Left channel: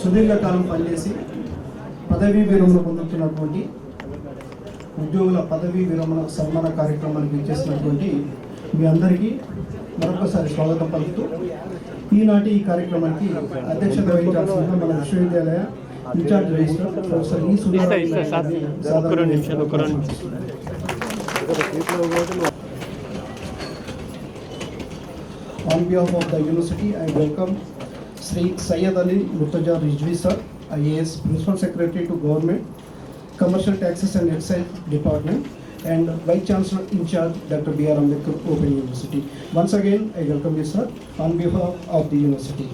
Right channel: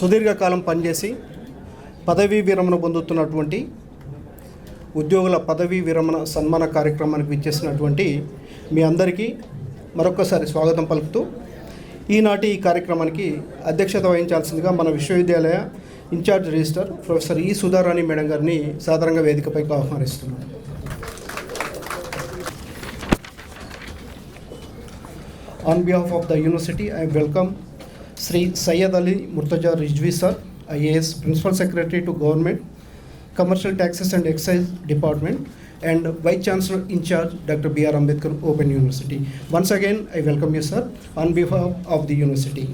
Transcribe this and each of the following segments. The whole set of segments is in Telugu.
సుదీర్ఘకాలం పనిచేసి పదవీ విరమణ పొందుతున్నటువంటి ఉద్యోగుల పదవీ విరమణ సన్మాన కార్యక్రమానికి విచ్చేసినటువంటి మీ అందరికీ మరొకసారి స్వాగతం పలుకుతూ ఈనాటి ఈ కార్యక్రమానికి అధ్యక్షత వహించాల్సిందిగా మన విశ్వవిద్యాలయ ఇన్ఛార్జ్ రిజిస్టర్ ప్రొఫెసర్ ఈ సుధారాణి మేడం గారిని సాధారణంగా వేదికపై ఆహ్వానిస్తున్నాను. On behalf of the university, I welcome Sri Syed Ali Murtaza Rizvi sir, IAS Principal Secretary to Government, Commercial Taxes and Excise Department, and Vice Chancellor in charge Dr. B.R. Ambedkar Open University. Once again, I welcome you sir on behalf of the university.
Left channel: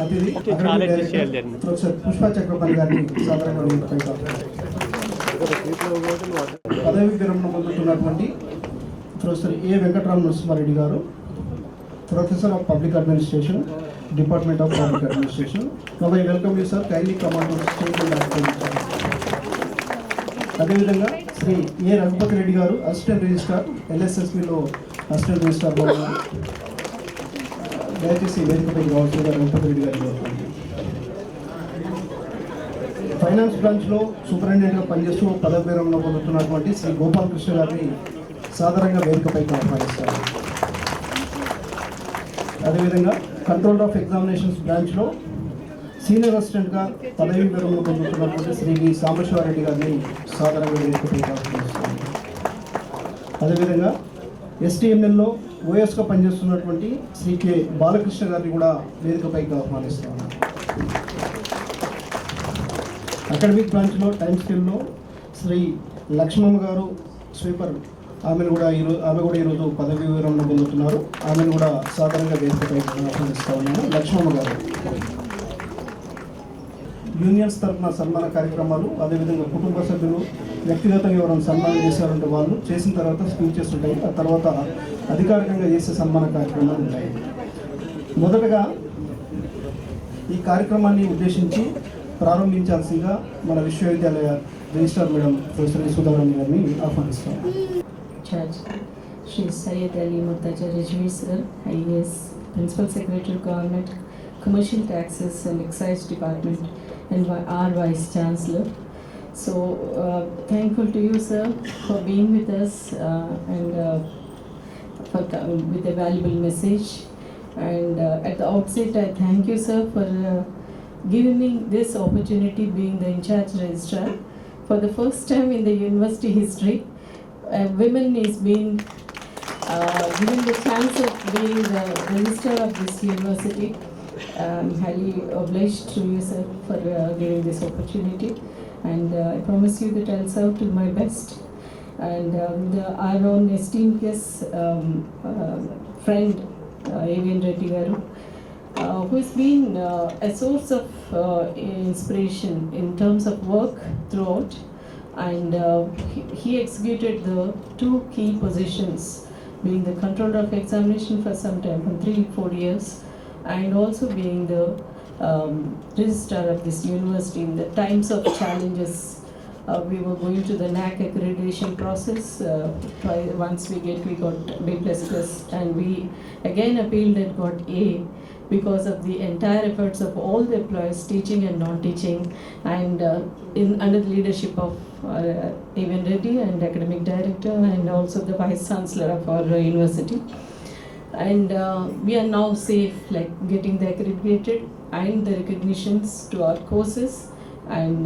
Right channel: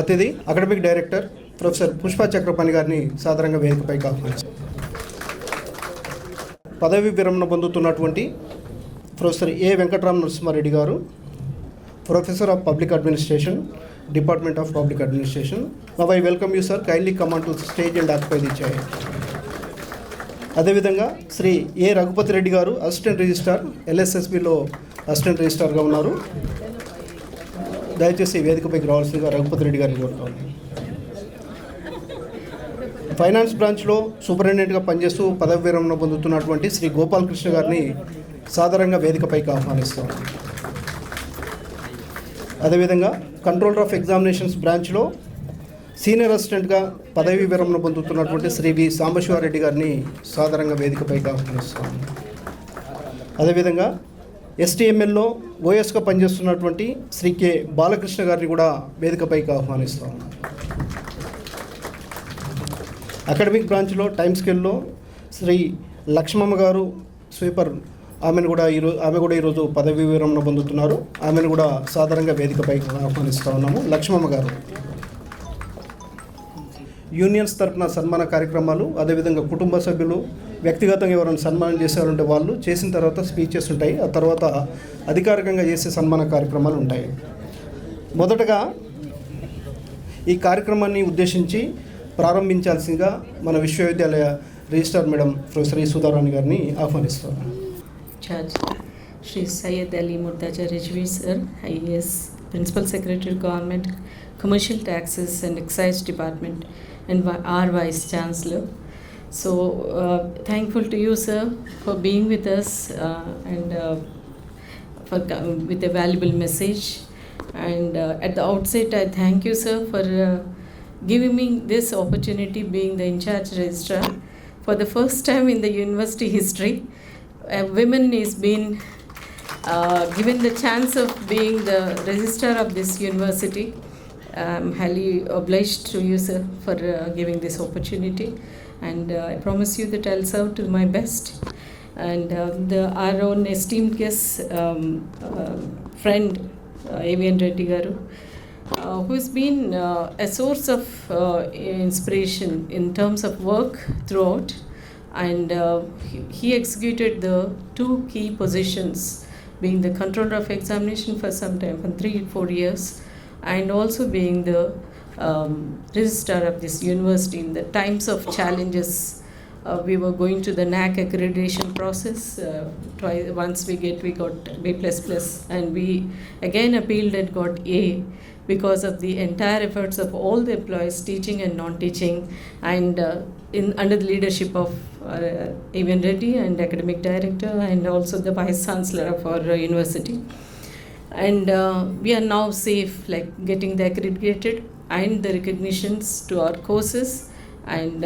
అతిథి academic director professor Pushpa Chakrapani గారిని సాధారణంగా వేదికపై ఆహ్వానించారు. పదవి విరమణ పొందుతున్నటువంటి ప్రొఫెసర్ ఏ వెంకటరామ నరసింహారెడ్డి గారు, professor of public administration, department of public administration. Now I welcome you sir, kindly come on to stage and occupy the chair. అదేవిధంగా శ్రీ ఏ Raghupathi Reddy garu, assistant registrar, ఎల్ఎస్ఎస్బిలో assistant రిజిస్ట్రార్గా ఉన్నారు. దయచేసి వేదికపై కావాల్సిందిగా రఘుపతి రెడ్డి గారికి కోరుతున్నాను. ఫైనాన్స్ బ్రాంచ్లో సూపరింటెండెంట్గా పనిచేస్తూ పదవి విరమణ పొందుతున్నటువంటి శ్రీ గోపాలకృష్ణ గారిని సాధారణంగా వేదికపైకి ఆహ్వానిస్తారు. అదేవిధంగా కంట్రోలర్ ఆఫ్ ఎగ్జామినేషన్స్ బ్రాంచ్లో సీనియర్ అసిస్టెంట్గా పదవి విరమణ పొందుతున్నటువంటి శ్రీ వి సాంబశివారెడ్డి గారిని సాధారణంగా వేదికపైకి ఆహ్వానిస్తారు. అదేవిధంగా ఎస్టీఎంఎల్లో ఓఎస్గా పనిచేస్తున్నటువంటి శ్రీ కె బాలకృష్ణ గారిని కూడా వేదికపైకి ఆహ్వానిస్తాం. అకాడమిక్ బ్రాంచ్లో టైమ్ స్కేల్లో శ్రీ లక్ష్మమ్మ గారు స్వీపర్, ఆమె కూడా ఈరోజు పదవీ విరమణ పొందుతున్నారు. ఆమెను కూడా సాధారణంగా వేదికపై ఆహ్వానిస్తూ ఉన్నాము. లక్ష్మమ్మ గారు యూనియన్స్ తరఫున సన్మాన కార్యక్రమాలు, అదేవిధంగా కుటుంబ సభ్యులు వ్యక్తిగతంగా ఎవరైనా సన్మానం చేశారంటే వాళ్ళు చేసిన తర్వాత స్పీచెస్ ఉంటాయి. ఆ తర్వాత అధికారికంగా చేసే సన్మాన కార్యక్రమాలు ఉంటాయి. మొదటగా ఈ కార్యక్రమాన్ని ఉద్దేశించి ప్రారంభించాల్సిందిగా మన విశ్వవిద్యాలయ రిజిస్ట్రార్ మేడం ప్రొఫెసర్ ఈ సుధారాణి గారిని ఆహ్వానిస్తాం. Shri Syed Ali Murtaza Rizvi sir, IAS principal secretary government, commercial taxes and excise department, and our Vice Chancellor. So thankful to you sir for being with us and with a valuable message. And at the outset I thank you sir for giving me this opportunity, being the in-charge registrar. For the first time in the university history, women is being given the chance of being the registrar of this university. I'm highly obliged to you sir for giving this opportunity, and I promise you that I'll serve to my best. And our own esteemed guest, friend A.V.N. Reddy garu, who's been a source of inspiration in terms of work throughout, and he executed the two key positions, being the controller of examination for some time, for 3-4 years, and also being the registrar of this university in the times of challenges. We were going to the NAC accreditation process. Once we got B++, and we again appealed and got A because of the entire efforts of all the employees, teaching and non-teaching, and under the leadership of A.V.N. Reddy and academic director, and also the vice chancellor of our university. And we are now safe, like getting the accredited and the recognitions to our courses. And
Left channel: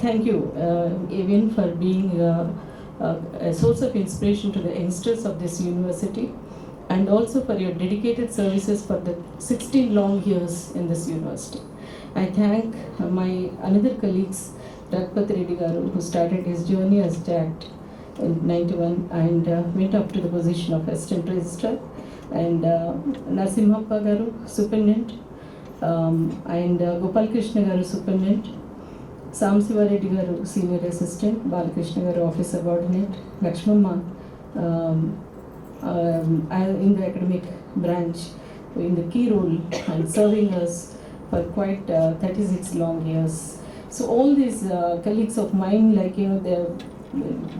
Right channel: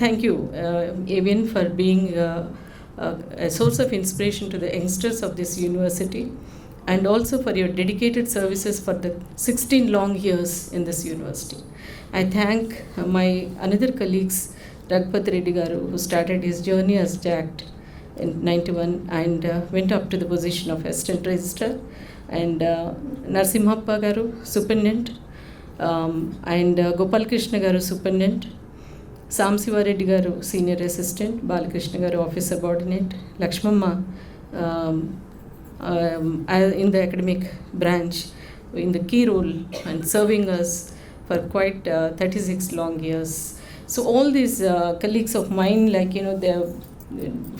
thank you A.V.N. for being a source of inspiration to the youngsters of this university, and also for your dedicated services for the 16 long years in this university. I thank my another colleagues, Raghupat Reddy garu, who started his journey as JACT in 91 and went up to the position of assistant registrar, and Narasimhappa garu, superintendent, and Gopalakrishna garu, superintendent, Samsivareddy garu, senior assistant, Balakrishna garu, office subordinate, Lakshmamma in the academic branch in the key role and serving us for quite 36 long years. So all these colleagues of mine, like, you know,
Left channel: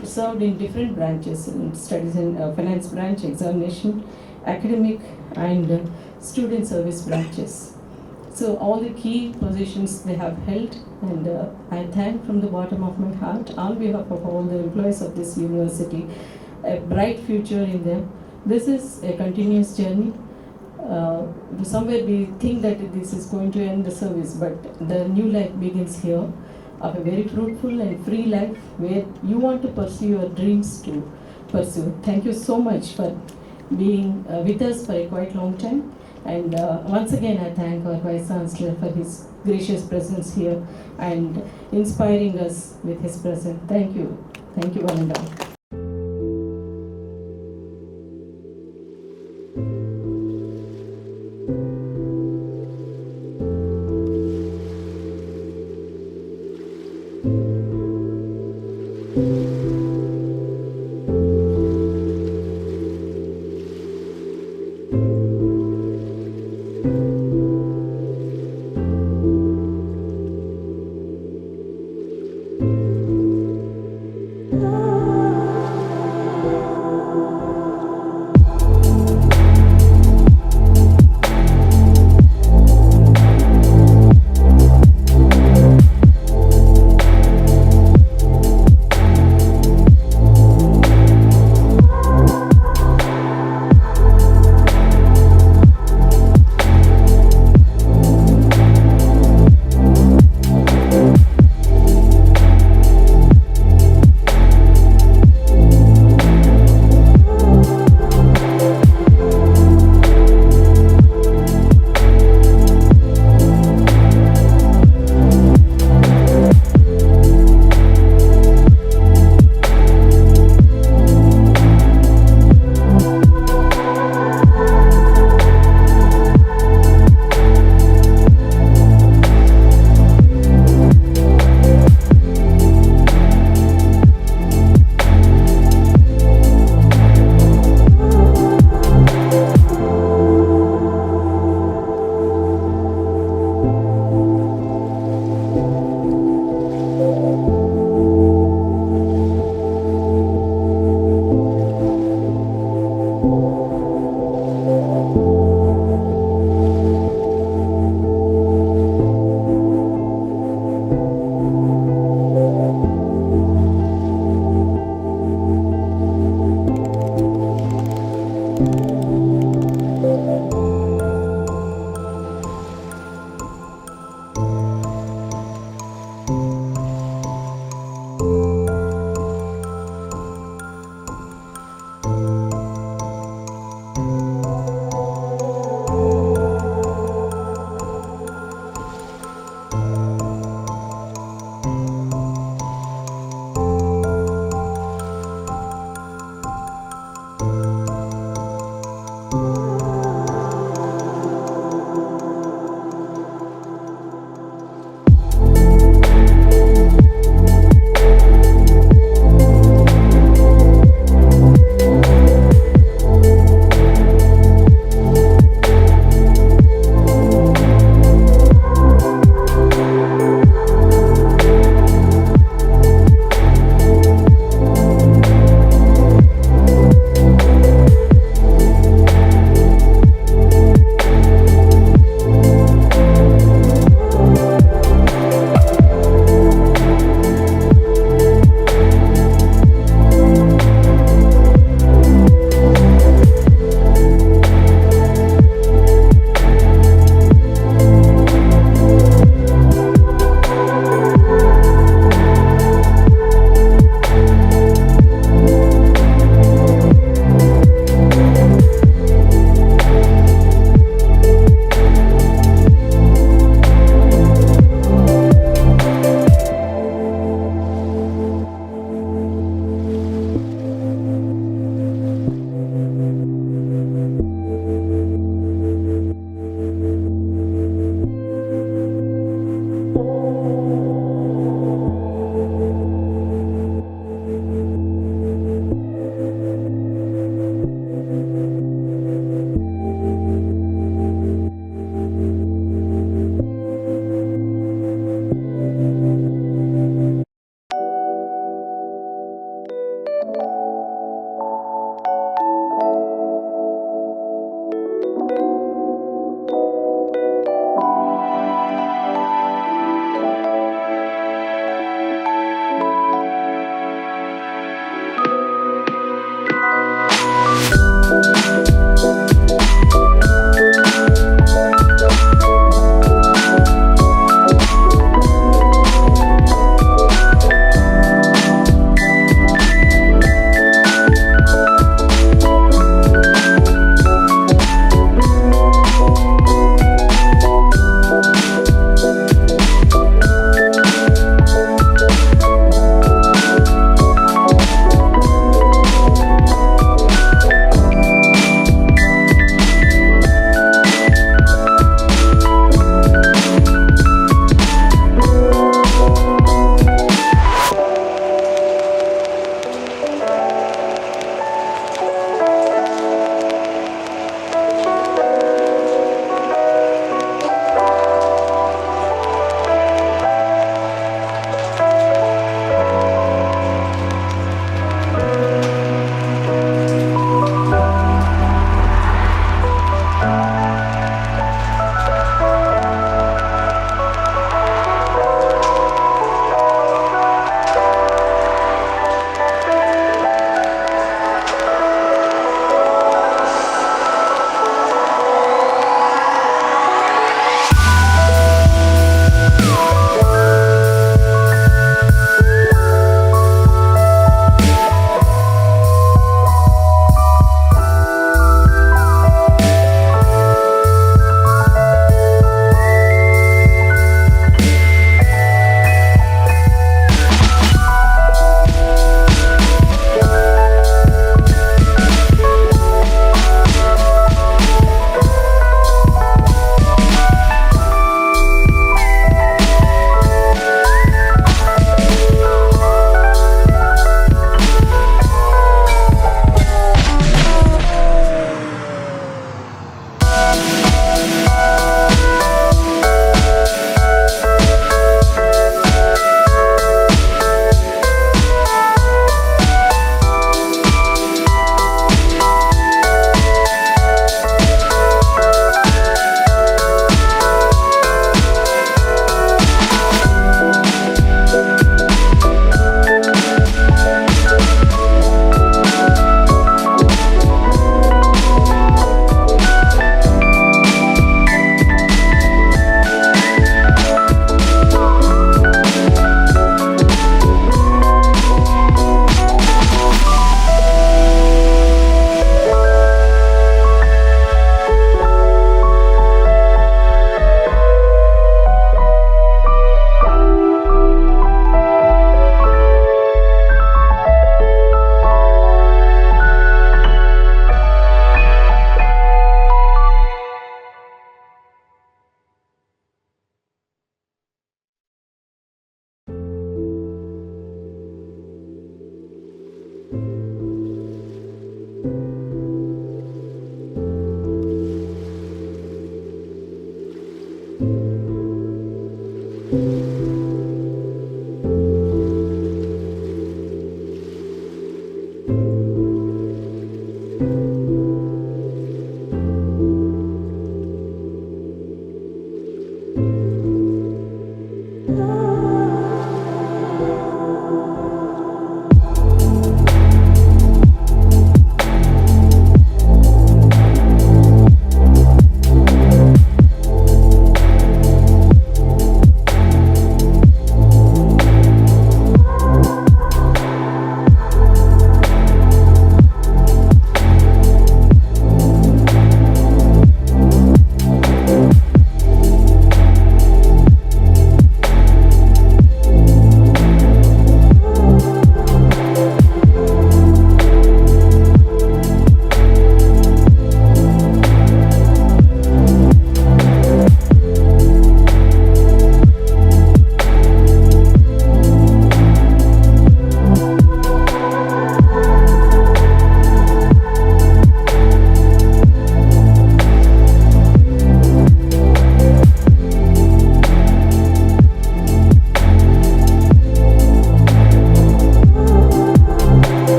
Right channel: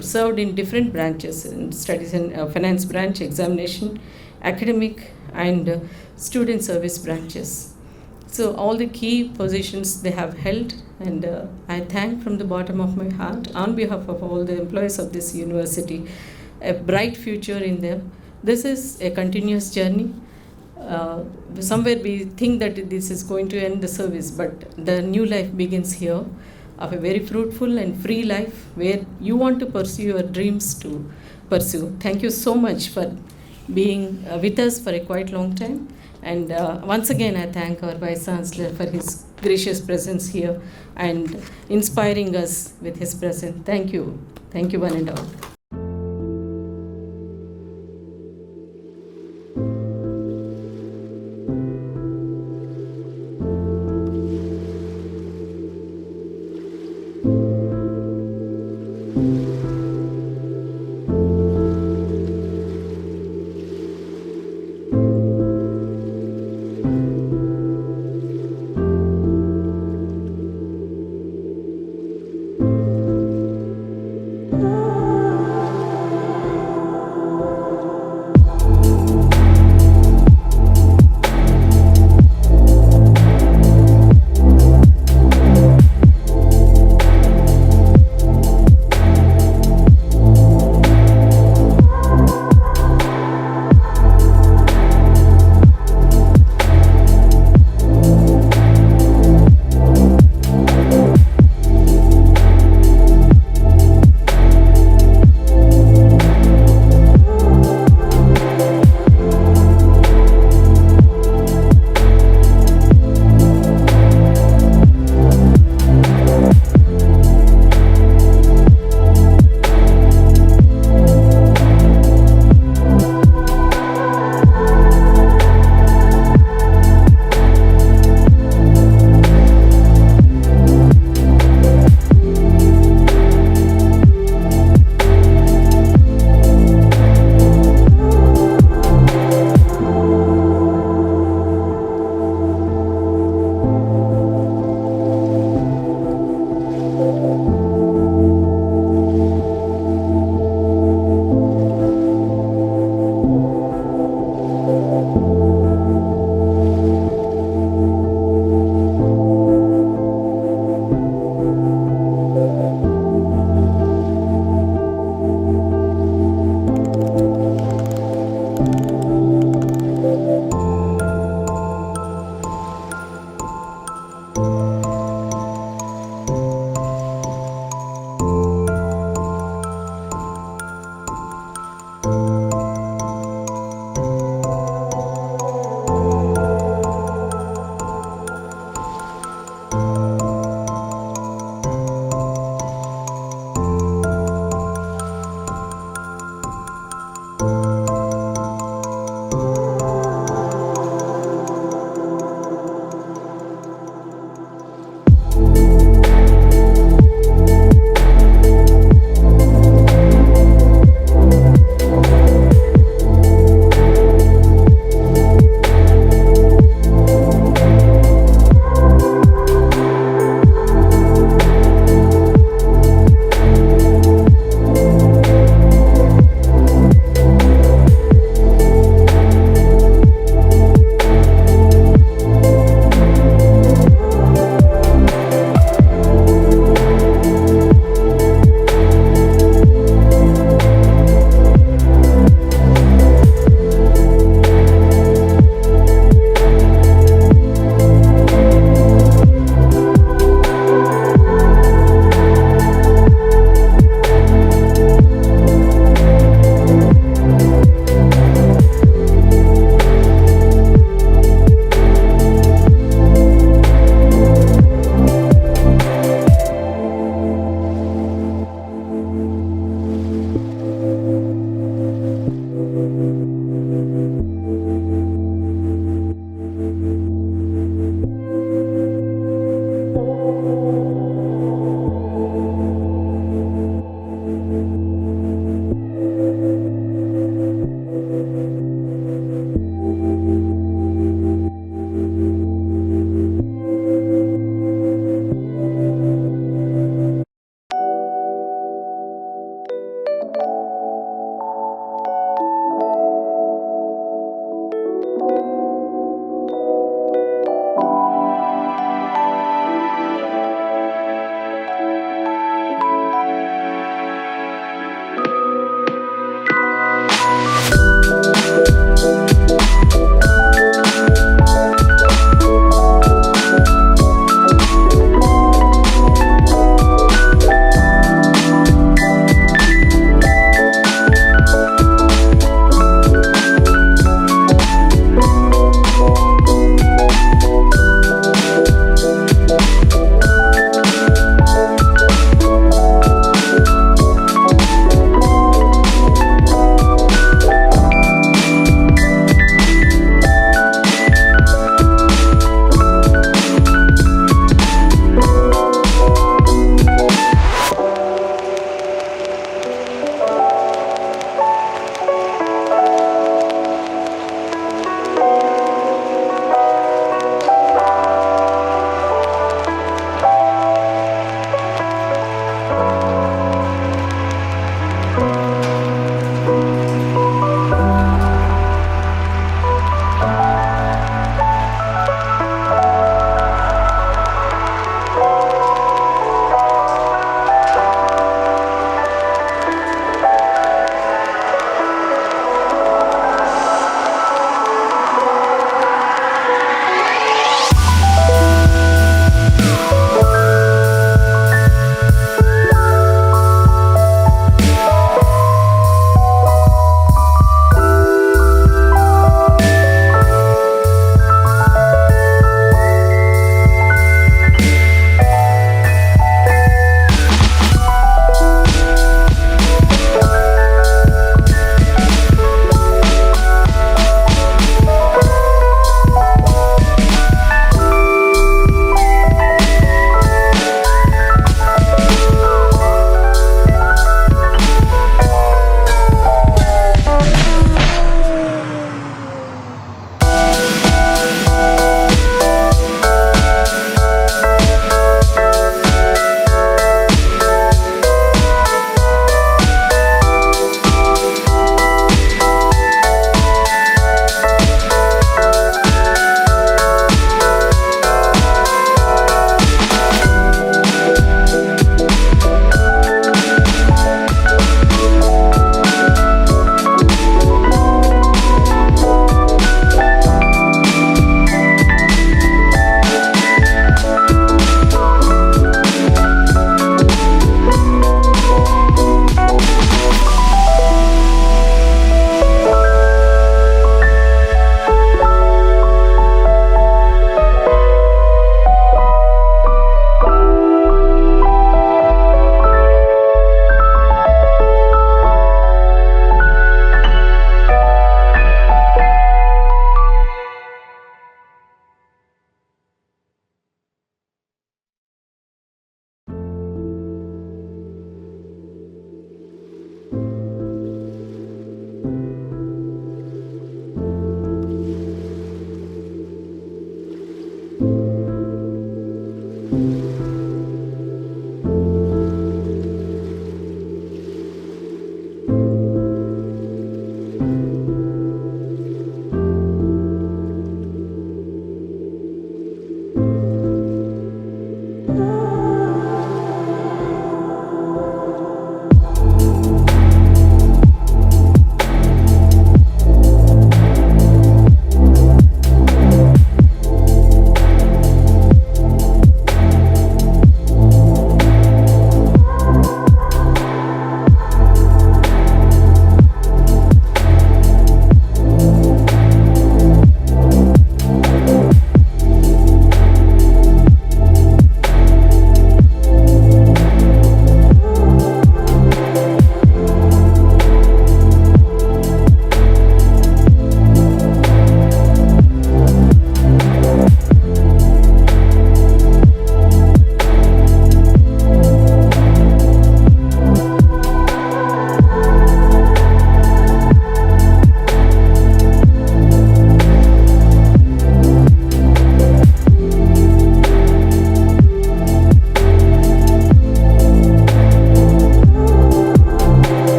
served in different branches, in studies in finance branch, examination, academic, and student service branches. So all the key positions they have held, and I thank from the bottom of my heart on behalf of all the employees of this university, a bright future in there. This is a continuous journey. Somewhere we think that this is going to end the service, but the new life begins here, of a very fruitful and free life where you want to pursue your dreams to pursue. Thank you so much for being with us for a quite long time. And once again, I thank our Vice Chancellor for his gracious presence here and inspiring us with his presence. Thank you. Thank you, one and all.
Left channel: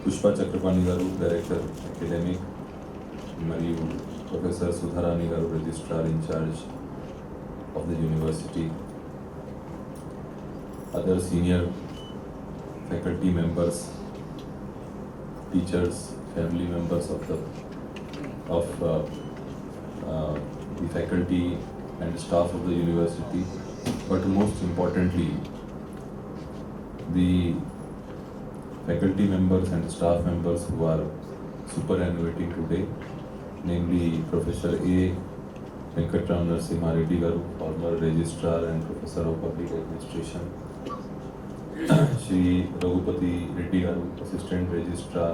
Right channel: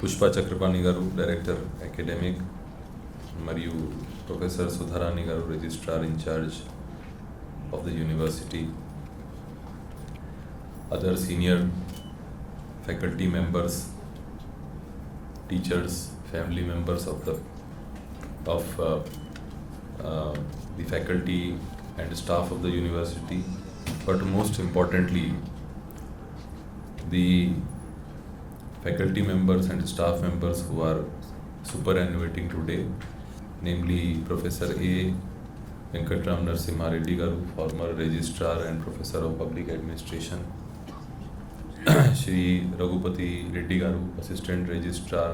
Pushpa Chakrapani garu director academic, మరియు professor Sudharani garu registrar in charge of the university, other senior faculty members, teachers, family members of the faculty and staff of the university, but most importantly, the faculty members and staff members who are superannuating today, namely Professor A. Venkatram Narasimha Reddy Garu, former Registrar and Professor of Public Administration, Shri Raghupati Reddy Garu, Assistant Registrar,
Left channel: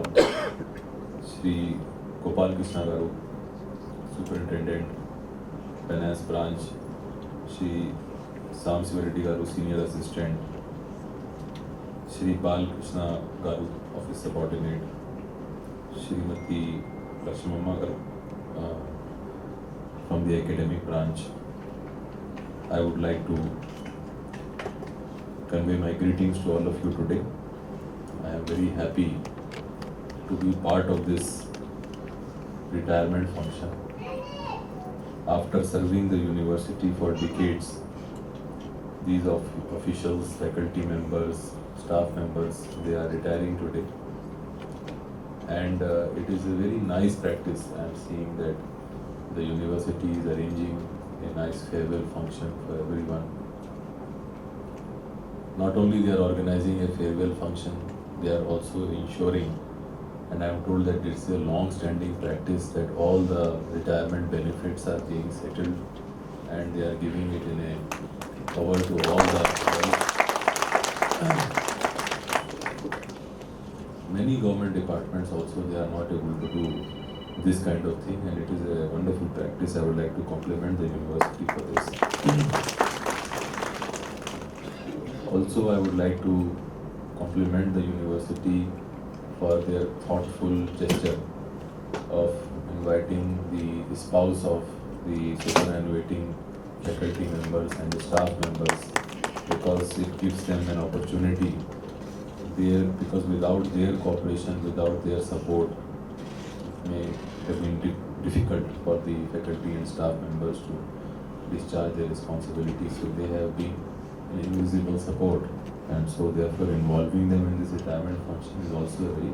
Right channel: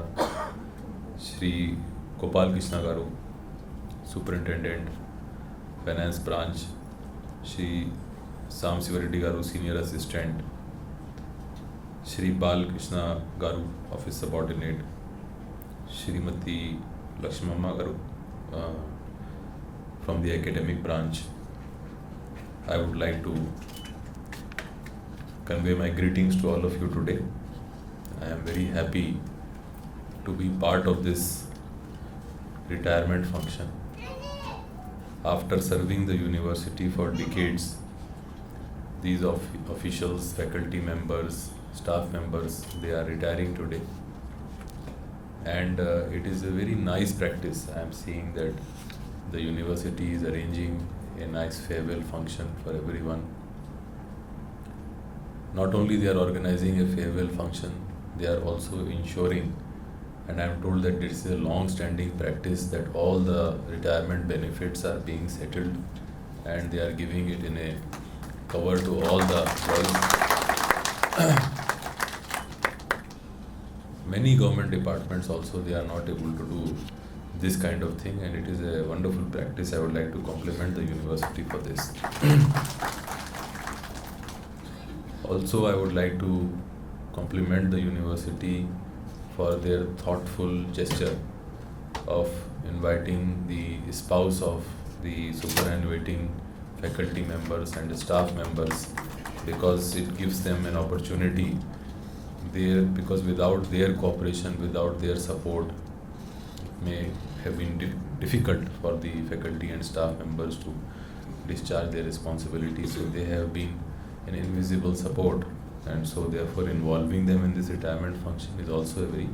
Shri Gopal Krishna Garu, Superintendent, Finance Branch, Shri Sam Siva Reddy Garu, Senior Assistant, Shri Bal Krishna Garu, Office Subordinate, Shrimati Lakshmamma Garu, from the academic branch. I would like to convey my greetings to all of you today. I am very happy to be part of this retirement function. After serving the university for decades, these officials, faculty members, staff members, they are retiring today. And it is a very nice practice. I am seeing that the university is arranging a nice farewell function for everyone. Not only they are organizing a farewell function, they are also ensuring, and I am told that it is a long-standing practice, that all the retirement benefits are being settled and they are giving it in a cover to all the many government departments also, they are not able to do this kind of thing, and it is a wonderful practice. I would like to compliment the university for this. Also, I would like to compliment the university for their thoughtful gesture of inviting the spouse of the superannuating faculty members and the staff members, because it gives them an opportunity there, because without their cooperation, without their support, may have been difficult for the faculty and staff members to discharge their responsibilities. So they have been an invisible support, and so therefore involving them in this retirement function is also a very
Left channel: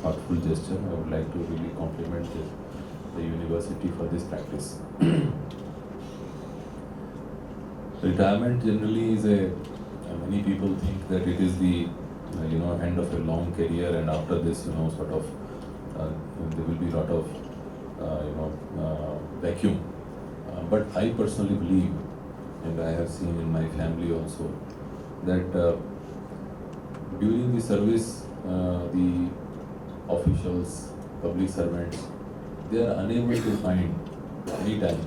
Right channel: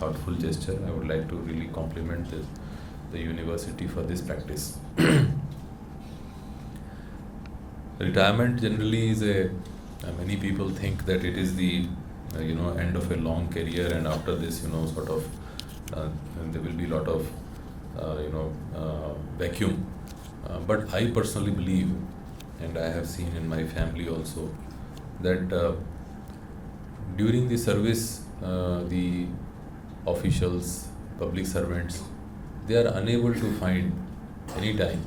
thoughtful gesture. I would like to really compliment the university for this practice. Retirement generally is many people think that it is the end of a long career, and after this sort of there will be a lot of vacuum. But I personally believe, and I have seen in my family also, that during the service, the officials, public servants, they are unable to find any time,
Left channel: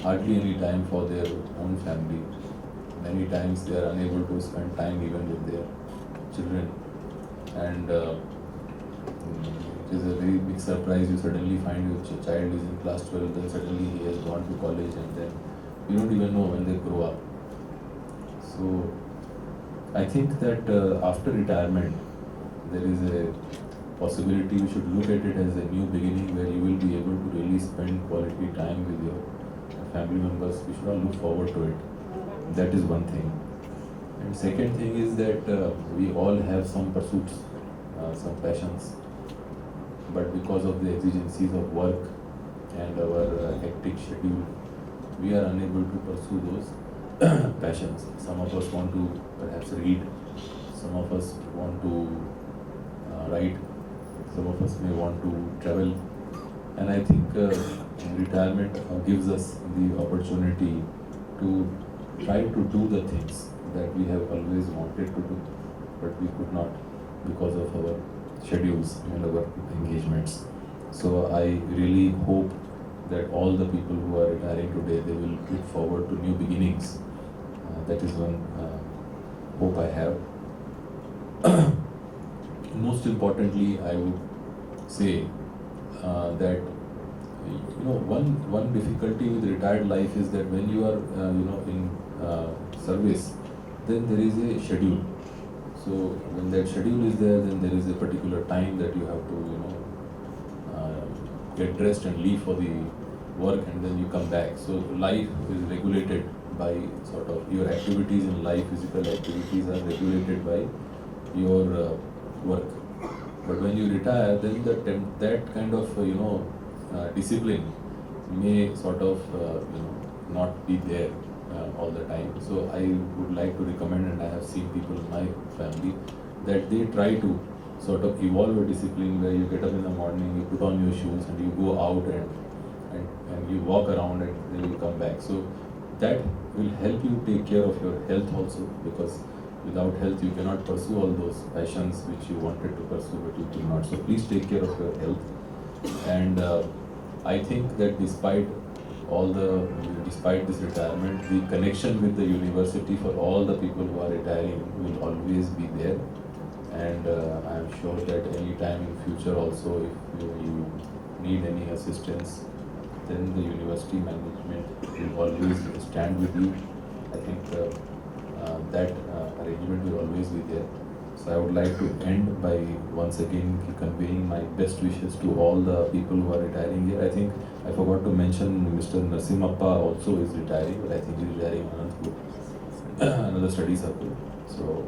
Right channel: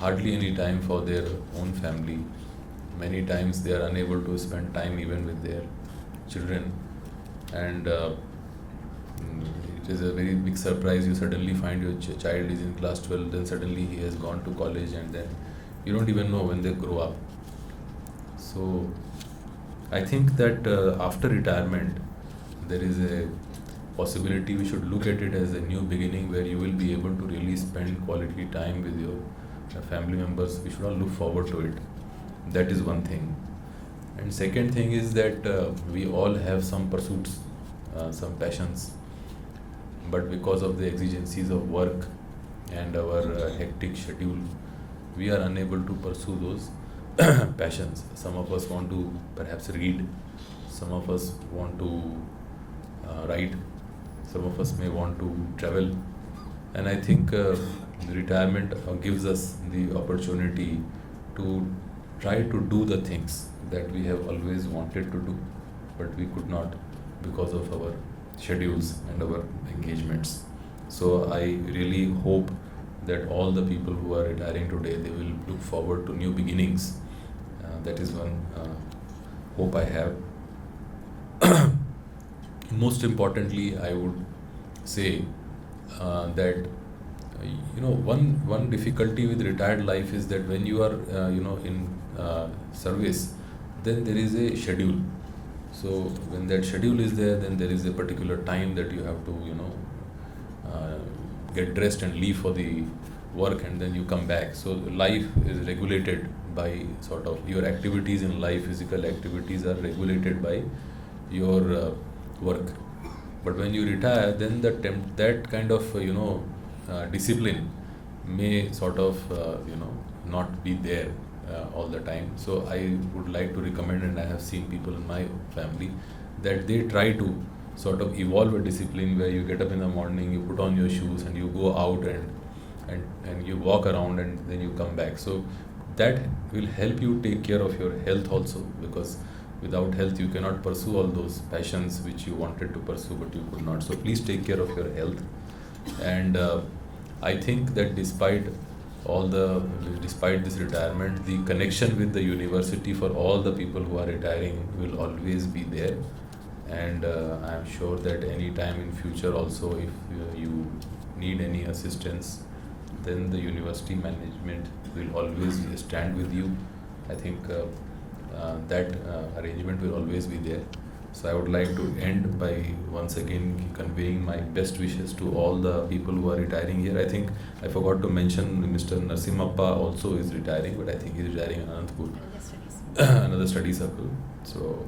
hardly any time for their own family. Many times they are unable to spend time even with their children, and it is a very big surprise. You suddenly find your child is in class 12, then suddenly he has gone to college, and then you don't even know when they grow up. So I think that after retirement, there is a possibility we should look at it as a new beginning, where you will be able to really spend quality time with your family members. We should all look forward to it. That is one thing. And second thing is that we all have some pursuits, some passions, but because of the exigencies of work and our hectic schedule, we are unable to pursue those passions. Some of us want to perhaps read, some of us want to write, some of us may want to travel, and I think retirement gives us the opportunity to try to do the things that we have always wanted to do, but we could not because of our schedules and our engagements. So I really hope that all the people who are retiring today, they will look forward to new beginnings. That is one hope I have. Most importantly, I would say that one difficulty with retired life is that when you are in service, then there is a schedule. So when that schedule is there, then there is a particular time that you have to, get dressed and leave for the work, and then you come back. So life is regulated by sort of your activities in life, physical activities are regulated by your work. But when you retire, then that kind of discipline may sort of not be there all the time. So I would like to recommend, and I have seen people in my family that they try to sort of evolve a discipline where you get up in the morning, you put on your shoes and you go out and you walk around and then you come back. So that will help you take care of your health also, because without health you cannot pursue all those passions which you wanted to pursue but you could not. So please take care of your health. And I think that despite this retirement, the connection with the university for all the people who are retiring will always be there. And I am sure that any time in future also, if you need any assistance, then the university management will always stand with you. I think that arrangement will always be there. So I would like to end by once again conveying my best wishes to all the people who are retiring here. I think I forgot to mention Mr. Narasimhappa also is retiring, but I think he is retiring another study circle. So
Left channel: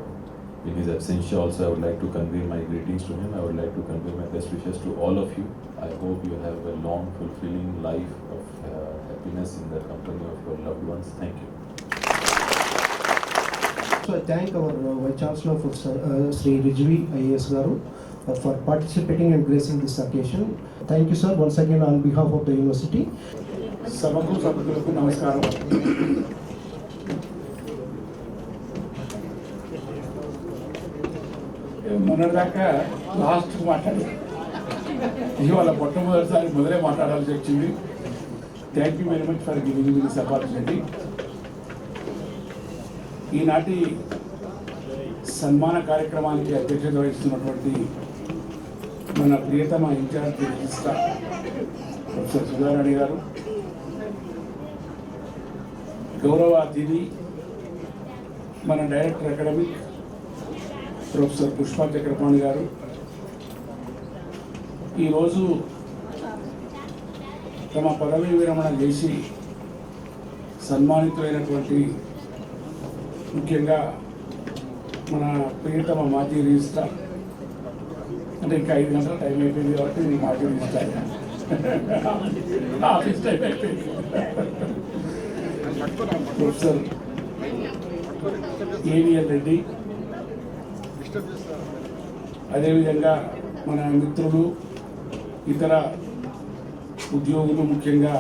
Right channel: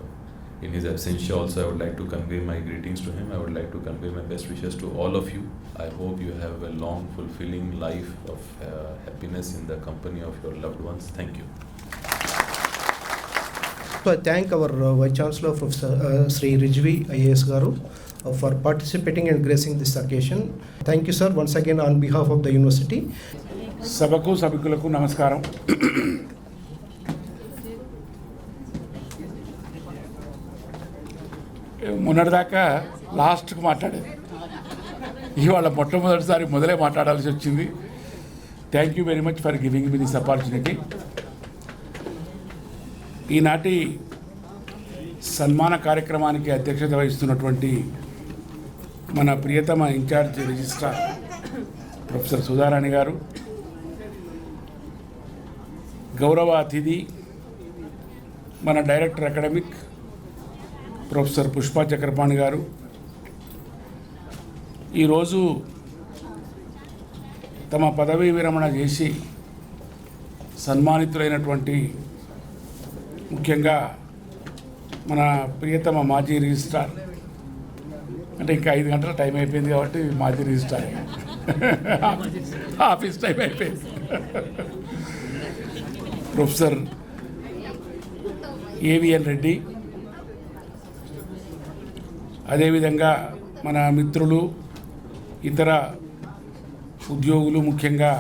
in his absence also, I would like to convey my greetings to him. I would like to convey my best wishes to all of you. I hope you have a long, fulfilling life of happiness in the company of your loved ones. Thank you. So I thank our Vice Chancellor, Professor Sri Rijvi IAS Garu, for participating and gracing this occasion. Thank you, sir, once again on behalf of the university. సభకు సభకులకు నమస్కారం. మొన్నటిదాకా లాస్ట్కి మాట్లాడారు, ఇవాళ మొట్టమొదటిసారి మొదలే మాట్లాడాల్సి వచ్చింది. Thank you very much for giving me this opportunity. ఈనాటి సన్మాన కార్యక్రమానికి అధ్యక్షత వహిస్తున్నటువంటి మన ప్రియతమ ఇన్ఛార్జ్ రిజిస్ట్రార్ ప్రొఫెసర్ సుధారాణి గారు, గౌరవ అతిథి మన డైరెక్టర్ అకాడమిక్ ప్రొఫెసర్ పుష్పా చక్రపాణి గారు, ఈరోజు తమ పదవీ విరమణ చేసి సన్మానితులైనటువంటి ముఖ్యంగా మన ప్రియతమ మాజీ రిజిస్ట్రార్, అంటే ఇంకా 5 గంటల టైం అయిపోయింది కాబట్టి మాజీ రిజిస్ట్రార్ ఆఫీస్ టైం అయిపోయింది, ప్రొఫెసర్ ఏవిఎన్ రెడ్డి, అదేవిధంగా మన మిత్రులు ఇతర ఉద్యోగులు, ముఖ్యంగా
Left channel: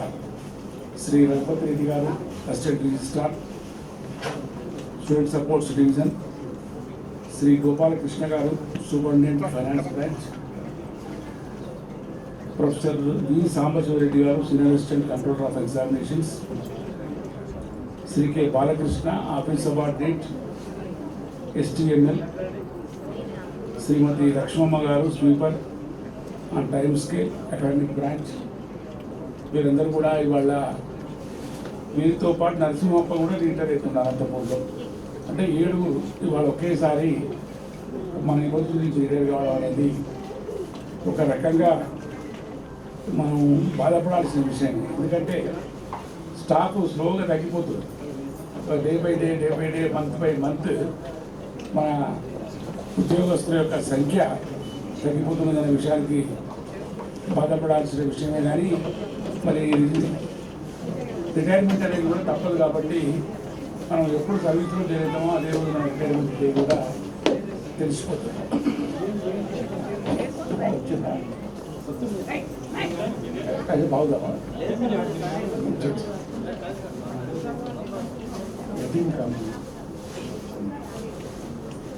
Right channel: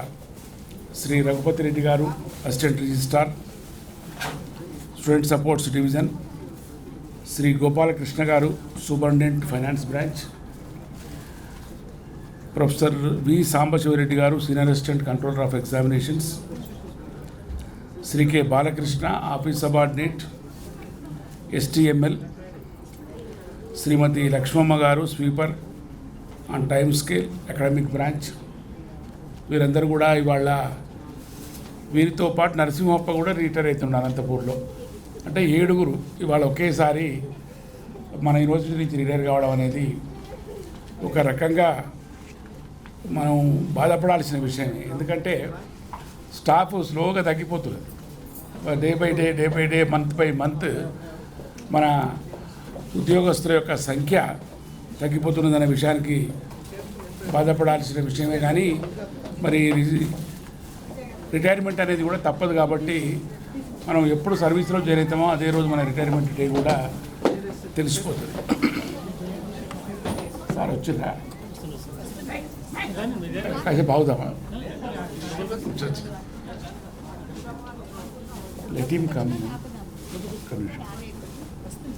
Shri Raghupathi Reddy garu assistant registrar student supports division, Shri Gopalakrishna garu superintendent finance branch, professor V Sambasivareddy garu senior assistant controller of examinations, Shri K Balakrishna office subordinate STML, Shrimati Lakshmamma garu sweeper on time scale academic branch. వీరందరూ కూడా ఇవాళ, వీరితో పాటు నరసింహప్ప కూడా రిటైర్ అవుతున్నారు అనంతపూర్లో. అంటే 7 ఇవాళ ఒకేసారి మన యూనివర్సిటీ నుంచి రిటైర్ కావడం అనేది ఒక రకంగా మనం బాధపడాల్సిన విషయం. ఎందుకంటే స్టాఫ్ స్లోగా తగ్గిపోతుంది, day by day month by month మన ఉద్యోగస్తుల యొక్క సంఖ్య తగ్గిపోతున్నదనే విషయానికి బాధపడాల్సిన విషయమే. కానీ మరి రిటైర్మెంట్ అనేది కూడా తప్పదు కాబట్టి మనం ఎప్పుడు సర్వీస్లో చేరుతామో అదే రోజు మన రిటైర్మెంట్ డే కూడా తెలిసిపోతుంది. వచ్చిందా కాసేపు బాగుదామా టీం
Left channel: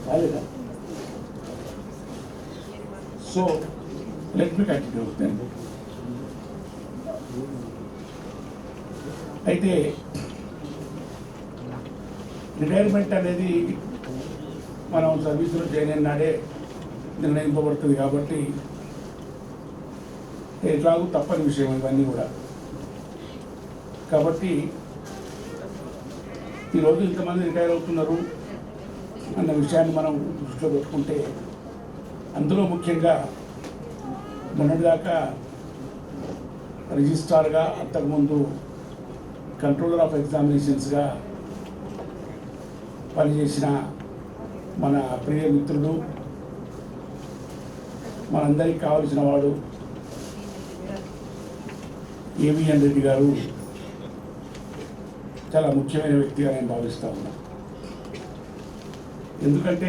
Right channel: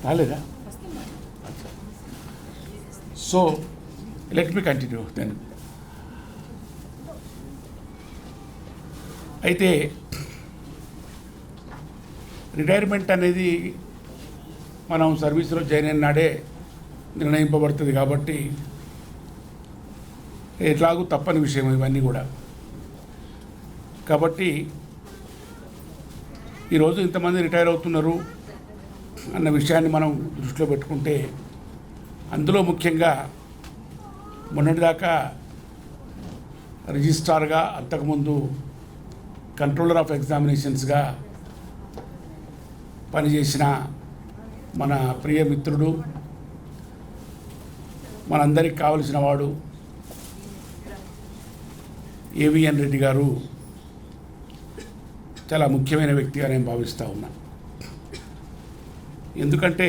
కాలేదా? So let me continue then. అయితే రిటైర్మెంట్ అనేది మనం సర్వీస్లో జాయిన్ అయిన నాడే నిర్ణయింపబడుతుంది కాబట్టి ఎట్లాగూ తప్పని విషయం ఇవన్నీ కూడా. కాబట్టి ఈరోజు ఇంతమంది రిటైర్ అవుతున్నారు అన్న విషయాన్ని మనం దృష్టిలో పెట్టుకుంటే అందులో ముఖ్యంగా మొన్నటిదాకా రిజిస్ట్రార్గా, అంతకుముందు కంట్రోలర్ ఆఫ్ ఎగ్జామినేషన్స్గా పనిచేసిన మన ప్రియ మిత్రుడు, మనందరికి కావలసిన వాడు ఏవిఎన్ రెడ్డి గారు చాలా ముఖ్యమైన వ్యక్తిగా నేను భావిస్తూ ఉన్నాను. ఎందుకంటే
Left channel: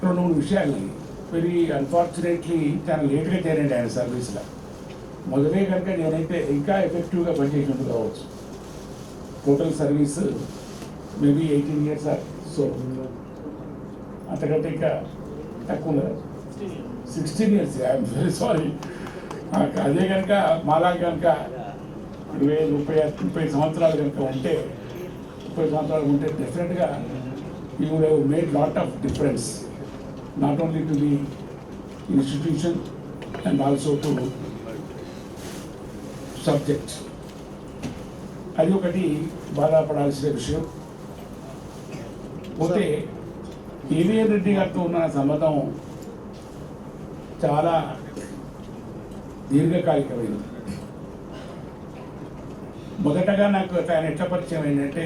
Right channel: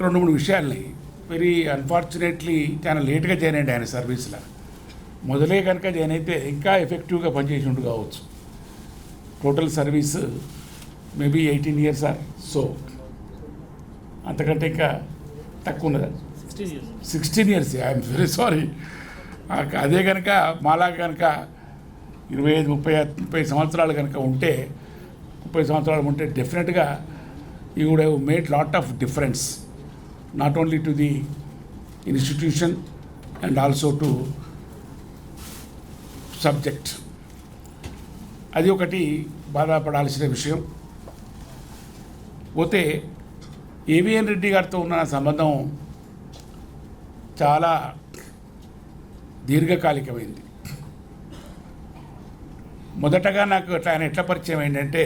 2-3 విషయాల్ని వెరీ అన్ఫార్చునేట్లీ చాలా లేట్గా జాయిన్ అయ్యండి ఆయన సర్వీస్లో. మొదలే కనుక జాయిన్ అయితే ఇంకా ఎఫెక్టివ్గా పనిచేసి కావచ్చు. Total service maybe 18 years so అంతకంటే ఇంకా తక్కువ ఉన్నదా? 16 years. I'm very sorry. అదే కనుక మాలా కనుక 25-30 సంవత్సరాలు కనుక ఉంటే, 30 సంవత్సరాలు ఉంటే డెఫినెట్గా you would have made lot of difference not only to the institution and also to subject. అది ఒకటి బాధపడాల్సిన విషయం. పోతే ఏవిఎన్ రెడ్డి గారితో ఉన్న సంబంధం చాలా దీర్ఘకాలికమైంది. మొదటగా నాకు ఆయన ఎట్లా పరిచయం ఏంటంటే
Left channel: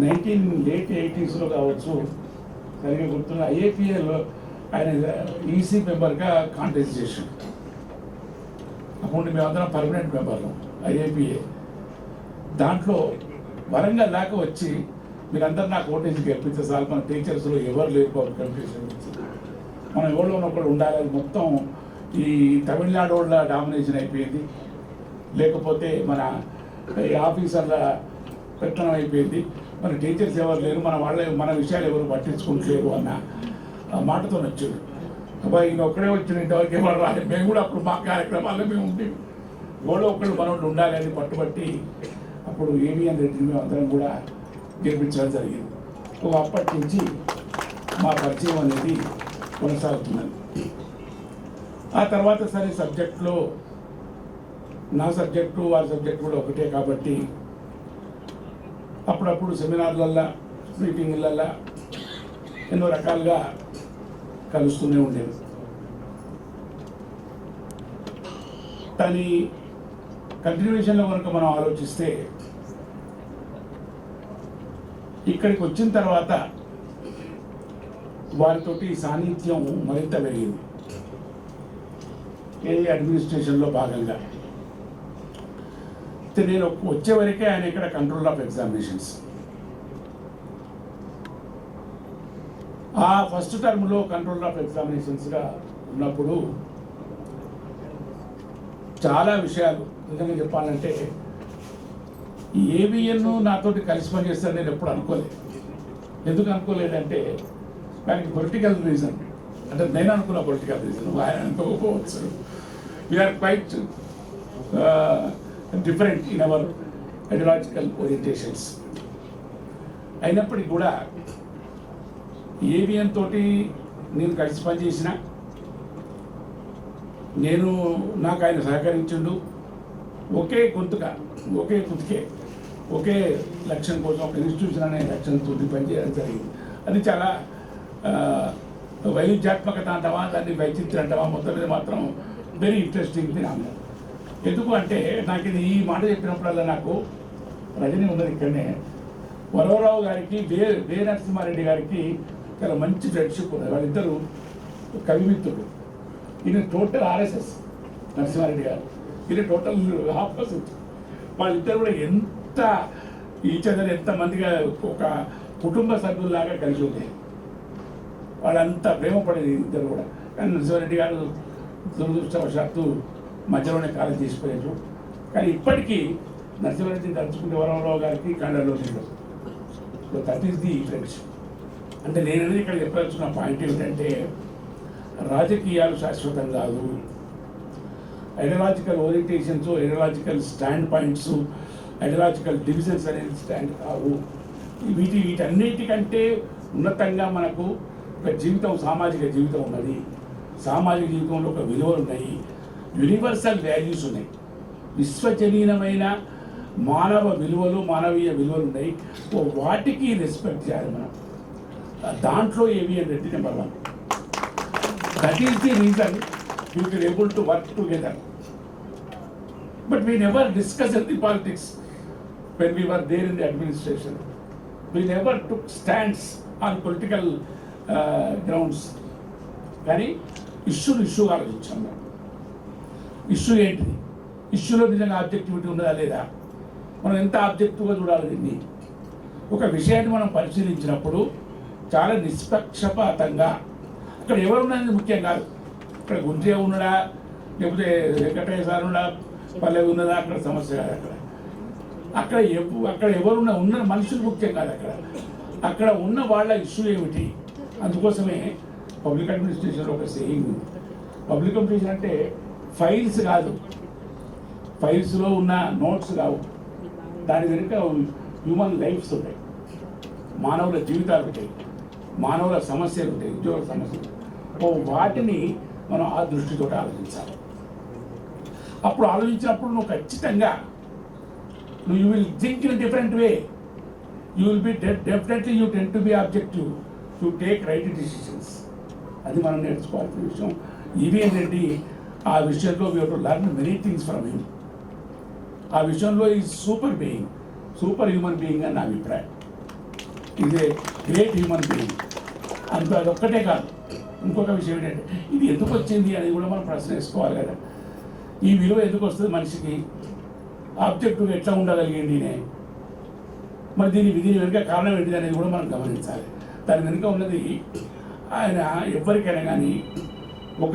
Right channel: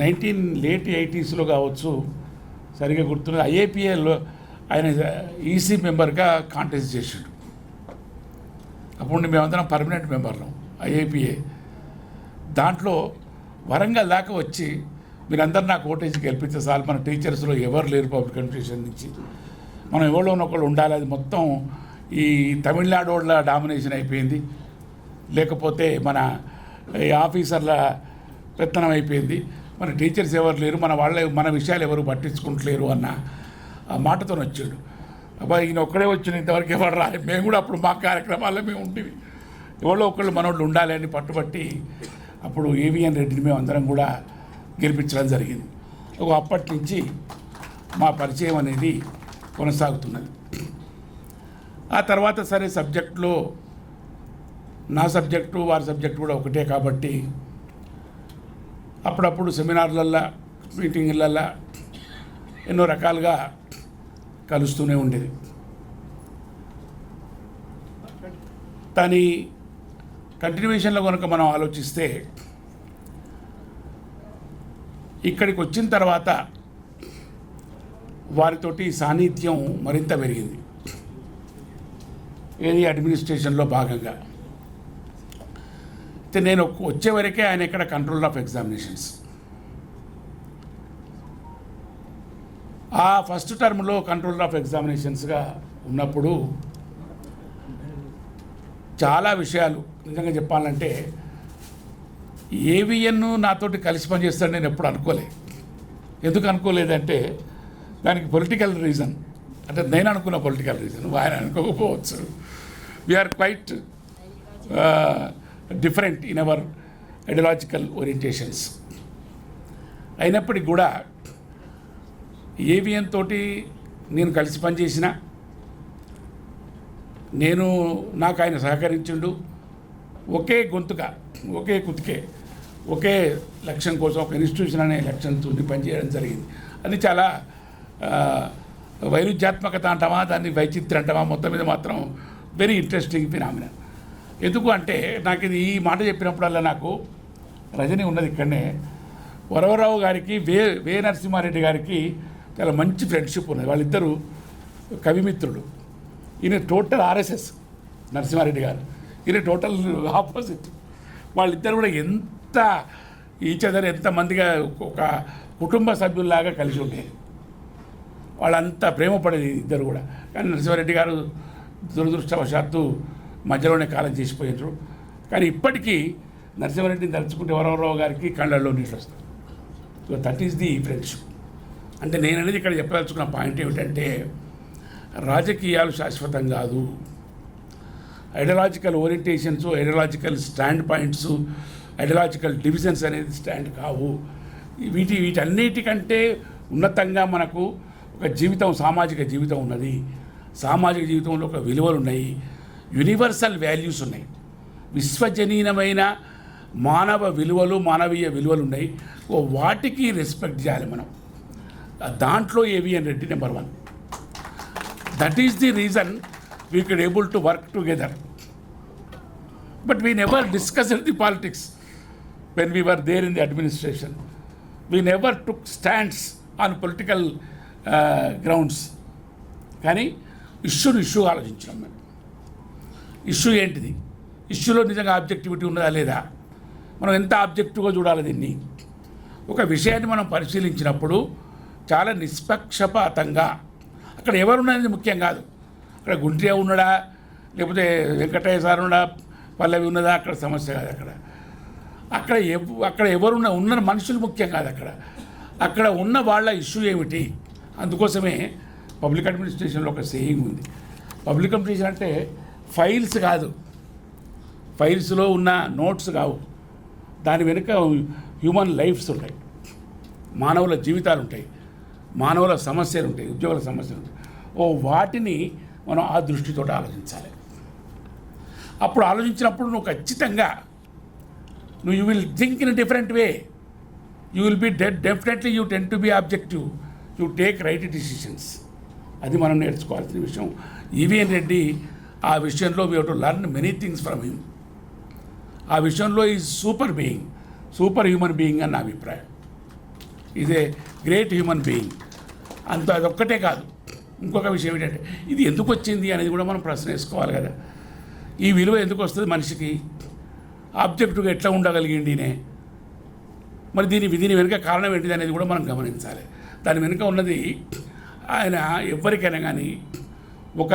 late 80s కావచ్చు, సరిగా గుర్తున్నా, ఐఏపీఏలో ఆయన ఈసీ మెంబర్గా కాంటెస్ట్ చేశాడు. అప్పుడు మేమందరం పర్మనెంట్ మెంబర్లు ఐఏపీఏ. దాంట్లో వరంగల్ దాకా వచ్చి మీరందరూ నాకు ఓటేసి గెలిపిస్తే సార్, మన టీచర్స్లో ఎవరు లేరు పబ్లిక్ ఎడ్యుకేషన్ నుంచి, మనం ఎవరో ఒకళ్ళు ఉండాలి. అది మొత్తం ఈ తమిళనాడు వాళ్ళ డామినేషన్ అయిపోయింది, లేకపోతే మన ఈ ఆఫీసర్ల పెత్తనం అయిపోయింది, మన టీచర్స్ ఎవరు లేరు, మన విషయాలు ఎవరు పట్టించుకుంటలేరు అన్న మాటతో వచ్చాడు. అబ్బాయి ఈయన ఒక్కడే వచ్చిన, ఇంతవరకు ఎవరు రాలేదు. మేము కూడా అప్పుడు మా కార్యక్రమాల్లో మేము ఉండేవి, ఎవరో ఒకళ్ళు మనోళ్ళు ఉండాలి అని పట్టుబట్టి అప్పుడు ఏవిఎన్ రెడ్డిని మేము అందరం కూడా గెలిపించడం జరిగింది. అప్పటి నుంచి మా పరిచయం అనేది కొనసాగుతున్నది. ఆ తర్వాత సరే సబ్జెక్టులో నా సబ్జెక్టు వారి సబ్జెక్టు కూడా ఒకటే కాబట్టి అప్పుడప్పుడు సెమినార్లల్లో, మీటింగులల్లో ఎన్నో రకాలుగా కలుస్తూనే ఉండేది. దాని కంటిన్యూషన్లో కనుక మనం ఆలోచిస్తే ఇక్కడికి వచ్చిన తర్వాత వారితోటి సాన్నిధ్యం మరింత పెరిగింది. ఏరియా అడ్మినిస్ట్రేషన్లో భాగంగా అయితే నేను వచ్చే వరకే ఆయన ఇక్కడ కంట్రోల్ ఆఫ్ ఎగ్జామినేషన్స్. ఆ ఫస్ట్ టర్మ్లో కంట్రోల్ ఆఫ్ ఎగ్జామినేషన్స్గా ఉన్నప్పుడు చాలా విషయాలు నిజంగా చెప్పాలంటే ఏవిఎన్ నాతోటి కలిసి పనిచేస్తాడు నేను ఎప్పుడు అనుకోలేదు. ఎందుకు అనుకోలేదంటే దానికి పొలిటికల్ రీజన్, అంటే నేను అనుకున్న పొలిటికల్ రీజన్ ఆయన అనుకోకపోవచ్చు. We are quite different in our ideological orientations. అయినప్పటికీ కూడా ఏవిఎన్ తోటి నేను కలిసి పనిచేసిన, నాకు ఆయన సహకరించిండు. ఒకే గొంతుగా, ఒకే కుతికే, ఒకే లక్ష్యం కోసం, ఒక ఇన్స్టిట్యూషన్ అనే లక్ష్యంతో పనిచేయడం జరిగింది. అది చాలా వైరుధ్యాత్మకత అంటావా, దాన్ని వైచిత్రం అంటావా, మొత్తం మీద మాత్రం వెరీ ఇంట్రెస్టింగ్ ఫినామినల్. ఎందుకు అంటే నాకు ఇది ఈ మాట చెప్పినప్పుడల్లా నాకు రజని ఉన్నది ఇక్కడనే, వరవరావు గారికి వే నరసింహారెడ్డి గారికి చాలా మంచి ఫ్రెండ్షిప్ ఉన్నది. వాళ్ళిద్దరూ కవిమిత్రుడు. ఈయన టోటల్ ఆర్ఎస్ఎస్ నరసింహారెడ్డి గారు, ఈయన టోటల్ ఆపోజిట్. వాళ్ళిద్దరు కూడా ఎంత ఈచదర్ ఎంతమందిగా ఒక కుటుంబ సభ్యుల్లాగా కలిసి ఉండేది. వాళ్ళంతా ప్రేమపడేది ఇద్దరు కూడా. కానీ నరసింహారెడ్డి గారు దురదృష్టవశాత్తు మధ్యలోనే కాలం చేసిపోయారు. కానీ ఇప్పటికీ నరసింహారెడ్డిని తలుచుకుంటే వరవరావు గారికి కళ్ళల్లో నీళ్ళు వస్తాయి. So that is the friendship. అంటే నేను అనేది ఇక్కడ చెప్పదలుచుకున్న పాయింట్ ఏమిటంటే రాజకీయాలు శాశ్వతం కాదు, ideological orientations, ideological stand points, ideological divisions అనేది స్టాండ్ కావు. వీటన్నిటికంటే ఉన్నతంగా మనకు ఒక జీవితం, సామాజిక జీవితం ఉన్నది. సామాజిక జీవితంలో ఒక విలువలు ఉన్నాయి, యూనివర్సల్ వాల్యూస్ ఉన్నాయి, విశ్వజనీయమైన మానవ విలువలు, మానవీయ విలువలు ఉన్నాయి. వాటికి రెస్పెక్ట్ చేయాలి మనం. దాంట్లో AVN Reddy number 1. That is the reason we can able to work together. But we never discuss the politics when we were there in the administration. We never took stands on political grounds. కానీ ఇష్యూ ఆలోచించాం. ఇష్యూ ఏంటిది? ఇష్యూలో నిజంగా ఆబ్జెక్టివిటీ ఉన్నదా లేదా? మనం ఎంత ఆబ్జెక్టివ్గా చూడాలి దీన్ని? ఒక విషయాన్ని మనం పరిశీలించినప్పుడు చాలా నిష్పక్షపాతంగా, అక్కడ ఎవరున్నది ముఖ్యం కాదు. అక్కడ గుంటే ఉన్నాడా, లేకపోతే వెంకటయ్య సార్ ఉన్నాడా, పల్లవి ఉన్నదా, అక్కడ సమస్య కాదు. అక్కడ ఎవరున్నా ఉన్న మనుషులు ముఖ్యం కాదు. అక్కడ ఉన్న వాళ్ళ ఇష్యూ ఏమిటి? అందుకోసమే పబ్లిక్ అడ్మినిస్ట్రేషన్లో ఒక సేయింగ్ ఉంది. పబ్లిక్ అడ్మినిస్ట్రేషన్ అంటే ఫైల్స్ కాదు, ఫైల్స్లో ఉన్న నోట్స్ కావు. దాని వెనుక హ్యూమన్ లైఫ్స్ ఉంటాయి, మానవుల జీవితాలు ఉంటాయి, మానవుల సమస్యలు ఉంటాయి, ఉద్యోగుల సమస్యలు ఉంటాయి. వాటిని మనం ఆ దృష్టితో ఆలోచించాలి. అప్పుడు ఆలోచించినప్పుడు నువ్వు ఖచ్చితంగా you will think in a different way. You will be definitely you tend to be objective. You take right decisions. అది మనం నేర్చుకోవాల్సిన విషయం. ఈవీఎన్ రెడ్డి ఆ విషయంలో we have to learn many things from him. ఆ విషయంలో ఈజ్ సూపర్ హ్యూమన్ బీయింగ్ అని నా అభిప్రాయం. Is a great human being. అదొక్కటే కాదు, ఇంకొక విషయం ఏంటంటే ఇది ఎందుకు వచ్చింది అనేది కూడా మనం ప్రశ్న వేసుకోవాలి కదా. ఈ విలువ ఎందుకు వస్తుంది మనిషికి? ఆబ్జెక్టివ్గా ఎట్లా ఉండగలిగిండినే? మరి దీని వెనుక కారణం ఏంటిది అనేది కూడా మనం గమనించాలి. దాని వెనుక ఉన్నది ఆయన ఎవరికైనా కానీ ఒక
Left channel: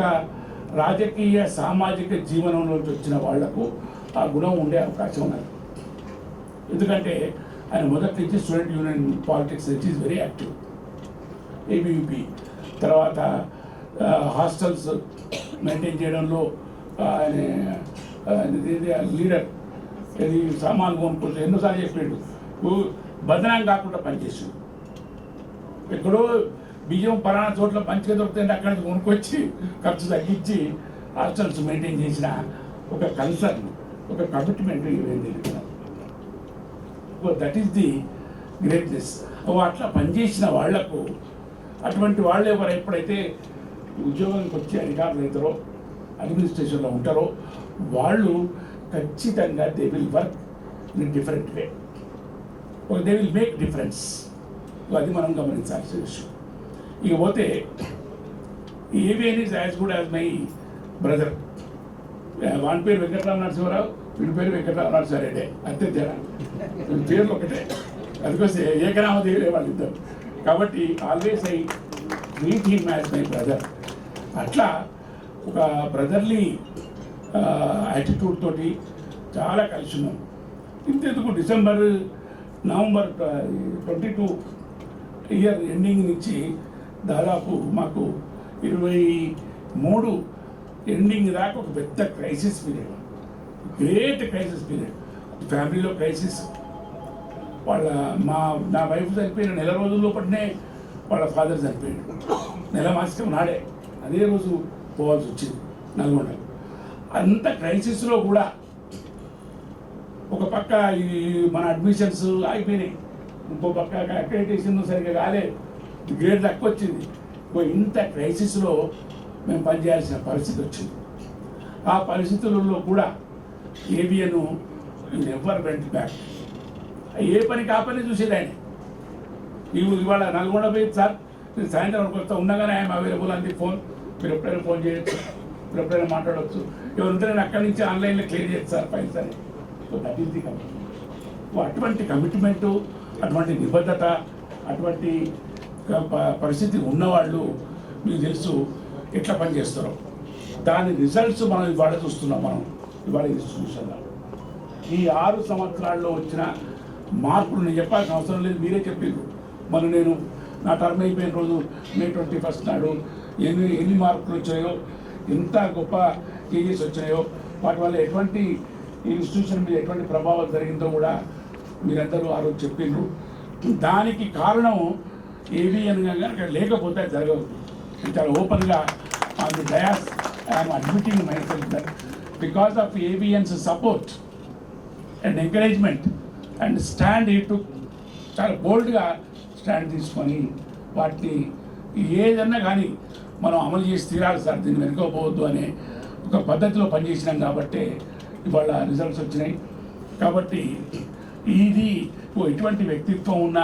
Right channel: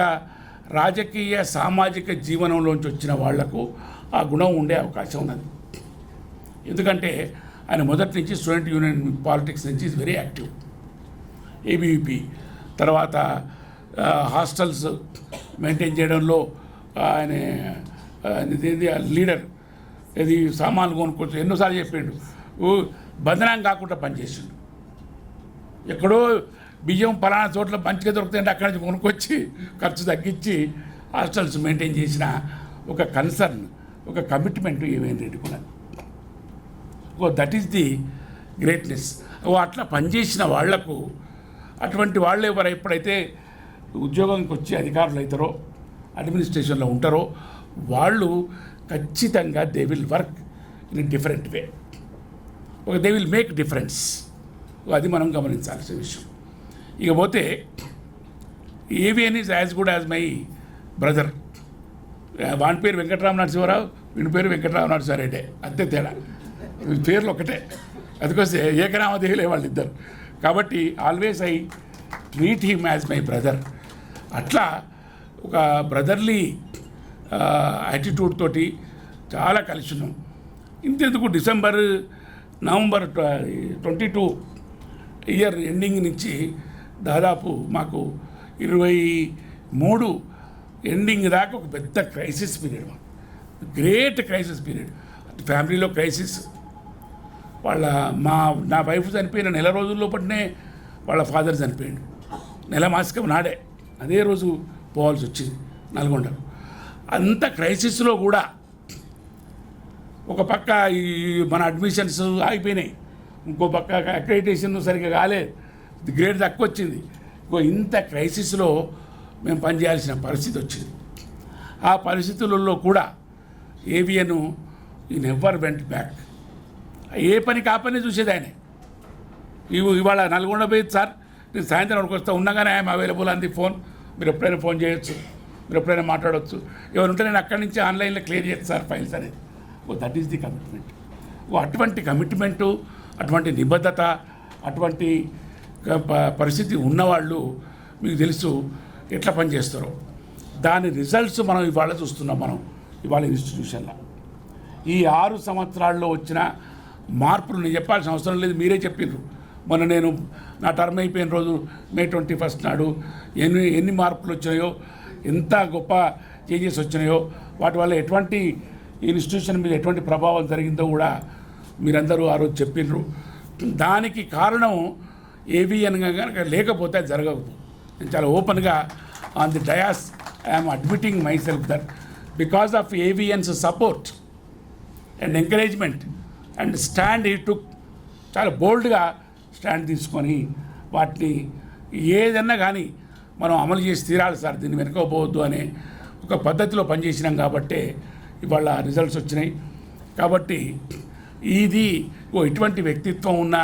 రాజకీయ సామాజిక జీవనంలోంచి వచ్చిన వాళ్లకు ఆ గుణం ఉండే అవకాశం ఉన్నది. ఎందుకంటే ఆయన మొదటి నుంచి స్టూడెంట్ యూనియన్ పాలిటిక్స్ నుంచి ఈజ్ వెరీ యాక్టివ్. ఏబీవీపీ తర్వాత హాస్టల్స్ మెయింటైన్ చేయడంలో ఆయన లీడర్. ఇది సామాన్లు కొనుక్కోవచ్చు ఎన్నోసార్లు చెప్పాడు. బదనాం కాకుండా పనిచేసాడు. ఎక్కడో బియ్యం పలానా చోట్ల మంచిగా దొరుకుతాయంటే అక్కడి నుంచి కొనుక్కొచ్చి ఖర్చు తగ్గించి హాస్టల్స్ మెయింటైన్ చేసిన ఒక కన్సర్న్, ఒక కమిట్మెంట్ ఏమైంది. That is the greatness. అట్లా పనిచేసిన వాళ్లకు, అటువంటి వాళ్ళు ఎప్పుడైతే ఉద్యోగానికి వచ్చి అధికారులు అవుతారో, అడ్మినిస్ట్రేషన్లో ఉంటారో, వాళ్ళు ఖచ్చితంగా they will work in different way. They will make difference. అది మనం గమనించాల్సిన విషయం. ఇకపోతే AVN is as good as my brother. వాని పేరు వెంకటరామ నరసింహారావు, వీడి పేరు వెంకటరామ నరసింహారెడ్డి, అంతే తేడా. పేర్లు ఒకటే, అందుకొస్తే ఏకనామధేయులే వాళ్ళిద్దరు. కాబట్టి always I treat him as my brother. అట్లా ఒక బ్రదర్లీ యాటిట్యూడ్ తోటి చాలా కలిసిను. ఇంతెందుకు నవంబర్ 22 ఇయర్ ఎండింగ్ నుంచి దాదాపు మాకు 23 ఎండింగ్ దాకా ఒక పెద్ద crisis period, great crisis period. ఫ్యామిలీలో క్రైసిస్. నా వైఫ్ చనిపోయిన నెల రోజుల్లో పట్టినే వాళ్ళ ఫాదర్ చనిపోయాడు. నెల మాసికం నాడే అదే రోజు పోవాల్సి వచ్చింది నల్గొండ. అంత క్రైసిస్లో కూడా ఒక పక్క ఈ మన అడ్మిషన్స్ ఆగిపోయినాయి, ఇంకో పక్క అక్రెడిటేషన్ సరిగ్గా కాలే, గ్రేడ్ తక్కువ వచ్చింది. ఇంత క్రైసిస్లో మేము పనిచేయాల్సిన పరిస్థితి వచ్చింది. ఆ పరిస్థితులలో కూడా ఏవిఎన్ నెవర్ వెంట్ బ్యాక్. ఏ పని కాపని చూసేది ఆయన. ఇవాళ నల్గొండ పోయి సార్ నేను సాయంత్రం వస్తా ఉండగానే ఐఎమ్ అవైలబుల్ అంది ఫోన్, మీరు ఎప్పుడైనా ఫోన్ చేయొచ్చు, మీరు ఎప్పుడైనా మాట్లాడవచ్చు, ఎవరుంటే నేను అక్కడి నుంచి ఆన్లైన్లో క్లియర్ చేయొచ్చు సార్ ఫైల్స్ అని. That is the commitment. అటువంటి కమిట్మెంటు, అటువంటి నిబద్ధత, అటువంటి పరిస్థితి ఉన్నవాళ్ళు మీకు తెలుసు ఎట్లా పనిచేస్తారో. దాని రిజల్ట్స్ మనం ఇవాళ చూస్తున్నాం. మనం ఇవాళ ఇన్స్టిట్యూషన్లో ఈ 6 సంవత్సరాల్లో వచ్చిన మార్పులు నేను చెప్పాల్సిన అవసరం లేదు, మీరే చెప్పిండ్రు. మొన్న నేను నా టర్మ్ అయిపోయిన రోజు May 21 నాడు ఎన్ని మార్పులు వచ్చినాయో, ఎంత గొప్ప చేంజెస్ వచ్చినాయో, వాటి వల్ల ఎటువంటి ఇన్స్టిట్యూషన్ మీద ఎటువంటి ప్రభావం జరిగిందో కూడా మీరందరూ ఆ రోజు చెప్పిండ్రు. దానికి కారణం ఏవిఎన్ కనుక లేకపోతే జరగవు. నేను చాలా ఓపెన్గా on the dais I'm admitting myself that because of AVN's support and encouragement and stand ఇటు చాలా బోల్డ్గా స్టాండ్ తీసుకొని వాటిని ఏదన్నా కానీ మనం అమలు చేసి తీరాలి సార్, దీన్ని వెనుకోపోవద్దు అనే ఒక పద్ధతిలో పనిచేసినాం కాబట్టే ఇవాళ రిజల్ట్స్ వచ్చినాయి. కాబట్టి ఇది ఇటువంటి వ్యక్తిత్వం ఉన్న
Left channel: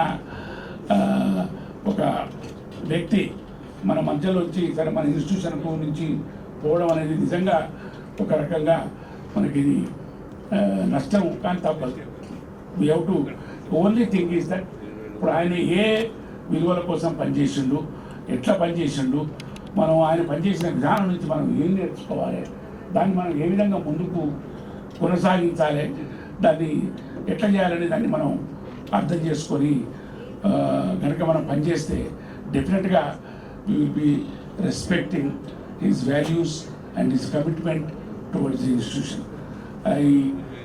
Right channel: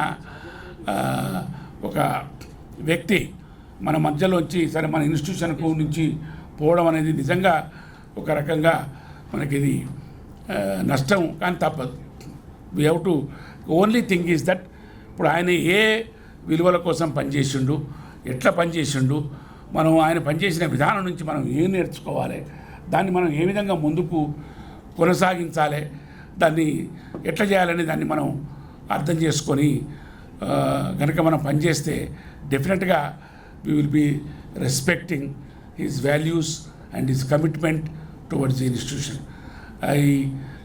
ఒక వ్యక్తి మన మధ్యలో వచ్చి సరే మన ఇన్స్టిట్యూషన్కు నుంచి పోవడం అనేది నిజంగా ఒక రకంగా మనకి ఇది నష్టం, కానీ తప్పదు. We have to only thing is that ఇప్పుడు ఆయన ఏ విలువల కోసం పనిచేసిండు, ఎట్లా పనిచేసిండు, మనం ఆయన పనిచేసిన విధానం నుంచి మనం ఏం నేర్చుకోవాలి, దాన్ని మనం ఏ విధంగా ముందుకు కొనసాగించాలి, దాన్ని ఎట్లా చేయాలని దాన్ని మనం అర్థం చేసుకొని కనుక మనం పనిచేస్తే డెఫినెట్గా we will be respecting his values and his commitment towards the institution. I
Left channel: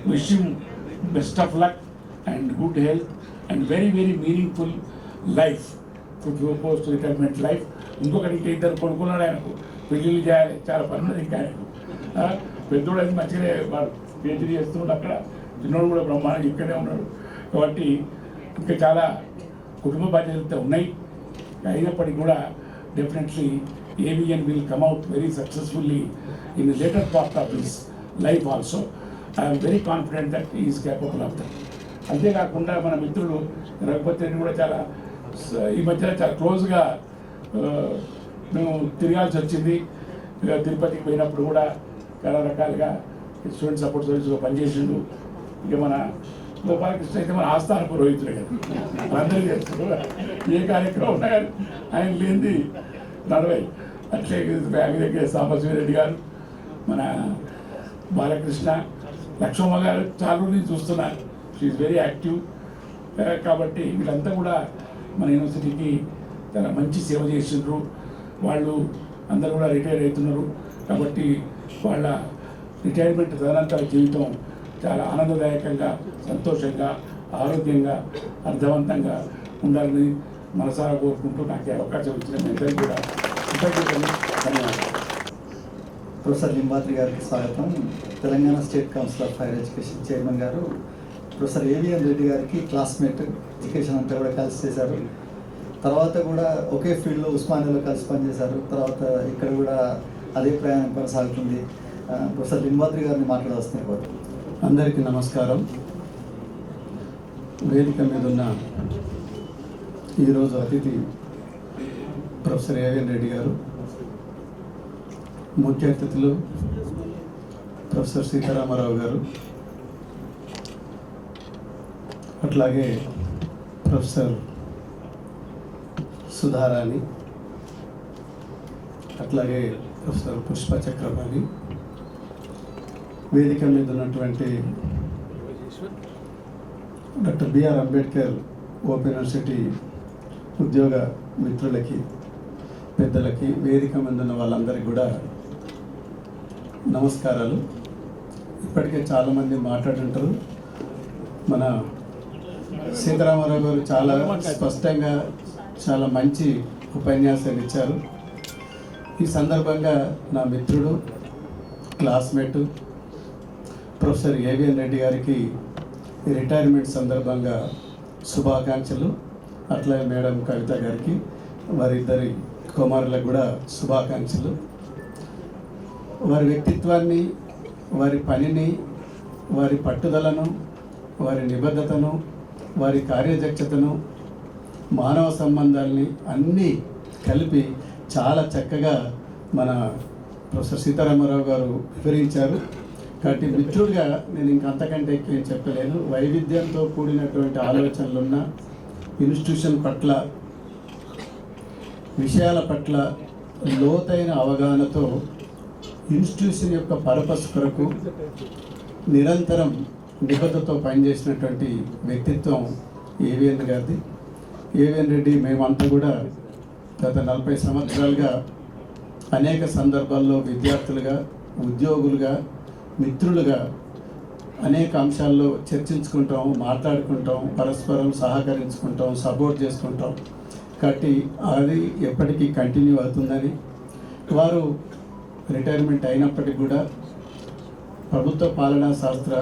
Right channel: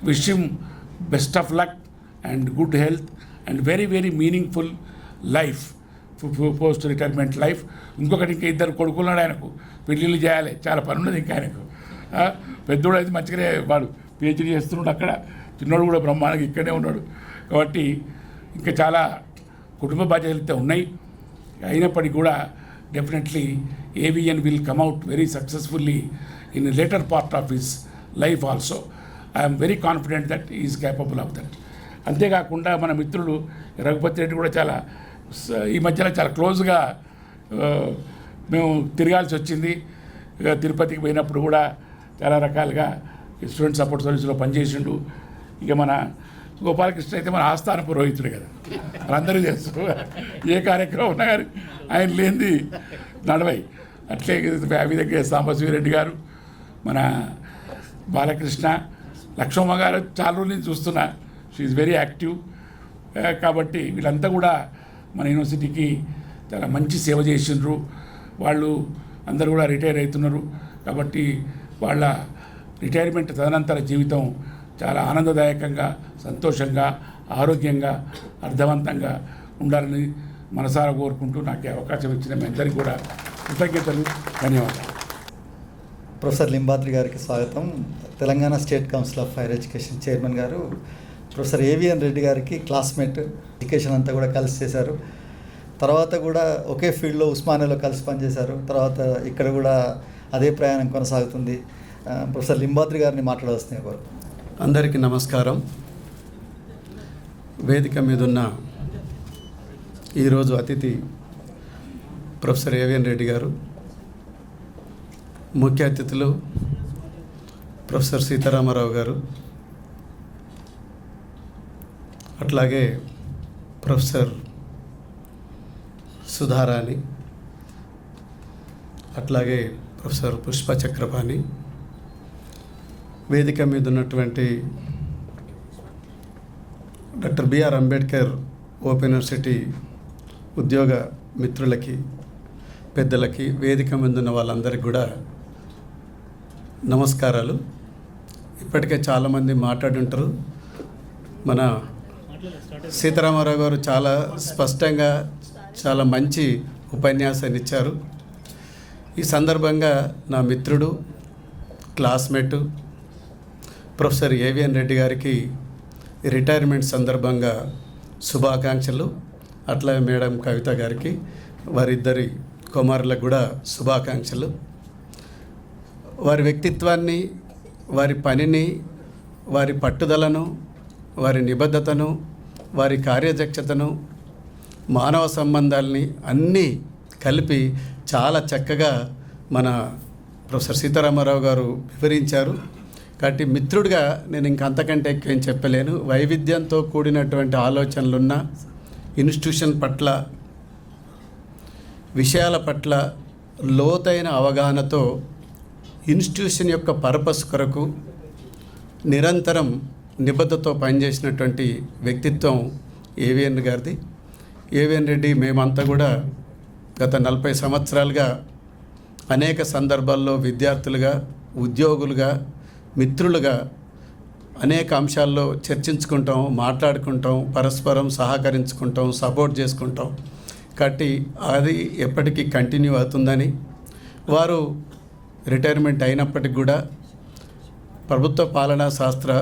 wish him best of luck and good health and very, very meaningful life for post-retirement life. ఇంకొకటి ఇంకా ఇద్దరు కొడుకున్నాడు ఆయనకు, పెళ్ళిళ్ళు చేయాలి, చాలా పని ఉన్నది ఇంకా ఆయనకు. పెద్దోడు అయితే మంచిగానే వాడు పిహెచ్డీ చేస్తున్నాడు అక్కడ, చిన్నోడు కూడా బ్రహ్మాండంగా ఇక్కడే ఉన్నాడు. కాబట్టి ఇంకా చాలా కుటుంబ బాధ్యతలు ఉన్నాయి. అయినప్పటికీ కూడా definitely AVN will come out very successfully in the later part of his life also. I am very confident that he is capable of that. అంతేకాకుండా మన మిత్రుడు రఘుపతి రెడ్డి కూడా చాలా ఈ మధ్యన చాలా క్లోజ్గా మేము తిరగాల్సి వచ్చింది. తిరుపతికి పోయినప్పుడు కూడా చాలా రకాలుగా స్టూడెంట్ సపోర్ట్ సర్వీస్లో పనిచేసిండు. ఇక మన గోపాలకృష్ణ అయితే మన ఆస్థాన పురోహితుడే కదా, అందరూ చేస్తారు. ఏ కార్యక్రమం ఉన్నా కానీ ఆయన లేనిది నడవై. అట్లే విధంగా సాంబశివరెడ్డి గారు, మన బాలకృష్ణ, లక్ష్మమ్మ గారు చాలా రోజులు చూస్తున్నారు, షీఈ్ వెరీ యాక్టివ్. కాబట్టి వీళ్ళంతా కూడా మన యూనివర్సిటీకి చాలా మంచి సేవ చేసిండ్రు. వాళ్ళు అందరూ కూడా రిటైర్ అవుతున్నారు. కాబట్టి వాళ్ళ రిటైర్మెంట్ తదనంతర జీవితం చాలా ఆనందదాయకంగా, సంతోషంగా, ఆరోగ్యంగా, అర్థవంతంగా ఉండాలని మనసారా కోరుకుంటూ నాకు అవకాశం ఇచ్చిన మీ అందరికీ కూడా కృతజ్ఞతలు, ధన్యవాదాలు. ప్రొఫెసర్ లింబాద్రి గారికి స్వాగతం. Telangana state council of higher education chairman గారు ప్రొఫెసర్ AVN రెడ్డి గారికి క్లాస్మేట్, ఎడ్యుకేషన్ అంతా కూడా కలిసి చేశారు. తర్వాత కూడా ఒకే ఫీల్డ్లో ఉస్మానియాలో కలిసి పనిచేశారు. తర్వాత ఇక్కడ కూడా అదే ప్రయాణం కొనసాగుతుంది. ప్రొఫెసర్ లింబాద్రి గారిని మాట్లాడాల్సింది కోరు. అందరికీ నమస్కారం. వేదిక మీద ఉన్న ఈరోజు అతిథి ప్రొఫెసర్ AVN రెడ్డి గారు, ముఖ్య అతిథులు ప్రొఫెసర్ సీతారామరావు గారు, అట్లాగే ప్రొఫెసర్ సుధారాణి, అట్లాగే ప్రొఫెసర్ పుష్ప చక్రపాణి, వేదిక మీద ఉన్నటువంటి doctor BR Ambedkar open university ఉద్యోగ మిత్రులకి, పెద్దలకి, వేదిక మీద ఉన్న వాళ్ళందరికీ కూడా నమస్కారాలు. ఇప్పటికే చాలామంది మాట్లాడుంటారు. మన సీతారామరావు గారు చాలా స్పష్టంగా చాలా మంచి ఉపన్యాసాన్ని ఇచ్చారు. ఈ సందర్భంగా నా మిత్రుడు, క్లాస్మేటు ప్రొఫెసర్ AVN రెడ్డి గారికి రిటైర్మెంట్ సందర్భంగా శుభాకాంక్షలు. అట్లాగే మేడం కవిత గారికి, వారిద్దరి కుమారులకు కూడా శుభాకాంక్షలు. వారి వ్యక్తిత్వాన్ని, వారి పనిని, వారి పట్టుదలను, వారి నిబద్ధతను, వారి కార్యదక్షతను, మానవ సంబంధాలని అన్నీ కలిపి చాలా చక్కగా మన ప్రొఫెసర్ సీతారామరావు గారు వివరించారు. కాబట్టి మిత్రుడిగా నేను ఇంకంతకంటే ఎక్కువ ఏం చెప్పలేను. వైవిధ్యంతో కూడినటువంటి ఆలోచనలున్న ఇన్స్టిట్యూషన్ పట్ల, విషయాల పట్ల లోతైన అవగాహనతో ఇన్స్టిట్యూషన్ యొక్క పర్పస్ కొరకు నిరంతరం నిబద్ధతతో పనిచేసినటువంటి వ్యక్తిత్వం AVN గారిది. AVN రెడ్డి మేమంతా కూడా గత 40 సంవత్సరాలుగా అనేక సందర్భాల్లో విద్యార్థులుగా, ఉద్యోగులుగా, మిత్రులుగా అనేక అంశాల్లో చర్చించుకుంటాం, మాట్లాడుకుంటాం, పరస్పరం సహకరించుకుంటాం, సపోర్ట్ చేసుకుంటాం. కాబట్టి అది ఎప్పటికీ కంటిన్యూ అవుతుందని, వారు రిటైర్మెంట్ అయినప్పటికి కూడా ప్రభుత్వ పాలనా శాస్త్ర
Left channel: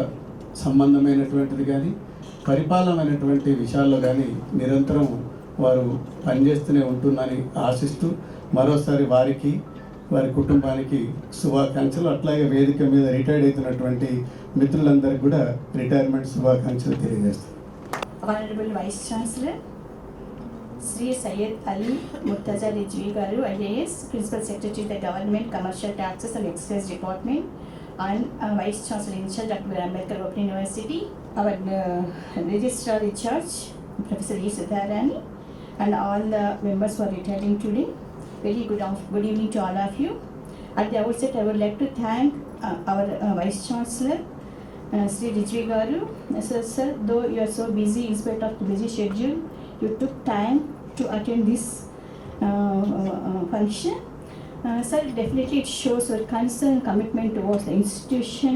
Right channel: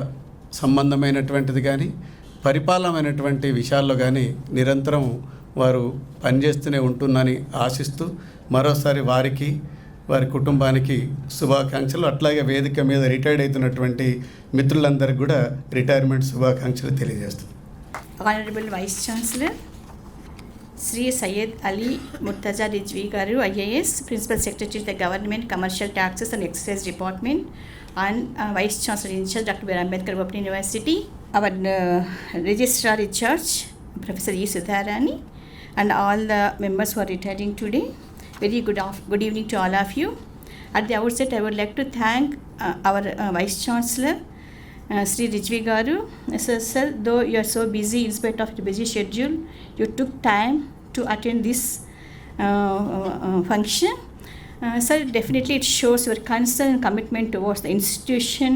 సంబంధమైనటువంటిది కానీ పరిపాలనమైనటువంటి విషయాల్లో కానీ నిరంతరం వారు పనిచేస్తూనే ఉంటుందని ఆశిస్తూ మరోసారి వారికి వారి కుటుంబానికి శుభాకాంక్షలు, అట్లాగే వేదిక మీద రిటైర్డ్ అవుతున్నటువంటి మిత్రులందరికీ కూడా రిటైర్మెంట్ శుభాకాంక్షలు తెలియజేస్తాం. Honorable Vice Chancellor, Sri Syed Ali Murtaza Rijvi Garu, IAS, Principal Secretary to the Government Commercial Taxes and Excise Department, and Vice Chancellor in charge, Dr. B. R. Ambedkar Open University, our Registrar in charge, Professor E. Sudharani, and all the members who are retiring today. Very good evening to all of you. At the outset, I would like to thank our Vice Chancellor, Sri Rijvi Garu. Sir, though you are so busy, in spite of the busy schedule, you took time to attend this function. Sir, definitely it shows your concern and commitment towards the institution,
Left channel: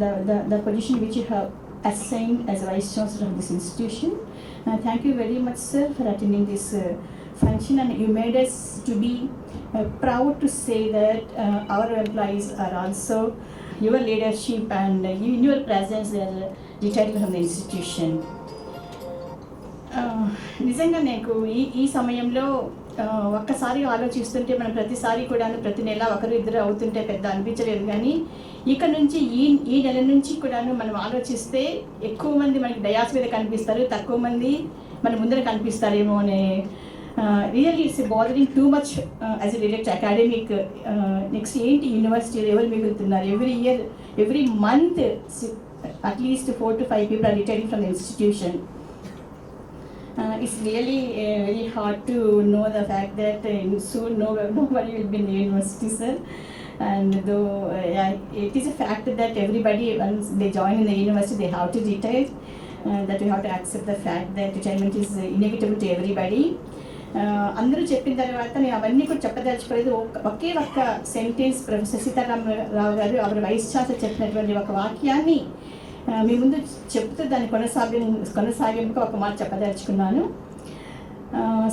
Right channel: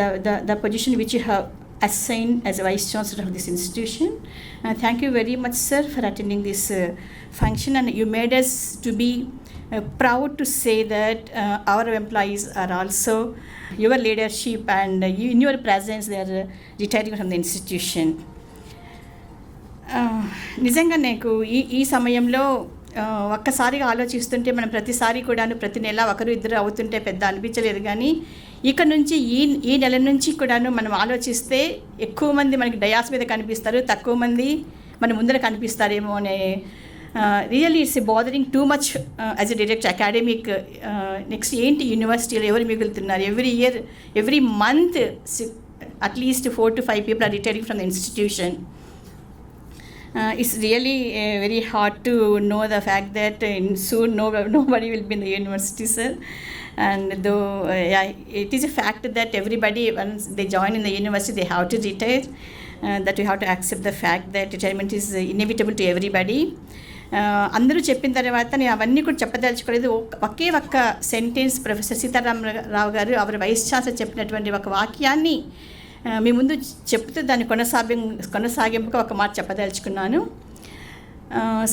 the position which you have assigned as a Vice Chancellor of this institution. Thank you very much, sir, for attending this function, and you made us to be proud to say that our employees are also your leadership, and in your presence they are retiring from the institution. నిజంగా నాకు ఈ సమయంలో ఒక్కసారిగా ఆలోచిస్తుంటే మనం ప్రతిసారి కూడాను ప్రతి నెల ఒకరు ఇద్దరు అవుతుంటే పెద్ద అనిపించలేదు, కానీ ఇక్కడ నుంచి ఈ నెల నుంచి కూడాను మనం ఆలోచిస్తే ఎక్కువ మంది మనకి డయాస్ మీద కనిపిస్తారు, తక్కువ మంది మన ముందర కనిపిస్తారేమో అనే really it's bothering too much as a direct academic. Next ఏంటి యూనివర్సిటీలో ఎవరు మిగులుతున్నారు? Every year every month at least 4 to 5 people are retiring from the institution. It's really very hard to know the fact that soon nobody will be in the university, sir. And though it is a fact that everybody, once they join in the university, they have to retire. That we have to accept the fact that retirement is inevitable to everybody. అందరూ చెప్పిన తర్వాత నేను అవన్నీ కూడా చెప్పదలుచుకోలేదు. ఒకే ఒక్క సెంటెన్స్ ప్రొఫెసర్ సీతారామరావు గారు అవర్ వైస్ ఛాన్సలర్ చెప్పినటువంటి ఒక వాక్యాన్ని మీ ముందు చెప్తూ దాని కొనసాగింపుగా ఒక మాట చెప్పదలుచుకున్నాను.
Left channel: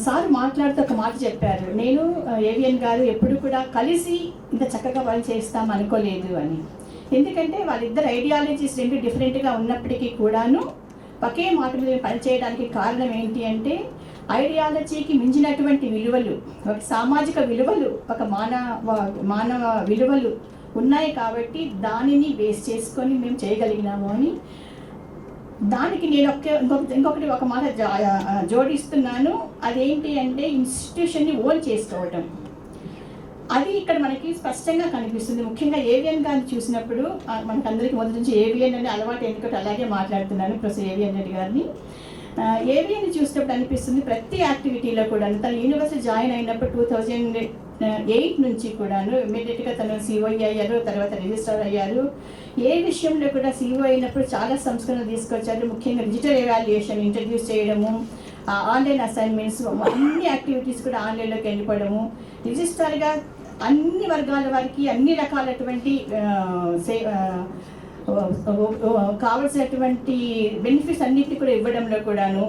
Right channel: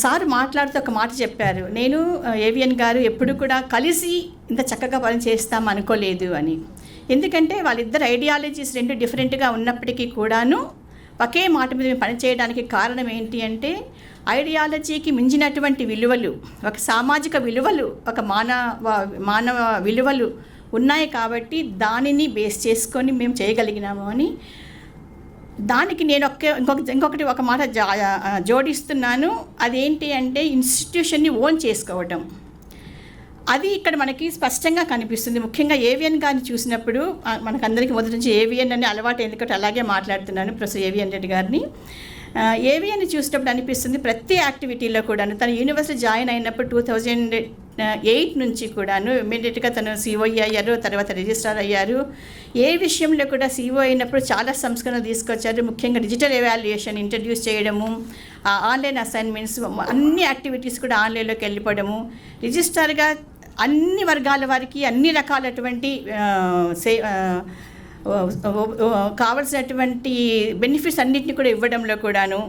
సార్ మాట్లాడుతూ ఒక మాట చెప్పారు, నేను ఏవిఎన్ గారు ఎప్పుడు కూడా కలిసి ఇంత చక్కగా పని చేస్తాం అనుకోలేదు అని. ఎందుకంటే వాళ్ళిద్దరు ఐడియాలజీస్ రెండు డిఫరెంట్గా ఉన్నప్పటికీ కూడాను ఒకే మాట మీద పనిచేయడానికి కారణం ఏంటి అంటే ఐడియాలజీకి మించినటువంటి విలువలు, ఒక సామాజిక విలువలు, ఒక మానవ విలువలు ఉన్నాయి కాబట్టి దానిని బేస్ చేసుకొని మేము చేయగలిగినాము అని. దానికి నేను ఇంకొకటి ఒక మాట జోడిస్తున్నాను. అదేంటి అంటే ఇన్స్టిట్యూషన్ని ఓన్ చేసుకోవటం. అది ఇక్కడ మనకి స్పష్టంగా కనిపిస్తుంది. ముఖ్యంగా ఏవిఎన్ గారిని చూసినప్పుడు మనకందరికీ మొదటి నుంచి ఏవిఎన్ అనే అలవాటు, ఎందుకంటే అలాగే మాట్లాడుతున్నాను ప్రొఫెసర్ ఏవిఎన్ రెడ్డి గారిని. ఏవిఎన్ని చూసినప్పుడు అనిపిస్తుంది ప్రతి యాక్టివిటీలో కూడాను తను యూనివర్సిటీ జాయిన్ అయినప్పుడు 2008 నుంచి కూడాను ఇమీడియట్గా తను సిఓఈ అయ్యారు, తర్వాత రిజిస్ట్రార్ అయ్యారు. ఏ విషయంలో కూడా సిఓ అయినప్పుడు చాలా సంస్కరణ తీసుకొచ్చారు. ముఖ్యంగా డిజిటల్ ఎవాల్యుయేషన్ ఇంట్రడ్యూస్ చేయడము, ఆన్లైన్ అసైన్మెంట్స్, అన్ని యాక్టివిటీస్ కూడా ఆన్లైన్లోకి వెళ్ళిపోవడము, రిజిస్ట్రార్గా అన్ని వర్గాల వారికి అన్ని రకాలటువంటి కావలసినటువంటి బెనిఫిట్స్ అన్నింటినీ కూడా ఇవ్వడంలో కూడాను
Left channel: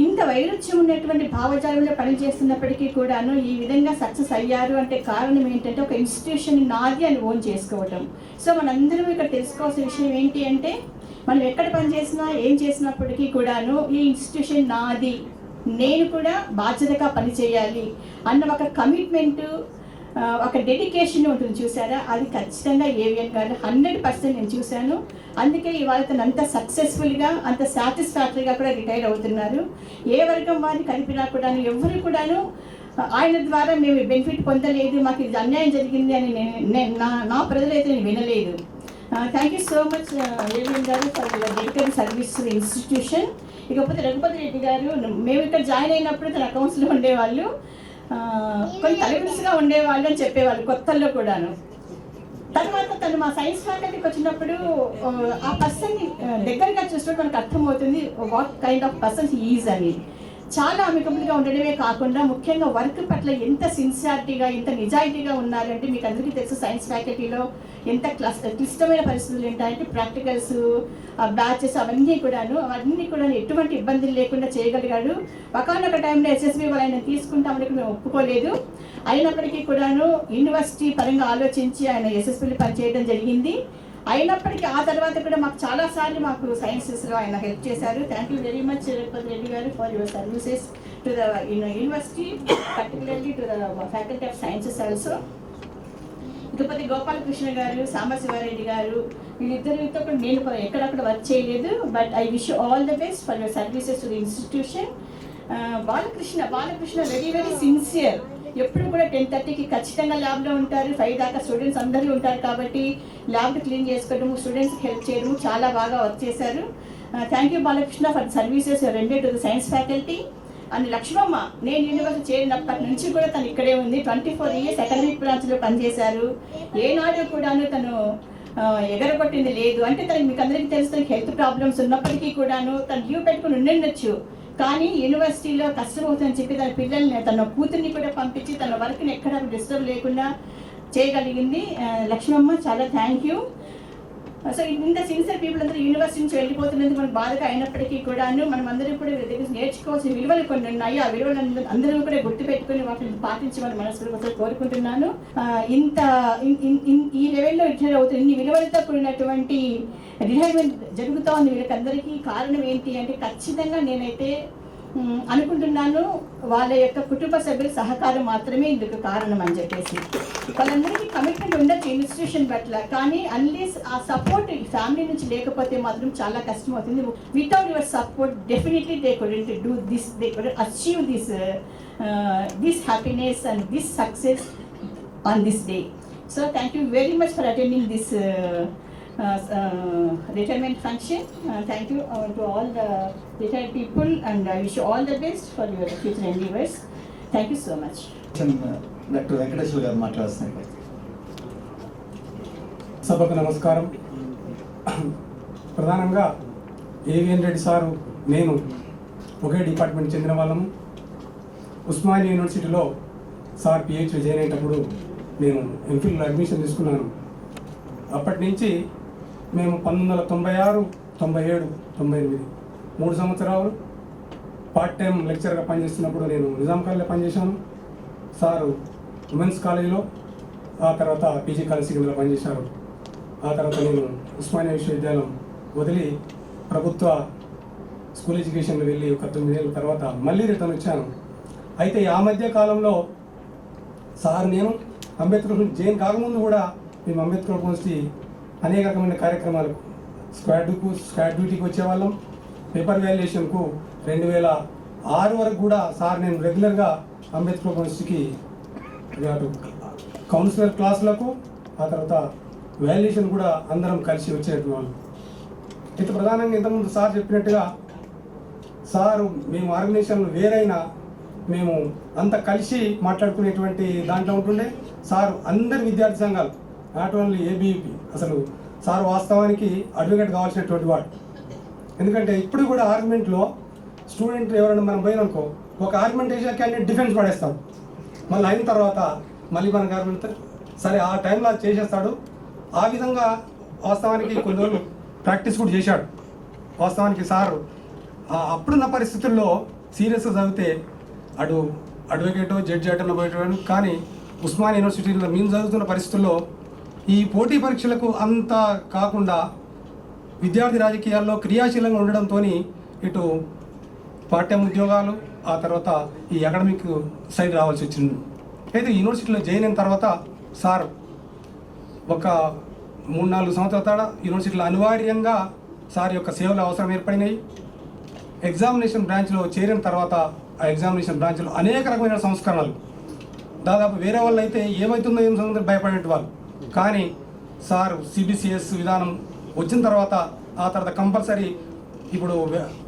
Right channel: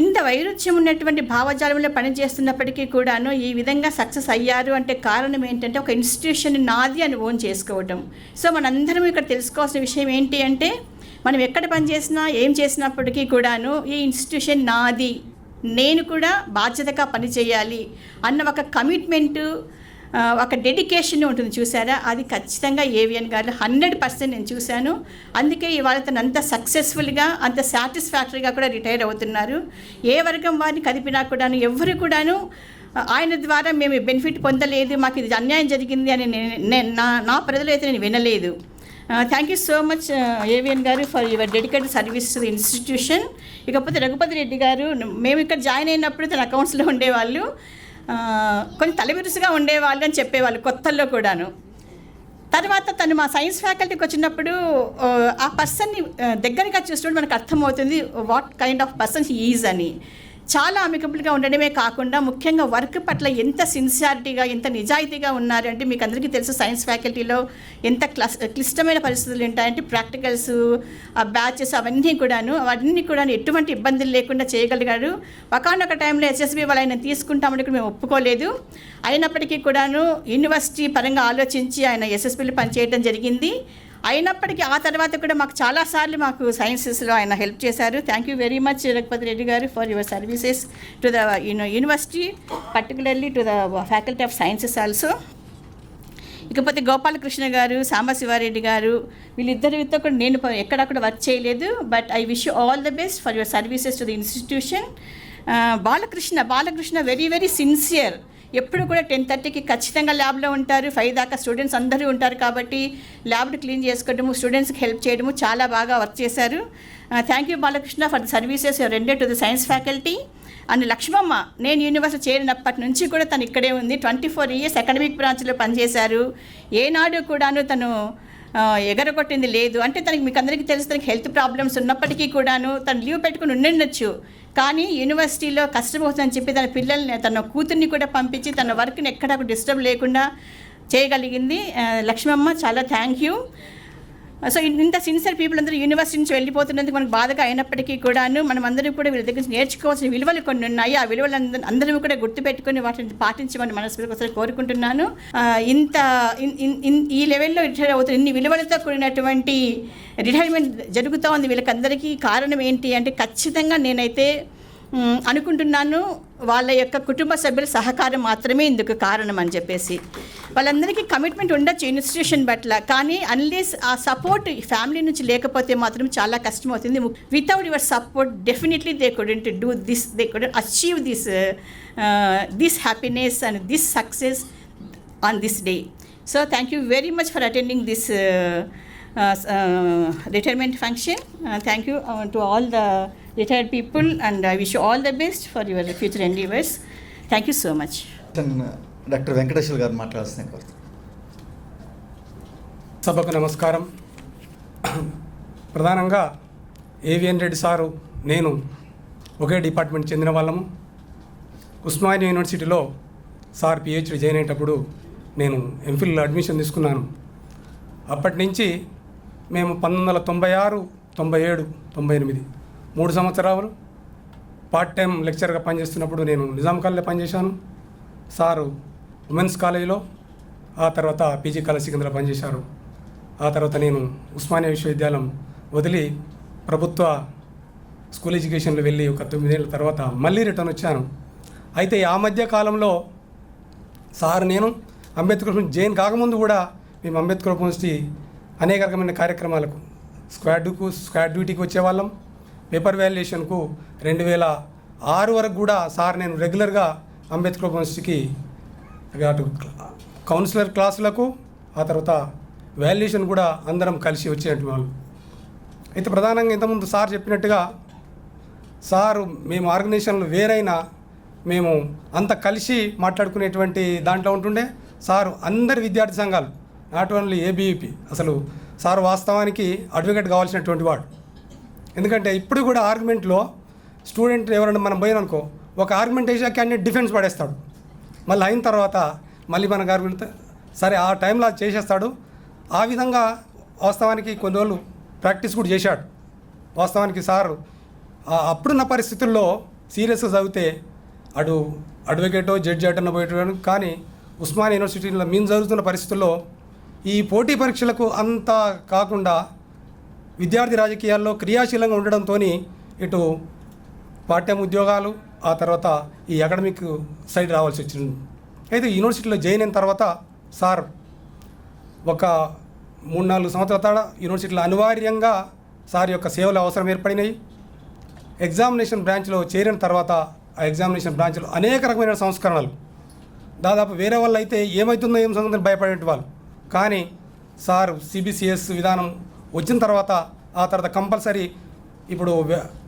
ఇంత వైరుధ్యం ఉన్నటువంటి భావజాలంలో పనిచేస్తున్నప్పటికీ కూడాను ఈ విధంగా సక్సెస్ అయ్యారు అంటే కారణం ఏంటంటే ఒక ఇన్స్టిట్యూషన్ నాది అని ఓన్ చేసుకోవటం. సో మనందరం ఇక్కడ తెలుసుకోవాల్సిన విషయం ఏంటి అంటే మనం ఎక్కడ పనిచేసినా ఏం చేసినప్పటికీ కూడాను ఈ ఇన్స్టిట్యూషన్ నాది, నేను కూడా బాధ్యతగా పనిచేయాలి అన్న ఒక కమిట్మెంటు, ఒక డెడికేషన్ ఉంటుంది చూసారా. అది ఖచ్చితంగా ఏవిఎన్ గారు 100% నేను చూశాను. అందుకే ఇవాళ తను అంత సక్సెస్ఫుల్గా అంత సాటిస్ఫాక్టరీగా కూడా రిటైర్ అవుతున్నారు. ఏ వర్గం వారిని కలిపినా కూడాను ఎవరు కూడాను ఆయన ద్వారా మేము బెనిఫిట్ పొందలేదు, మాకు ఇది అన్యాయం జరిగింది అని నా ప్రజలైతే నేను వినలేదు. Thank you so much AVN garu for your dedicated service to the institution. ఇకపోతే రఘుపతి రెడ్డి గారు, మేము ఇక్కడ జాయిన్ అయినప్పుడు తన అకౌంట్స్లో ఉండేవాళ్ళు, కొన్ని తలవిరుసుగా ఉండేవాళ్ళు అని చెప్పేవాళ్ళు కొత్తల్లో కూడాను. తర్వాత తను మా సైన్స్ ఫ్యాకల్టీకి వచ్చినప్పుడు ఆ పర్సన్ని దగ్గరగా చూసినప్పుడు మనకు అర్థమవుతుంది what kind of person he is అని. చాలా అమికబుల్గా ఉండడమే కాకుండా ముఖ్యంగా వర్క్ పట్ల ఎంత సిన్సియారిటీగా ఎంత నిజాయితీగా ఉన్నారంటే మీకు అందరికీ తెలుసు సైన్స్ ఫ్యాకల్టీలో ఎంత క్లిష్టమైన పరిస్థితులు ఉంటాయంటే ప్రాక్టికల్స్, బ్యాచెస్ అవన్నీ కూడా ఎటువంటి ఇబ్బందులు లేకుండా చేయగలిగారు. ఒకనొక టైంలో ఎస్ఎస్బి వాళ్ళు ఆయన తీసుకుంటామని మేము ఒప్పుకోలేదు. అయినప్పటికీ కూడాను యూనివర్సిటీ పరంగా ఆలోచించి ఆయన ఎస్ఎస్బిలో పనిచేయడం జరిగింది. అయినప్పటికీ ఆ తర్వాత కూడా మాకు చాలాసార్లు మాకు సైన్సెస్లో ఆయన హెల్ప్ చేశారు. Thank you very much Raghupathi Reddy garu for your services to the university, particularly to the faculty of sciences also. ఇకపోతే గోపాలకృష్ణ గారు, సాంబశివారెడ్డి గారు, వీళ్ళిద్దరితో కూడా నేను ఎక్కడక్కడ వర్క్ చేయలేదు. But I wish all the best for your services to the institution. Balakrishna very very sincere. ఎప్పుడు కూడా 10:30కి ఖచ్చితంగా ల్యాబ్లో ఉంటారు. 5 దాకా స్టూడెంట్స్ అందరూ ఉంటారు కాబట్టి ల్యాబ్ని క్లీన్ చేసుకోవడము, స్టూడెంట్స్కి హెల్ప్ చేయడము చాలా బాగా వర్క్ చేశారు. Thank you Balakrishna for the services your రెండెడ్ to the science faculty. And Lakshmamma, నేను యూనివర్సిటీ చేరినప్పటి నుంచి కూడా తను ఇక్కడే ఉంది. 24 years అకాడమిక్ బ్రాంచ్లో పనిచేశారు. ఏనాడు కూడాను తను ఎగరగొట్టింది లేదు. అంటే తనకి మీకు అందరికీ తెలుసు, తనకి హెల్త్ ప్రాబ్లమ్స్ ఉన్నప్పటికీ కూడాను తను లీవ్ పెట్టుకుని ఉండొచ్చు. కానీ యూనివర్సిటీలో కష్టమవుతుందని చెప్పి తన పిల్లల్ని, తన కూతుర్ని కూడా పంపించి తన వర్క్ని ఎక్కడా డిస్టర్బ్ లేకుండా చేయగలిగింది లక్ష్మమ్మ. చాలా థ్యాంక్ యూ. సో ఇంత సిన్సియర్ పీపుల్ అందరూ యూనివర్సిటీ నుంచి వెళ్ళిపోతున్నందుకు మనకు బాధగా అయినప్పటికీ కూడాను మనం అందరూ కూడా వీళ్ళ దగ్గర నేర్చుకోవాల్సిన విలువలు కొన్ని ఉన్నాయి. ఆ విలువలు అందరూ కూడా గుర్తుపెట్టుకుని వాటిని పాటించమని మనస్ఫూర్తిగా కోరుకుంటున్నాను. ఈ లెవెల్లో రిటైర్ అవుతున్న ఇన్ని విలువలతో కూడినటువంటి రిటైర్మెంట్ జరుగుతూ ఉంది వీళ్ళకందరికీ. కారణం ఏంటి అంటే ఖచ్చితంగా నేనైతే అనుకుంటున్నాను వాళ్ళ యొక్క కుటుంబ సభ్యుల సహకారం మాత్రమే ఇందుకు కారణం అని చెప్పేసి. వాళ్ళందరికీ కమిట్మెంట్ ఉండొచ్చు ఇన్స్టిట్యూషన్ పట్ల, కానీ అన్లెస్ ఆ సపోర్ట్ ఫ్యామిలీ నుంచి లేకపోతే మాత్రం చాలా కష్టం అవుతుంది. Without your support definitely they couldn't do this, they couldn't achieve this happiness and this success on this day. So thank you very much for attending this retirement function. Thank you to all the retired people and I wish you all the best for your future endeavors. Thank you so much. Doctor Venkateswara గారు మాట్లాడుతున్నారు. సభకు నమస్కారం. ప్రధానంగా ఏవిఎన్ రెడ్డి సారు నేను ఒకే డిపార్ట్మెంట్ చెందిన వాళ్ళము. ఉస్మానియా యూనివర్సిటీలో సార్ పిహెచ్డి జాయిన్ అయ్యేటప్పుడు నేను ఎంఫిల్ అడ్మిషన్ తీసుకున్నాను. అప్పటి నుంచి మేము 1996, 97, 98 3 సంవత్సరాలు పార్ట్ టైం లెక్చర్గా పనిచేస్తున్నప్పుడు నేను నిజాం కాలేజీలో పనిచేశాను. సారు ఉమెన్స్ కాలేజీలో, ఆ తర్వాత పీజీ కాలేజ్ కిందలో పనిచేశారు. ఆ తర్వాత నేను ఉస్మానియా విశ్వవిద్యాలయం వదిలి ప్రభుత్వ స్కూల్ ఎడ్యుకేషన్లో వెళ్ళి ఒక 9 ఏళ్ళ తర్వాత మళ్ళీ రిటర్న్ వచ్చాను. అయితే ఆ మధ్య కాలంలో సార్ నేను అంబేద్కర్ జైన్ కాకముందు కూడా మేము అంబేద్కర్ యూనివర్సిటీ అనేక రకమైన కార్యక్రమాలకు స్క్వాడ్ డ్యూటీకి వచ్చేవాళ్ళం. పేపర్ వాల్యుయేషన్కు 2006 వరకు కూడా సార్ నేను రెగ్యులర్గా అంబేద్కర్ యూనివర్సిటీకి కౌన్సిలర్ క్లాసులకు, ఆ తర్వాత వాల్యుయేషన్ కూడా అందరం కలిసి వచ్చేటువంటి వాళ్ళం. అయితే ప్రధానంగా ఇంతకుముందు సార్ చెప్పినట్టుగా సారు మేము ఆర్గనైజేషన్లు వేరైనా మేము అంత కలిసి మాట్లాడుకునేటువంటి దాంట్లో ఉంటుండే. సారు అందరి విద్యార్థి సంఘాలు, నాట్ ఓన్లీ ఏబీవీపీ, అసలు సార్ వాస్తవానికి అడ్వకేట్ కావాల్సినటువంటి వాడు. ఎందుకంటే ఇప్పుడు కూడా ఆర్గ్యుమెంట్లో స్టూడెంట్ ఎవరైనా మనం పోయిననుకో, ఒక ఆర్గ్యుమెంట్ వేసే క్యాండిడేట్ డిఫెన్స్ పడేస్తాడు. మళ్ళీ అయిన తర్వాత మళ్ళీ మనకు ఆర్గ్యుమెంట్ సరే ఆ టైంలో చేసేస్తాడు. ఆ విధంగా వాస్తవానికి కొన్ని రోజులు ప్రాక్టీస్ కూడా చేశాడు. వాస్తవానికి సారు అప్పుడున్న పరిస్థితుల్లో సీరియస్గా చదివితే అటు అడ్వకేటో జడ్జి అటనో పోయేటోడు. కానీ ఉస్మానియా యూనివర్సిటీలో మేము చదువుతున్న పరిస్థితుల్లో ఈ పోటీ పరీక్షలకు అంతా కాకుండా విద్యార్థి రాజకీయాల్లో క్రియాశీలంగా ఉండడంతో ఇటు పార్ట్ టైం ఉద్యోగాలు, ఆ తర్వాత ఈ అకాడమిక్ సైడ్ రావాల్సి వచ్చింది. అయితే యూనివర్సిటీలో జాయిన్ అయిన తర్వాత సార్ ఒక 3-4 సంవత్సరాల తర్వాత యూనివర్సిటీలో అనివార్యంగా సార్ యొక్క సేవలు అవసరం ఏర్పడినాయి. ఎగ్జామినేషన్ బ్రాంచ్లో చేరిన తర్వాత ఆ ఎగ్జామినేషన్ బ్రాంచ్లో అనేక రకమైన సంస్కరణలు, దాదాపు వేరే వాళ్ళు అయితే ఏమవుతుందో ఏం సంగతి భయపడే వాళ్ళు. కానీ సార్ సిబిసిఎస్ విధానం వచ్చిన తర్వాత ఆ తర్వాత కంపల్సరీ ఇప్పుడు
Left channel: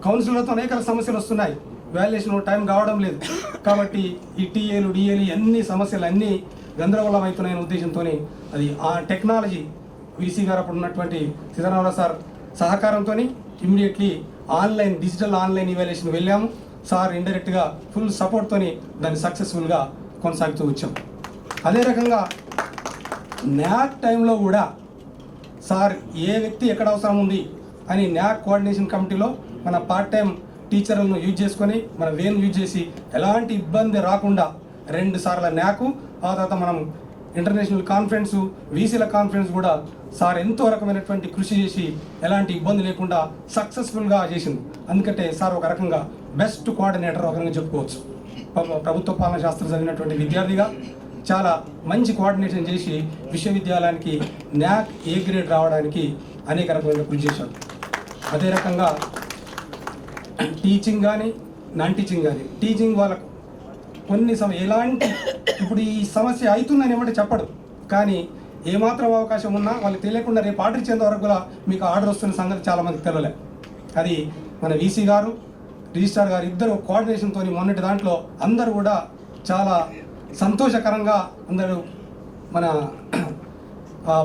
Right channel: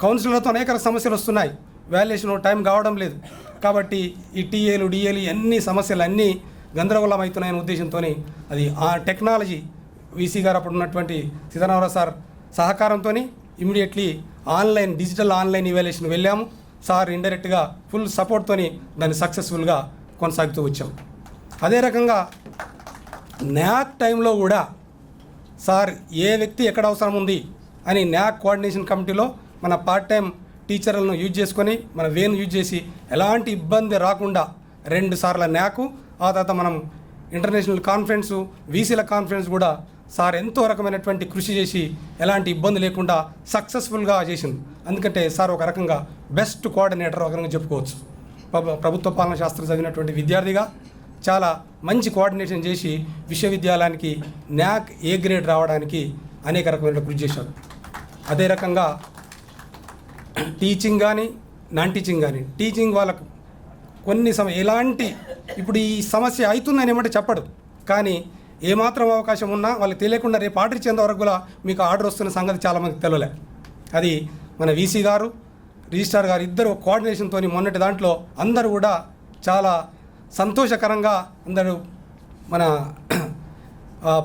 కౌన్సిలర్తో అనేక సమస్యలు వస్తున్నాయి. వాల్యుయేషన్ టైం కావడం లేదు కాబట్టి ఈ టీఏలు డిఏలు అన్ని సమస్యలు అన్నీ గందరగోళం అవుతున్నాయనే ఉద్దేశంతో అది ఆ టెక్నాలజీ వీసీ గారు అప్పుడు ఉన్నటువంటి సీతారామరావు సార్ సహకారంతో ఇమీడియట్లీ డిజిటల్ ఆన్లైన్ ఇవాల్యుయేషన్ వెళ్ళాము. సార్ ఇండైరెక్ట్గా ఫుల్ సపోర్ట్తో దాన్ని సక్సెస్ఫుల్గా కొనసాగుతూ వచ్చాం. అదే రకంగా న్యాక్ టైంలో కూడా సార్ ఏ వ్యక్తి ఎక్కడ అవసరం ఉంది అని న్యాక్ కోఆర్డినేషన్ కమిటీలో మన పార్ట్ టైం టీచర్లను యూజ్ చేసుకొని మన వేను యూజ్ చేసి ఎలాంటి ఇబ్బంది రాకుండా 2 సార్లు న్యాకు, ఆ తర్వాత మనం ఇంటర్నేషనల్ కాన్ఫరెన్స్, వీసీల కాన్ఫరెన్స్ కూడా సార్ ఎంతో రకమైనటువంటి కృషి చేసి ఎలాంటి ఇబ్బంది లేకుండా సక్సెస్ఫుల్గా చేసింది. అందుకంటే సార్ ఒక రకంగా బెస్ట్ కోఆర్డినేటర్ ఒక రకంగా చెప్పుకోవచ్చు. ప్రభుత్వ పాలన శాస్త్రం చదివినటువంటి విద్యార్థిగా చాలా మంచి కోఆర్డినేషన్ చేసి విశ్వవిద్యాలయానికి న్యాక్ ఏ గ్రేడ్ రావడానికి అనేక రకమైన కృషి చేశాడు. అదే రకంగా టీచింగ్ కానీ నాన్ టీచింగ్ కానీ, టీచింగ్ వాళ్ళకు కొన్ని ఎలాంటి ఇప్పుడు ఈ సమస్య అవుతుందని ఏమంటే చెప్పడు, కానీ ఏమాత్రం అవకాశం ఉన్నా వాళ్ళకి తెలియకుండా రేపు ఆర్డర్ ఇచ్చేంత వరకు కూడా మీకు ఆర్డర్ వస్తున్న సంగతి చాలామంది తెలియలే. అది మన వీసీ గారు, రిజిస్ట్రార్ గారు ఇద్దరు కోఆర్డినేషన్తో మొన్నటి దాంట్లో అందరూ కూడా చాలా సంతోషకరంగా అందరూ మన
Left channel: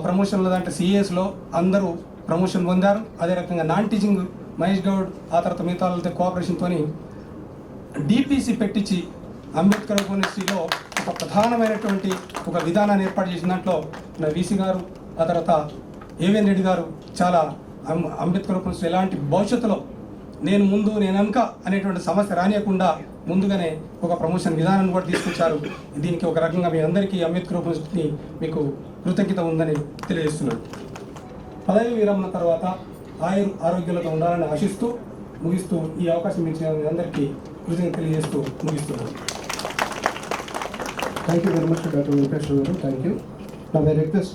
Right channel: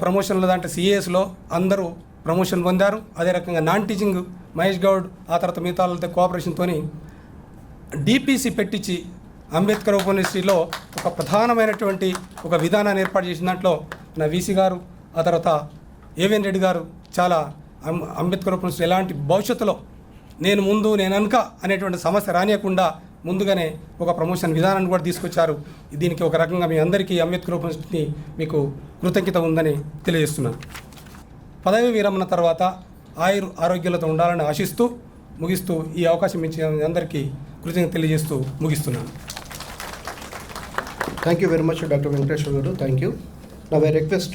ప్రమోషన్లో దాంట్లో సిఏఎస్లో అందరూ ప్రమోషన్ పొందారు. అదే రకంగా నాన్ టీచింగ్ మహేష్ గౌడ్, ఆ తర్వాత మిగతా వాళ్ళతో కోఆపరేషన్తో డిపిసి పెట్టించి అంబేద్కర్ ఓపెన్ యూనివర్సిటీలో ఒక ప్రధానమైనటువంటి ఒక విధానాన్ని ఏర్పాటు చేసిన దాంట్లో నా వీసీ గారు, ఆ తర్వాత ఏవిఎన్ రెడ్డి గారు చాలా అంబేద్కర్ ఓపెన్ యూనివర్సిటీ ఎలాంటి భవిష్యత్తులో నేను ముందు నేను వెనుక అనేటువంటి సమస్య రానియకుండా ముందుగానే ఒక ప్రమోషన్ విధానాన్ని కూడా తీసుకొచ్చారు. దీనికి ఒక రకంగా మీ అందరికీ అంబేద్కర్ ఓపెన్ యూనివర్సిటీ మీకు కృతజ్ఞత ఉందని తెలియజేస్తున్నాను. పదవి విరమణ తర్వాత ఆరోగ్యాలతో ఉండాలని ఆశిస్తూ ముగిస్తూ ఈ అవకాశం ఇచ్చిన అందరికీ కృతజ్ఞత తెలియజేస్తూ ముగిస్తున్నాను. Thank you very much, Dr. Venkateshwar Garu. Thank you. Now I request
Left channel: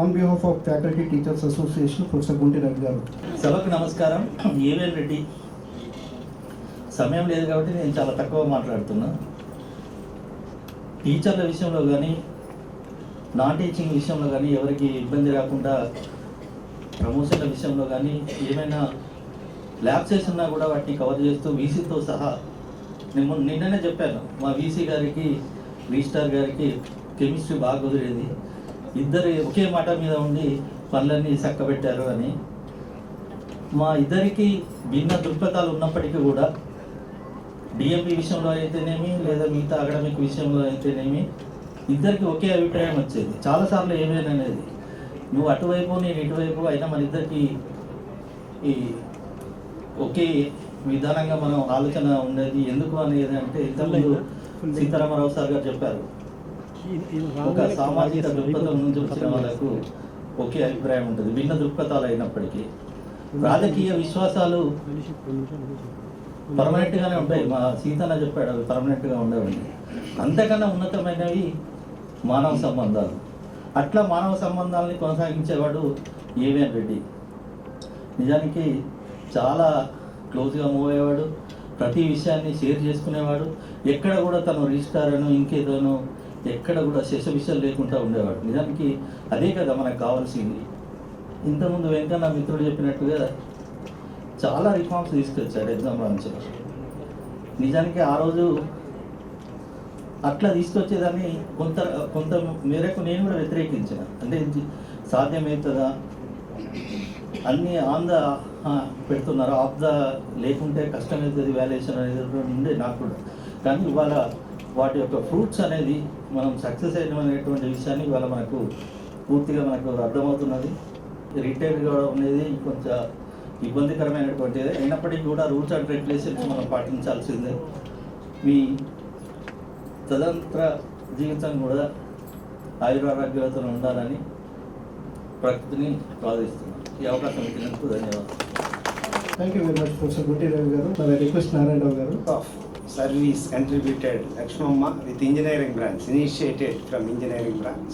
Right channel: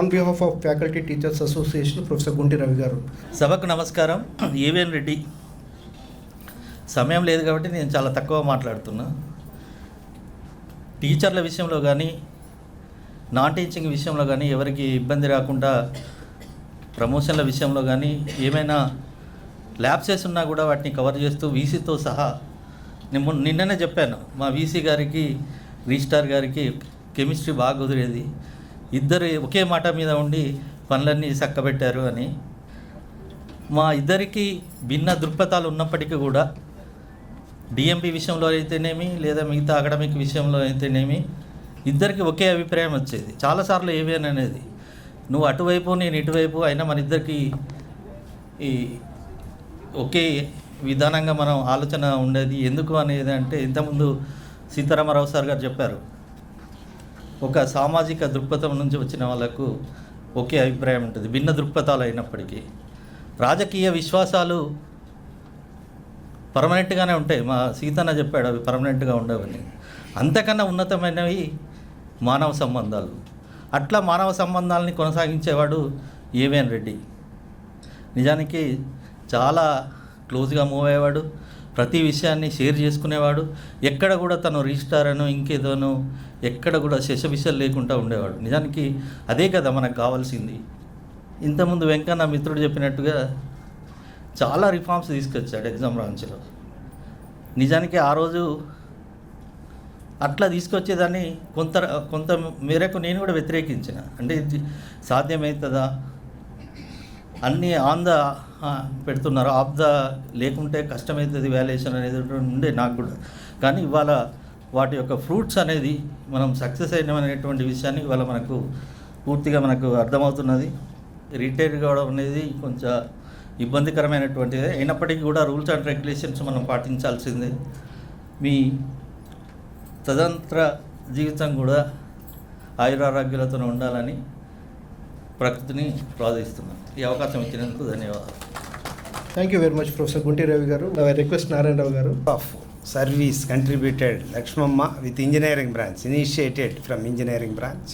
on behalf of Faculty Teachers Association, Professor Bunti Ravi Garu. సభకు నమస్కారం. ఏవిఎన్ రెడ్డి, సమయం లేదు కాబట్టి నేను చాలా తక్కువ మాట్లాడుతున్నా. టీచర్ల విషయంలో కానీ నాన్ టీచింగ్ విషయంలో కానీ ఎవరికి ఇబ్బంది రాకుండా ప్రమోషన్ల విషయంలో కానీ ఏమైనా ల్యాబ్సెస్ ఉన్నా కూడా వాటిని కవర్ చేస్తూ వీసీతో సహా నిన్ననే చెప్పాను, మా వీసీ గారికి రిజిస్ట్రార్ గారికి కెమిస్ట్రీ బాగా కుదిరేది, ఇద్దరు ఒకే మాట మీద ఉండి పనులన్నీ చక్కబెట్టారు అని. మా ఇద్దరికి భిన్న దృక్పథాలు ఉన్నప్పటికీ కూడా డిఎంబి విషయంలో అయితేనేమి లేదా మిగతా అకాడమిక్ విషయంలో అయితేనేమి ఇద్దరికి ఒకే అభిప్రాయం వచ్చేది. చాలాసార్లు ఏమేమి అనేది నువ్వు అటువైపు నేను ఇటువైపు అయినా మన ఇద్దరికి ఈ ఒకే విధానంగా మనం ఆలోచన ఉండేది. ఎందుకు అనేది అంటే ఇంతకుముందు సీతారామరావు సార్ గారు చెప్పారు, ఒక సామాజిక దృక్పథం నుంచి వచ్చిన వాళ్ళకు ఒకే అభిప్రాయం ఉంటుంది, భిన్న దృక్పథాలు అయినప్పటికీ. రాజకీయ విశ్వాసాలు పర్మనెంట్గానే ఉంటాయి, మా సీతన్న చెప్పాడు అవి పర్మనెంట్గా ఉండవని. అంతకన్నా ఉన్నతమైనవి మానవ సంబంధాలు. అట్లా మానవ సంబంధాలని కొనసాగించేవాడు ఏవిఎన్ రెడ్డి. నిజానికి చాలా క్లోజ్గా మూవ్ అయ్యేవాడు, ప్రతి విషయాన్ని షేర్ చేసుకునేవాడు. ఎక్కడ కూడా తను రిజిస్టార్ అనో ఇంకేదోనో ఎక్కడ కూడా శశవిషయాలు లేకుండా ఉండేవాడు. నిజానికి అదే కదా మనకు కావాల్సింది. ఇంతకుముందు వెంకన్న మిత్రుడు చెప్పినట్టుగా చాలా రిఫార్మ్స్ తీసుకొచ్చాడు ఎగ్జామ్ బ్రాంచ్లో. నిజానికి ఆ రోజు అట్లా తీసుకొచ్చేదాన్ని కొంత మేరకు నేను కూడా వ్యతిరేకించిన. అంటే సాధ్యమవుతుందా, అన్నీ ఆన్ ద పెడుతున్నారు, ఆఫ్ ద లేకుంటే కష్టమవుతుంది వాల్యుయేషన్ అనేది ఉండే నాకు కూడా. కానీ ఇవాళ వాటి యొక్క ఫ్రూట్స్ అనేది మనం సక్సెస్ అయినటువంటి విషయాన్ని ఇవాళ మనకు పూర్తిగా మనకు అర్థమవుతున్నది. రిటైర్ కావడం అనేది కొంచెం ఇబ్బందికరమైనటువంటిది అయినప్పటికీ కూడా రూల్స్ అండ్ రెగ్యులేషన్స్ మనం పాటించాల్సిందే. మీ తదంత్ర జీవితం కూడా ఆయురారోగ్యాలతో ఉండాలని ప్రకృతిని ప్రార్థిస్తున్నాను. ఈ అవకాశం ఇచ్చినందుకు ధన్యవాదాలు. Thank you very much, Professor Bunti Ravi Garu. Now I request Narayan Rao Garu. Of service contributed Lakshmamma with engineering branch, initiated from engineering branch,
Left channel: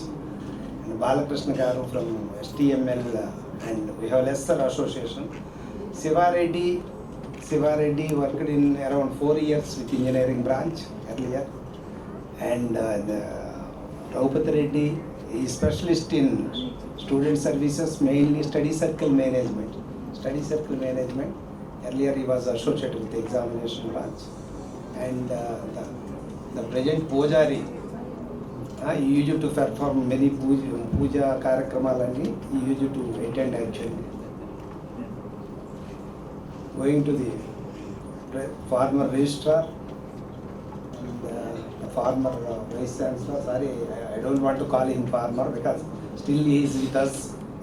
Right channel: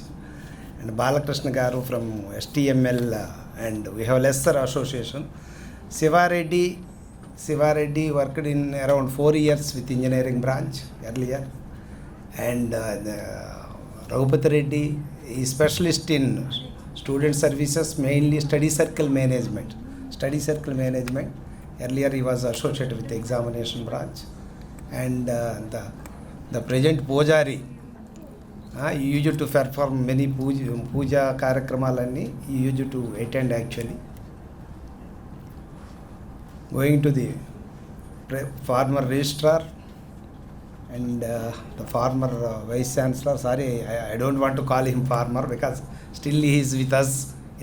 and Balakrishna Garu from STML, and we have lesser association. Siva Reddy worked in around 4 years with engineering branch earlier, and Raghupati Reddy is specialist in student services, mainly study circle management. Earlier he was associated with the examination branch, and the present Pujari, he used to perform many puja karakramalani, he used to attend actually. Going to the former registrar and the former vice chancellor, sorry, I don't want to call him former because still he is with us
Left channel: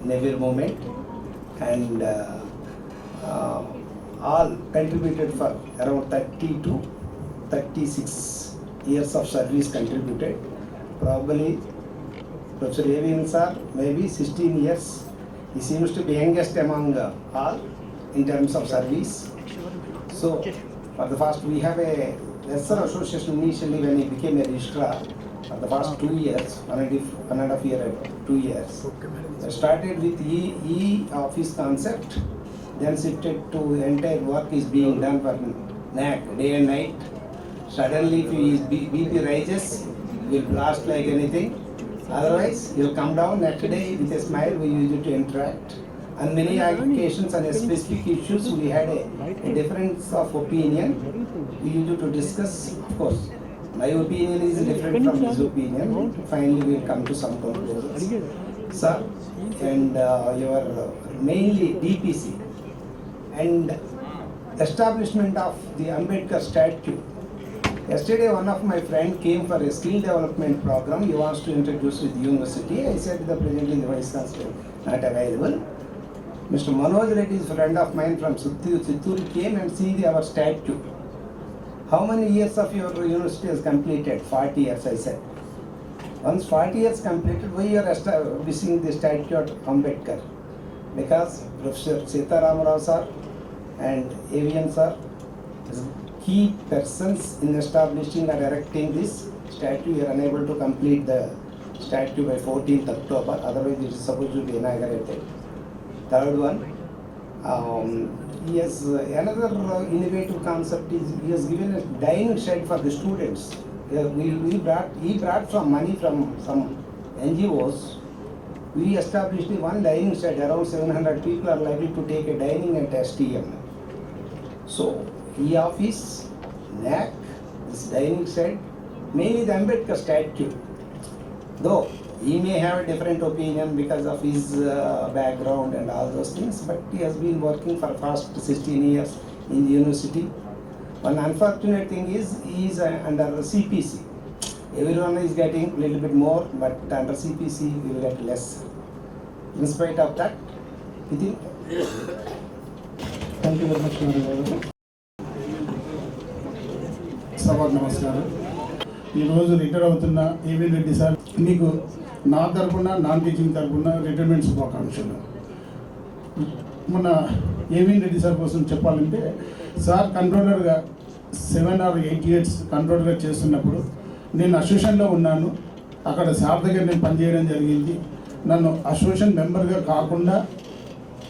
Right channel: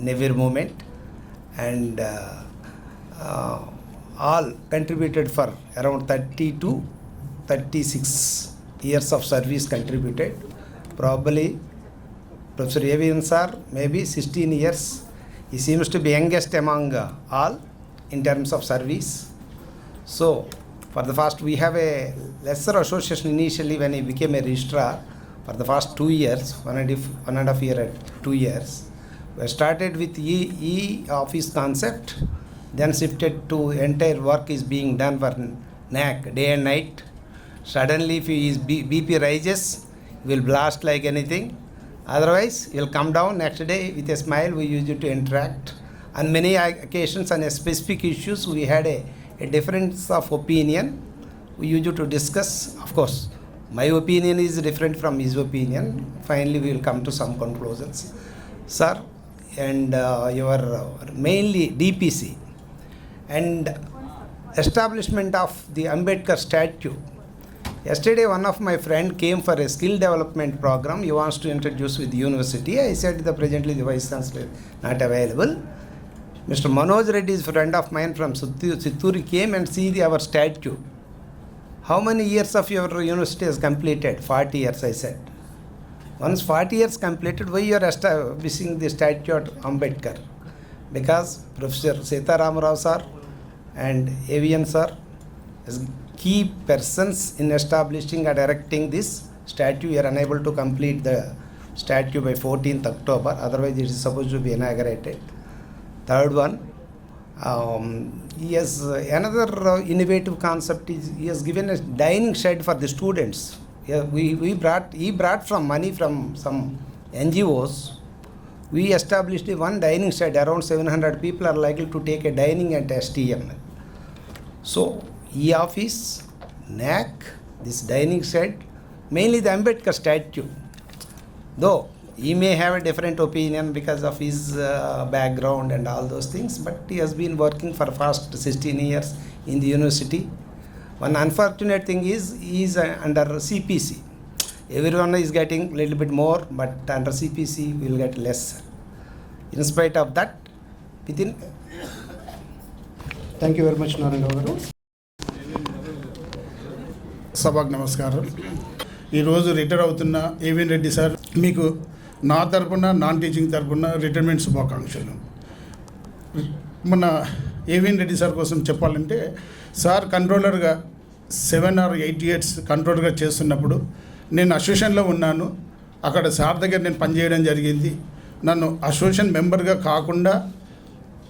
in every moment, and all contributed for around 30 to 36 years of service contributed. Probably Professor Avian sir, maybe 16 years. He seems to be youngest among all in terms of service. So, for the first, we have a lesser association initially when he became a registrar. For the first 2 years, 1.5 year, 2 years, we started with e-office concept, then shifted to entire work is being done for NAC day and night. Suddenly, if his BP rises, he will blast like anything. Otherwise, he'll come down next day with a smile. We used to interact. On many occasions, on a specific issues, we had a difference of opinion. We used to discuss. Of course, my opinion is different from his opinion. Finally, we will come to some conclusions. Sir, and your mainly DPC and establishment of the Ambedkar statue. Yesterday, one of my friend came for a skill development program. He wants to introduce with university. I said that presently the vice chancellor not available. Mr. Manoj Reddy is a friend of mine from Chitturu came and see our statue. How many years of your university has completed? 40 years, I said. Once 40 years completed, why you are establishing the statue at Ambedkar? Because Professor Sita Ram Rao sir and Avian sir is key persons in establishing and erecting this statue. You are unable to complete the statue by 14th October. Otherwise, it is supposed to be inaugurated. Third one, yes, another innovative concept is he has given a dining shed for the students. Yeah, he brought from money from some NGOs. We established one dining shed. Around 700 people are likely to take a dining at STM. So, e-office, NAC, this dining shed, mainly the Ambedkar statue. Though he may have a different opinion because of his background and all those things, but he has been working for past 16 years in the university. One unfortunate thing is he is under CPC. Everyone is getting a little bit more, but under CPC we will get less. In spite of that, within. Thank you very much Narayana గారు. సభకు నమస్కారం. ఈరోజు రిటైర్ అవుతున్న ఏవిఎన్ రెడ్డి సార్, మీకు నా తరపున నాన్ టీచింగ్ తరపున రిటైర్మెంట్ శుభాకాంక్షలు. మన ఏవిఎన్ రెడ్డి సార్ కోసం చెప్పాలంటే, సార్ కంట్రోలర్గా 7 or 8 years కంట్రోలర్గా చేస్తున్నప్పుడు నేను అసోసియేషన్లో ఉన్నాను. అక్కడ సార్ దగ్గర నేను పనిచేయడం జరిగింది. నన్ను అసోసియేషన్ మెంబర్గా కాకుండా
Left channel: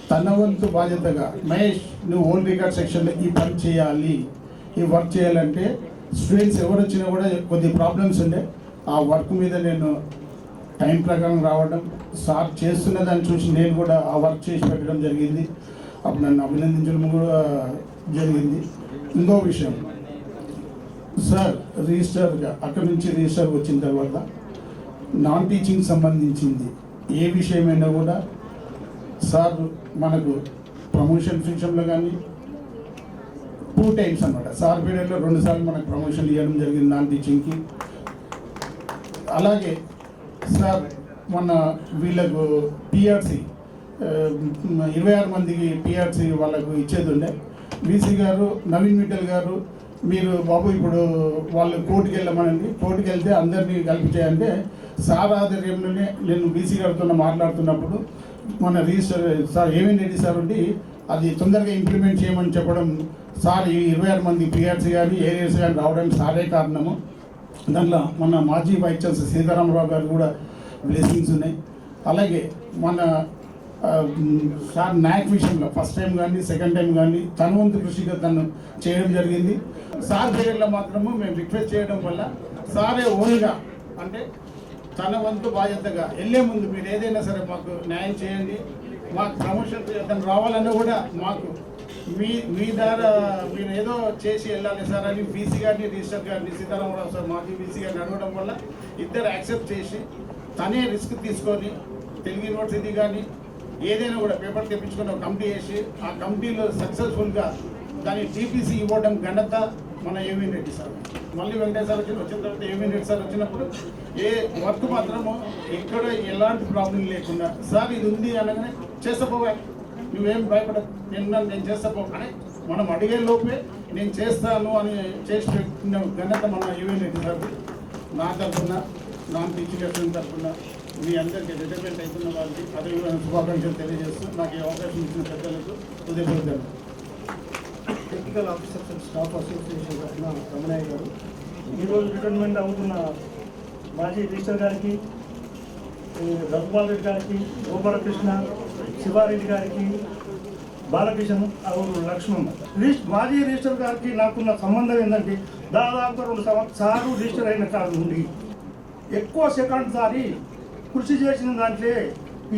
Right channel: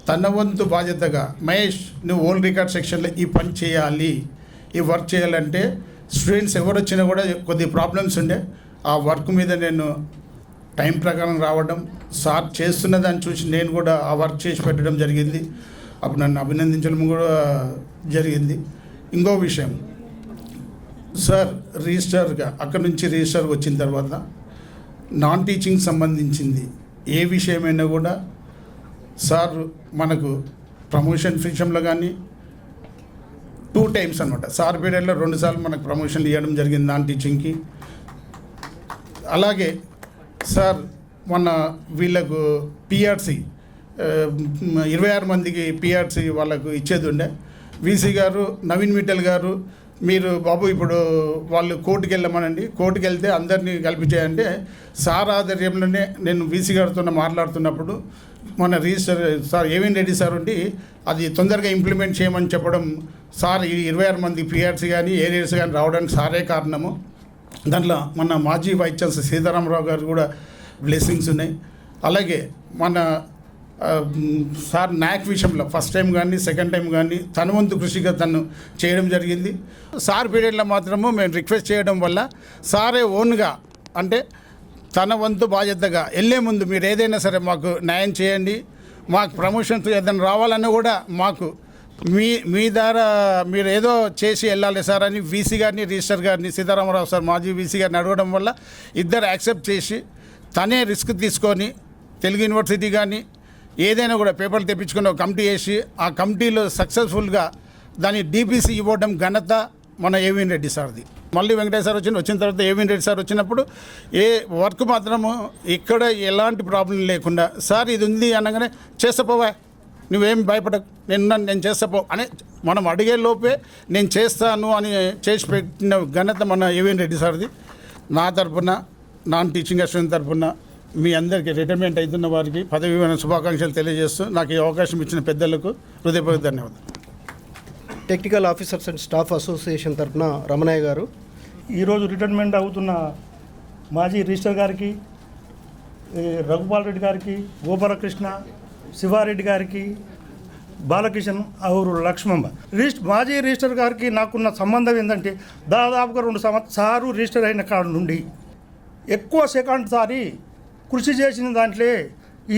తన వంతు బాధ్యతగా, మహేష్ నువ్వు ఓల్డ్ రికార్డ్ సెక్షన్లో ఈ పని చేయాలి, ఈ వర్క్ చేయాలంటే స్టూడెంట్స్ ఎవరు వచ్చినా కూడా కొద్ది ప్రాబ్లమ్స్ ఉండే ఆ వర్క్ మీద నేను టైం ప్రకారం రావడం, సార్ చేస్తున్న దాన్ని చూసి నేను కూడా ఆ వర్క్ చేసి పెట్టడం జరిగింది. అప్పుడు నన్ను అభినందించడం కూడా జరిగింది. ఇంకో విషయం, సార్ రిజిస్టర్గా అక్కడి నుంచి రిజిస్టర్కి వచ్చిన తర్వాత నాన్ టీచింగ్ సంబంధించింది ఏ విషయమైనా కూడా సార్ మనకు ప్రమోషన్ విషయంలో కానీ 2 times అనమాట, సార్ పీరియడ్లో 2 సార్లు మనకు ప్రమోషన్లు ఇవ్వడం జరిగింది నాన్ టీచింగ్కి. అలాగే సార్ మన వీళ్ళకు పిఆర్సీ 26 మందికి పిఆర్సీ వాళ్ళకు ఇచ్చేది ఉండే. వీసీ గారు నవీన్ మిట్టల్ గారు, మీరు బాబు ఇప్పుడు వాళ్ళు కోర్టుకు వెళ్ళమనండి, కోర్టుకు వెళ్తే అందరినీ కల్పించాయంటే సార్ ఆధ్వర్యంలోనే నేను వీసీ గారితో మాట్లాడుతున్నప్పుడు మన register sir AVN Reddy sir ఉండి అది తొందరగా ఇంప్లిమెంట్ చేయమని చెప్పడం, సార్ ఈ 26 మంది పిఆర్సీ కానీ ఏరియాస్ కానీ రావడానికి సారే కారణము. దాంట్లో మన మాజీ వైస్ ఛాన్సలర్ సీతారామరావు గారు కూడా బ్లెస్సింగ్స్ ఉన్నాయి. అలాగే మన సార్ నాక్ విషయంలో ఫస్ట్ టైం కానీ సెకండ్ టైం కానీ తన వంతు కృషిగా తను చేయడం జరిగింది. సార్ పీరియడ్లో మాత్రము మేము రిక్వెస్ట్ చేయడం వల్ల సారే ఓన్గా అంటే తన వంతు బాధ్యతగా వెళ్ళే ముందు మీరు ఏదైనా సరే మాకు న్యాయం చేయండి, మాకు ప్రమోషన్స్ ఏదైనా రావాలన్నా కూడా మాకు మీ ద్వారా మీరు ఏదో చేసి వెళ్ళాలి సార్ అని వీసీ గారిని రిజిస్టర్ గారిని సీతారామరావు సార్ మాజీ వీసీ గారిని అడగడం వల్ల ఇద్దరు యాక్సెప్ట్ చేసి తనే రిస్క్ తీసుకొని తెలుగు యూనివర్సిటీ కానీ ఏదైనా కూడా పేపర్లు తెప్పించుకొని ఒక కమిటీ వేసి ఆ కమిటీలో సక్సెస్ఫుల్గా దాన్ని డీపీసీ ఇవ్వడం ఘనత మన ఏవిఎన్ రెడ్డి సార్ది. మళ్ళీ వెంకటేశ్వర వచ్చిన తర్వాత ఏవిఎన్ రెడ్డి సార్ వచ్చినప్పుడు ఏ వర్క్ మాత్రము ఇక్కడ ఎలాంటి ప్రాబ్లం లేకుండా సార్ ఇది ఉంది అనగానే చేస్తపోవా, నువ్వేం భయపడకు, నేను చేస్తపో అని మనం అడిగే లోపే నేను చేస్తాను అని చేసి పెట్టిన ఘనత మన ఏవిఎన్ రెడ్డి సార్ది. నా తరఫున నాన్ టీచింగ్ అసిస్టెంట్ తరఫున మీ అందరికీ రిటైర్మెంట్ అవుతున్న వారికి పదవి విరమణ శుభాకాంక్షలు తెలియజేస్తూ నాకు ఈ అవకాశం ఇచ్చిన పెద్దలకు హృదయపూర్వక ధన్యవాదాలు. Technical officers and staff association తరఫున రమణయ్య గారు. ఈరోజు రిటైర్మెంట్ అవుతున్న మాజీ రిజిస్టర్ గారికి, రఘుపాల్ రెడ్డి గారికి, గోపాలకృష్ణ, శివారెడ్డి గారికి, బాలకిషన్ ఔరు లక్ష్మమ్మ. మాజీ రిజిస్టర్ గారికి నాకున్న సంబంధం ఏంటంటే దాదాపుగా 2 సంవత్సరాలు రిజిస్టర్ అయిన కాడ నుండి ఎక్కువ సెకండ్ సారి కృషి చేసిన దాంట్లో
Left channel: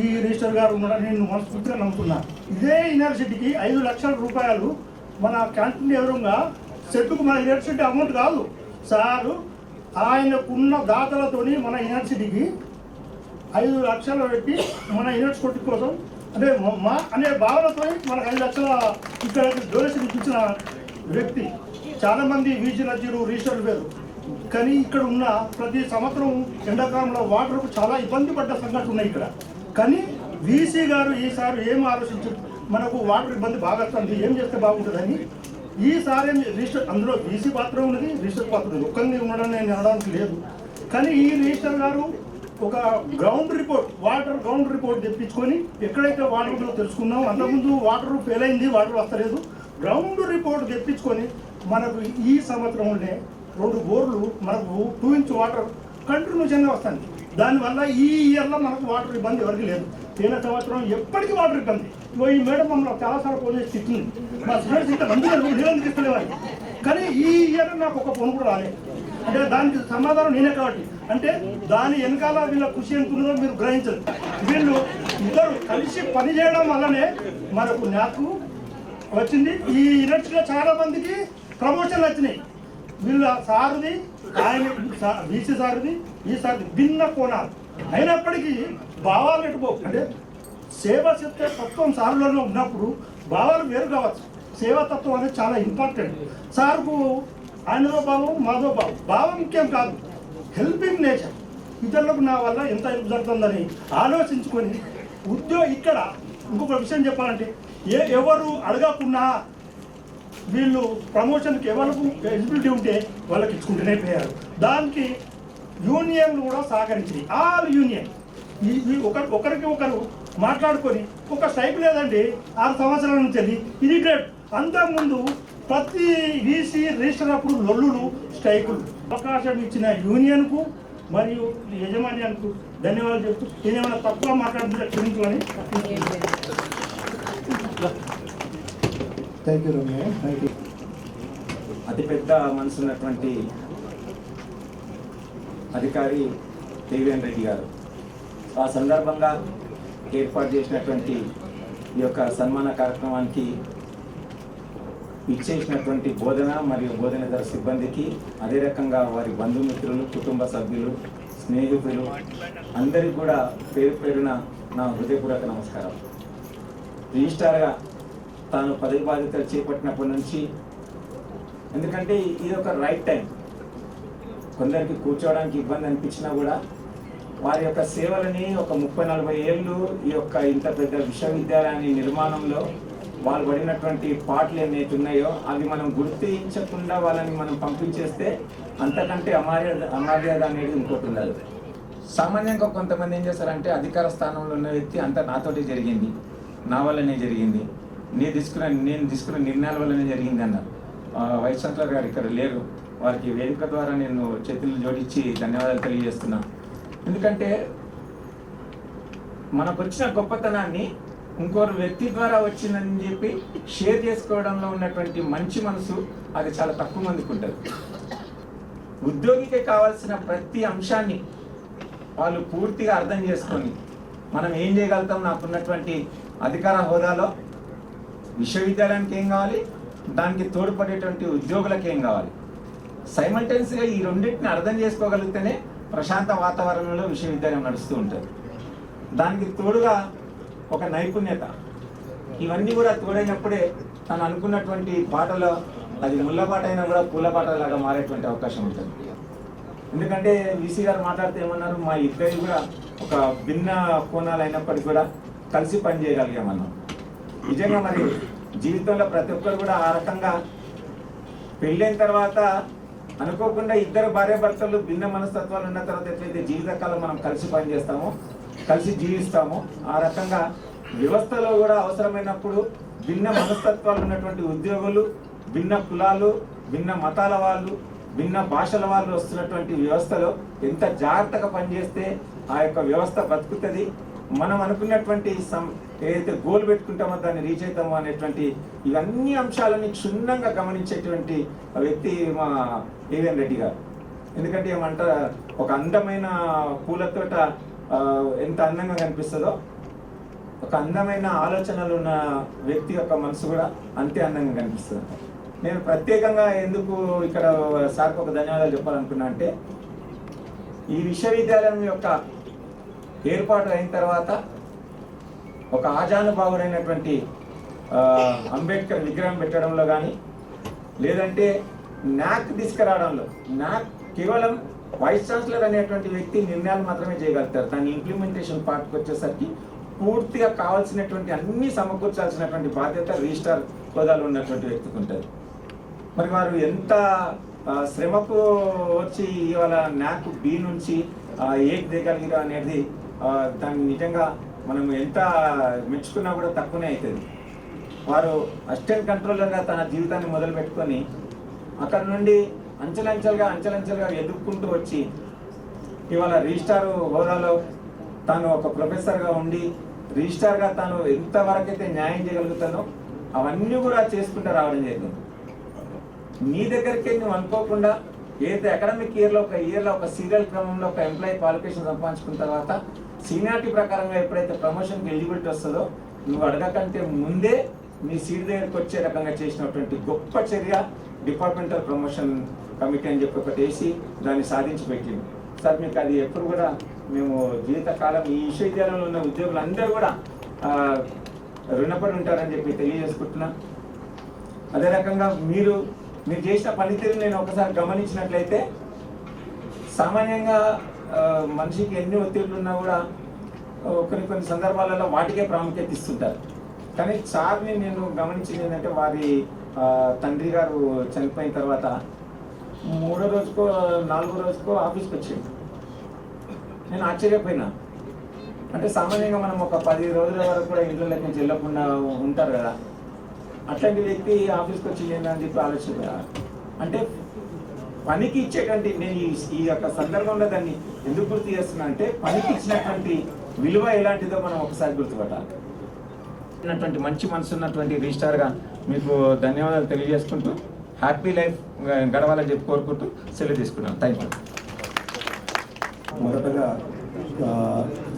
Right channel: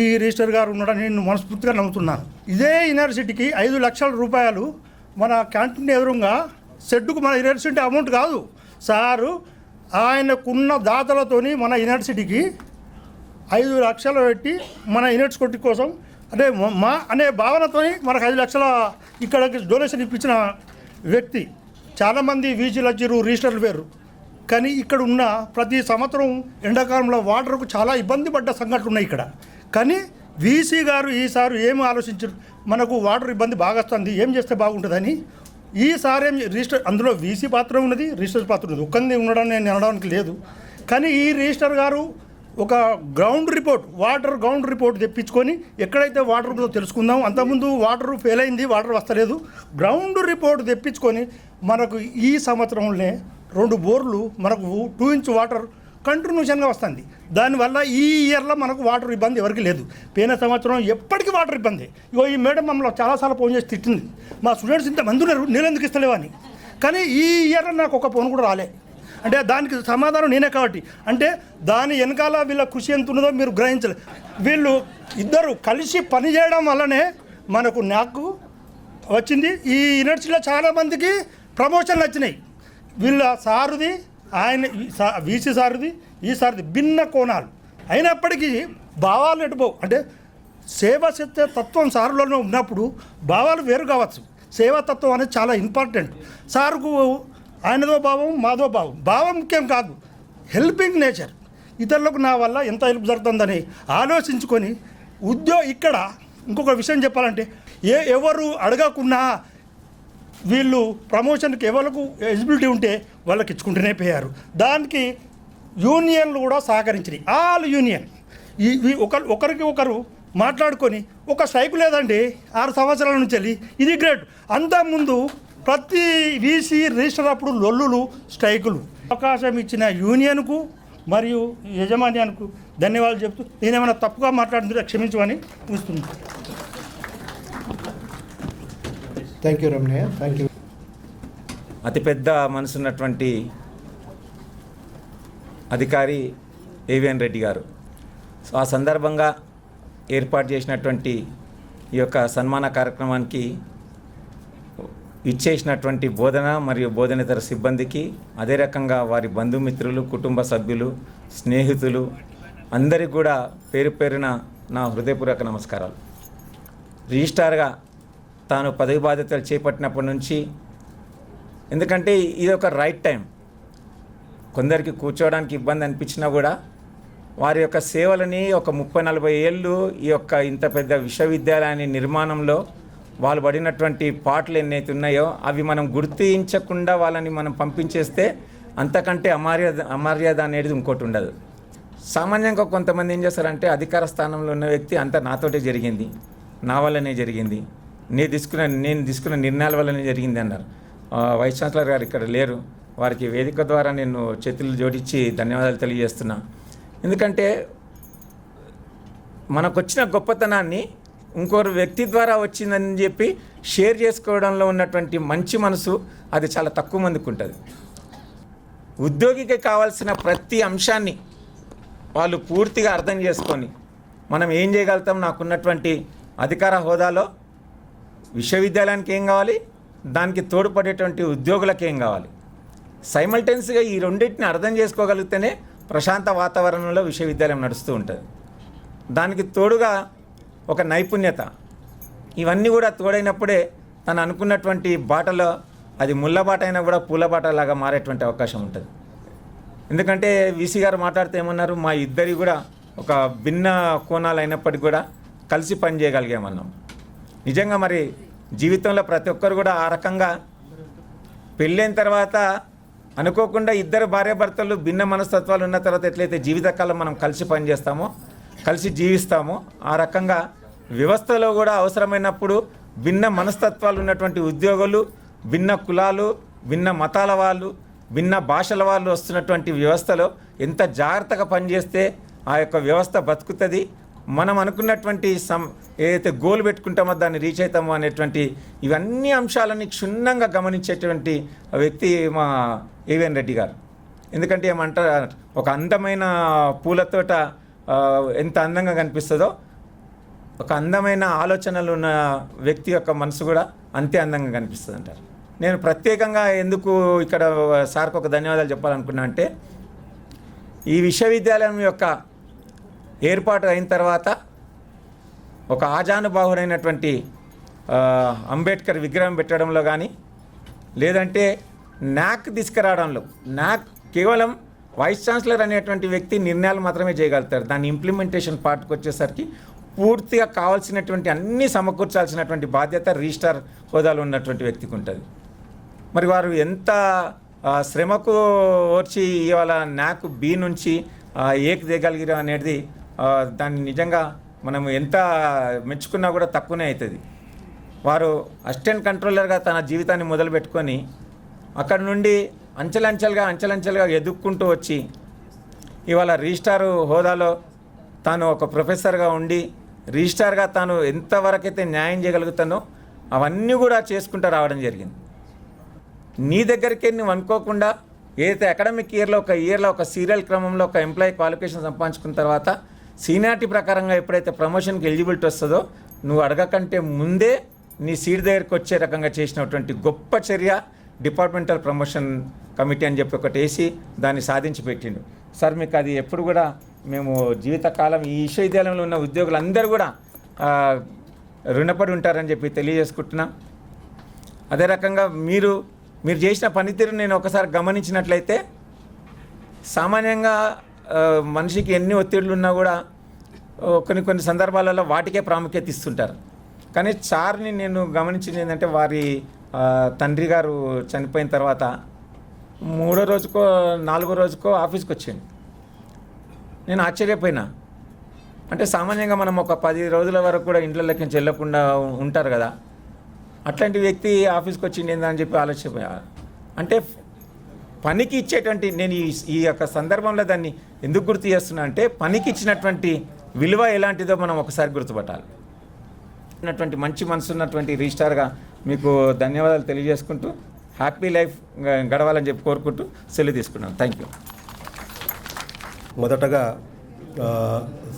ఈ రిజిస్టర్ గారు ఉన్నాడని నేను మనస్ఫూర్తిగా నమ్ముతున్నాను. ఇదే యూనివర్సిటీకి 5 లక్షల రూపాయలు మన క్యాంటీన్ ఎదురుగా సెట్టుకు మన యూనివర్సిటీ అమౌంట్ కాదు సారు, ఆయనకున్న దాతలతోని మన యూనివర్సిటీకి 5 లక్షలు పెట్టి మన యూనివర్సిటీ కోసం అంటే మా అనే భావనతో మనకు 5 లక్షల ఇక్కడ డొనేషన్ ఇప్పించిన వ్యక్తి. చాలామంది వీసీలు వచ్చారు, రిజిస్టర్లు వేరు, కానీ ఇక్కడ ఉన్న ప్రతి సంవత్సరం ఎండాకాలంలో వాటర్కు చాలా ఇబ్బంది పడ్డ సంఘటనలు ఉన్నాయి ఇక్కడ. కానీ వీసీ గారు ఈసారి ఏం ఆలోచించారు, మనకు వాటర్ ఇబ్బంది బాగా వస్తుంది, ఏం చేస్తే బాగుంటుందని ఈసారి ఏం రిజిస్టర్, అందులో వీసీ పాత్ర ఉన్నది, రిజిస్టర్ పాత్ర ఉన్నది, ఒక్కరిని ఉండడం నేను అనడానికి లేదు. కానీ ఈ రిజిస్టర్ గారు ఒక ground report, water ground report తెప్పించుకొని ఎక్కడైతే వాటర్ ఉందో తెలుసుకుందాం. అంతకుముందు వాటర్ ఫెయిల్ అయింది, వాటర్ వస్తలేదు, గ్రౌండ్ రిపోర్ట్ తెప్పించుకొని మనకు ఈ సంవత్సరంలోనే 2 బోర్లు మనకు 2 ఇంచ్ వాటర్ కంటిన్యూషన్గా వస్తుంది. దానివల్ల ఈ ఇయర్లో మనకు వాటర్ ఇబ్బంది ఎవరికి లేదు. పోయిన సంవత్సరం ఎప్పటికీ వాటర్ ఇబ్బంది. ఇగో ఈ మేడం మమ్మల్ని చాలాసార్లు ఫోన్ చేసి తిట్టింది, మా స్టూడెంట్స్ ఇంత మంది ఉన్నారు, నీళ్ళు ఎందుకు ఇస్తలేవు అని. కానీ ఈ ఇయర్ నాకు ఒక ఫోన్ కూడా రాలేదు. అంటే దానికి సమాధానం నేనే కాబట్టి, అంటే దాని వెనకాల వీళ్ళ కృషి ఎంత ఉన్నదో మీరు గ్రహించలేదు. వీళ్ళు ఇద్దరు కలిసి పనిచేయడం వల్లనే నాకు వచ్చింది. ఈ యూనివర్సిటీలో చాలామందికి ప్రమోషన్లు వచ్చినాయి. వీళ్ళ సారుది, ఆయన వీసీ సారుది, ఈ సారుది భిన్న కోణాలు అయినప్పటికీ భావాలు ఎటుపో, అంటే సేవ చెప్తే తత్వం సారులోనే ఉన్నప్పుడు భావాలు వేరు కావచ్చు. సేవాతత్వం అనేది చాలా ఇంపార్టెంట్. సార్కు ఆయనదో భావం, మాదో భావం, భావం ముఖ్యం కాదు, హెల్పింగ్ నేచర్. ఇతరులకు నా వల్ల ఎంత హెల్ప్ జరుగుతుందని ఆలోచించుకొని ఇక్కడ ఇంకొక విషయం చెప్పాలంటే ఎవరు అడగకున్నా వీళ్ళు ప్రమోషన్కి ఎవరికి ఎలిజిబిలిటీ ఉంటే వాళ్ళకి ఇచ్చుకుంటూనే పోయారు. దానికి యూనియన్లు కూడా సహకరించినాయి. ఆల్ యూనియన్ ఒకరికి ఒకరు మాట్లాడుకొని ఒక స్ట్రైక్ లేదండి 6 సంవత్సరాల నుంచి వెళ్ళి, ఇది గ్రేట్. అంతకుముందు ప్రతి వీసీ రిజిస్టర్ అప్పుడు లొల్లులు, స్ట్రైకులు. అవకాశం ఇచ్చిన యూనియన్కు మరియు యజమాన్యానికి ధన్యవాదాలు చెప్తూ నేనేమైనా తప్పుగా మాట్లాడుతుంటే క్షమించమని. Thank you Ramanaiah, thank you. అతిపెద్ద మనసున్నటువంటి అధికారి ఏవిఎన్ రెడ్డి గారు, ఆ సందర్భంగా ఏర్పాటు చేసినటువంటి ఈ యొక్క సన్మాన కార్యక్రమానికి ఇచ్చేసినటువంటి బోధన మరియు బోధనేతర సిబ్బందికి, అదే రకంగా వారి బంధుమిత్రులు, కుటుంబ సభ్యులు, స్నేహితులు అందరికీ కూడా పేరు పేరున నా హృదయపూర్వక నమస్కారాలు. రిజిస్ట్రార్గా తాను పదవి బాధ్యతలు చేపట్టినప్పటి నుంచి, ఎందుకంటే ఇది ఒక రైట్ టైం, కొందరికి కూర్చోవడానికి ఇబ్బంది అనిపించినా కూడా వారి యొక్క సేవలని ఒక 30-40 ఏళ్ళు ఈ యొక్క ఇంత పెద్ద విశ్వవిద్యాలయాన్ని నిర్మాణంలో వాళ్ళు పడినటువంటి పాటలు ఎన్నైతే ఉన్నాయో అవి మనం గుర్తించకుండా వాళ్ళని మనం పంపించేస్తే అంతకంటే అమర్యాద అనేది ఇంకోటి ఉండదు. సామాన్యంగా కొంతమంది ఏం చేస్తారంటే అధికార స్థానంలో ఉన్న వ్యక్తి అంతా నాతోటే జరిగింది, నా వల్లనే జరిగింది, నేను తీసుకున్న నిర్ణయాల వల్లనే జరిగింది అన్నారు. వైస్ ఛాన్సలర్ గారు ఇక్కడ లేరు, వారికి వేదిక ద్వారా నేను చేతులు జోడించి ధన్యవాదాలు తెలియజేస్తున్నా. ఎందుకంటే మనకు వచ్చిన గొప్పతనాన్ని ఇంకొక వ్యక్తి ద్వారా వచ్చిందని చెప్పి షేర్ చేసుకోవడంలో ఉన్నటువంటి మంచి మనసు అది చాలా తక్కువ మందికి ఉంటుంది. ఉద్యోగికి కావాల్సిన ప్రతి అంశాన్ని వాళ్ళు పూర్తిగా అర్థం చేసుకొని మనం ఏం చేయగలుగుతాం, నాకున్నటువంటి అధికార హోదాలో విశ్వవిద్యాలయానికి ఏం కావాలి, దానికి తోడ్పడేటువంటి ఉద్యోగులకు ఏం కావాలి, సైమల్టేనియస్గా ఈ రెండింటిని అర్థం చేసుకోగలిగితేనే ప్రశాంత వాతావరణంలో విశ్వవిద్యాలయం నడుస్తూ ఉంటుంది. దానికి తోడుగా ఒక నైపుణ్యత, ఇవన్నీ కూడా తోడైనప్పుడే తను అనుకున్నటువంటి బాటలో అది ముళ్ళ బాట అయినా కూడా పూల బాటలాగా మారేటువంటి అవకాశం ఉంటుంది. ఎందుకంటే వీసీ గారు మాట్లాడితే ఏమన్నారు, మా ఇద్దరి కూడా ఒక భిన్న కోణాలు అయినప్పటికీ కూడా కలిసి పని చేయగలిగామన్నాం. నిజంగా మరి జీవితంలో ప్రతి ఒక్కరు కూడా ఆ రకంగా పెళ్ళైన తర్వాత అనుకోకుండా ఇద్దరు భార్యాభర్తలు భిన్న మనస్తత్వాలు ఉన్న తర్వాత ఎట్లయితే జీవితకాలం మనం కలిసి పనిచేస్తామో, కలిసి జీవిస్తామో, ఆ రకంగా వ్యవస్థలో కూడా అవసరమైనప్పుడు భిన్న మనస్తత్వాలు ఉన్నటువంటి ఉద్యోగులు, భిన్న కులాలు, భిన్న మతాల వాళ్ళు, భిన్న భాషల వాళ్ళు వస్తున్నటువంటి వ్యవస్థలో ఎంత జాగ్రత్తగా పనిచేస్తే ఆ యొక్క వ్యవస్థ బతుకుతుంది, మనం అనుకున్నటువంటి ఏదైతే గోల్ పెట్టుకుంటామో దాన్ని రీచ్ అవుతామో అనేటువంటి ఇవన్నీ అంశాలని క్షుణ్ణంగా గమనించేటువంటి వ్యక్తి మా ఏవిఎన్ రెడ్డి గారు. ఎందుకంటే ఏమంటారు, ఒక అందమైన పూలతోట ఎంత అందంగా కనిపిస్తుందో ఒక అందమైన ఆలోచనలు ఉన్న వ్యక్తి యొక్క మనసు కూడా అంతే అందంగా కనిపిస్తుంది అంట. నేను ప్రత్యేకంగా ఎందుకు ఇక్కడ సార్కి ఒక ధన్యవాదాలు చెప్పాలనుకున్నా అంటే, ఈ విశ్వవిద్యాలయం యొక్క ఏర్పాటు అయిన తర్వాత ఒక ఆజానుబాహుడైనటువంటి అంబేద్కర్ విగ్రహం పెట్టడంలో కానీ, లేదంటే న్యాక్ తీసుకురావడంలో, న్యాక్ కేవలం వైస్ ఛాన్సలర్ అనేటువంటి వ్యక్తి నిర్ణయాలు మాత్రమే చేయగలుగుతారు. దాని ఇంప్లిమెంటేషన్ పార్ట్కి వచ్చేసరికి పూర్తిగా కావాల్సినటువంటి అన్నీ సమకూర్చాల్సినటువంటి బాధ్యత రిజిస్ట్రార్ హోదాలో ఉన్నటువంటి వ్యక్తికి ఉంటుంది. మరి వారు ఎంత శ్రమకు వచ్చి ఇవాళ న్యాక్ బి నుంచి ఏకి దిగలిగిరా అనేది దాన్ని నిజంగా మనం ఎంత మెచ్చుకున్నా కూడా తక్కువనే అవుతుంది. వారు అసిస్టెంట్ కంట్రోలర్గా తన జీవితాన్ని మొదలుపెట్టుకొని అక్కడ నుండి అంచెలంచెలుగా ఎదుక్కుంటూ వచ్చి ఇవాళ రిజిస్ట్రార్ హోదాలో తాను ఒక ప్రొఫెసర్గా ఉండి రిజిస్ట్రార్గా తాను ఎంతవరకైతే న్యాయం చేయగలుగుతానో అవన్నీ కూడా చేసుకుంటూ రావడం జరిగింది. నీ దగ్గరికి నువ్వు అనుకోకుండా ఏదైతే అకాడమిక్ ఇయర్లో ఒక సీరియల్ క్రమంలో ఒక ఎంప్లాయీ క్వాలిఫికేషన్ సంపాదించుకున్న తర్వాత సీనియారిటీ ప్రకారంగా ఎప్పుడైతే ప్రమోషన్కి ఎలిజిబిలిటీ వస్తుందో నువ్వు అడగకంటే ముందే నీ సీట్ దగ్గరికి వచ్చే రకంగా చేసినటువంటి గొప్ప చర్య డిపార్ట్మెంటల్ ప్రమోషన్ కమిటీ అని చెప్పి ఒకటి వేసి దాన్ని సాధించి పెట్టిండు. సార్ మీకు అది ఎప్పుడు కూడా మేము జీవితకాలం ఈ విశ్వవిద్యాలయంలో ఉన్న ఉద్యోగులందరూ కూడా రుణపడి ఉంటారని చెప్పి తెలియజేసుకుంటున్నాం. అదే రకంగా మీరు చేసిన పనితీరు నేను ఒకసారి గమనించినట్లయితే, సామాన్యంగా మనిషికి ఎన్ని ఒత్తిడులు ఉన్నా కూడా కొన్ని సందర్భాలలో వాటికే ప్రాముఖ్యత ఇస్తుంటారు. కానీ సార్ని నేను గమనించింది ఏంటంటే, వారి తండ్రి గారు చనిపోయిన తర్వాత 3వ రోజుకో 4వ రోజుకో ఆఫీస్కి వచ్చేది. నేను ఆశ్చర్యపోయినా. అంటే సామాన్యంగా మనం ఒక 10 రోజుల వరకు కూడా ఇంట్లోకి నుంచి వెళ్ళకుండా ఉంటారు కదా, అట్లాంటి వ్యక్తి ఆఫీస్కి వచ్చింది అని చెప్పి ఆలోచన. అంటే పనికి ఇచ్చేటువంటి, నేను ఈ యొక్క సందర్భంలో దాన్ని ఎందుకు గుర్తు చేస్తున్నా అంటే, పనికి ఇచ్చినటువంటి విలువ ఎలాంటిదో మనం ఒకసారి గుర్తుపట్టాలి. మంచి మనసు ఉన్నటువంటి రిజిస్ట్రార్గా మీకు ధన్యవాదాలు తెలియజేసుకుంటూ హ్యాపీ లైఫ్ గడవాలని చెప్పి కోరుకుంటూ సెలవు తీసుకున్నాను. Thank you. మొదటగా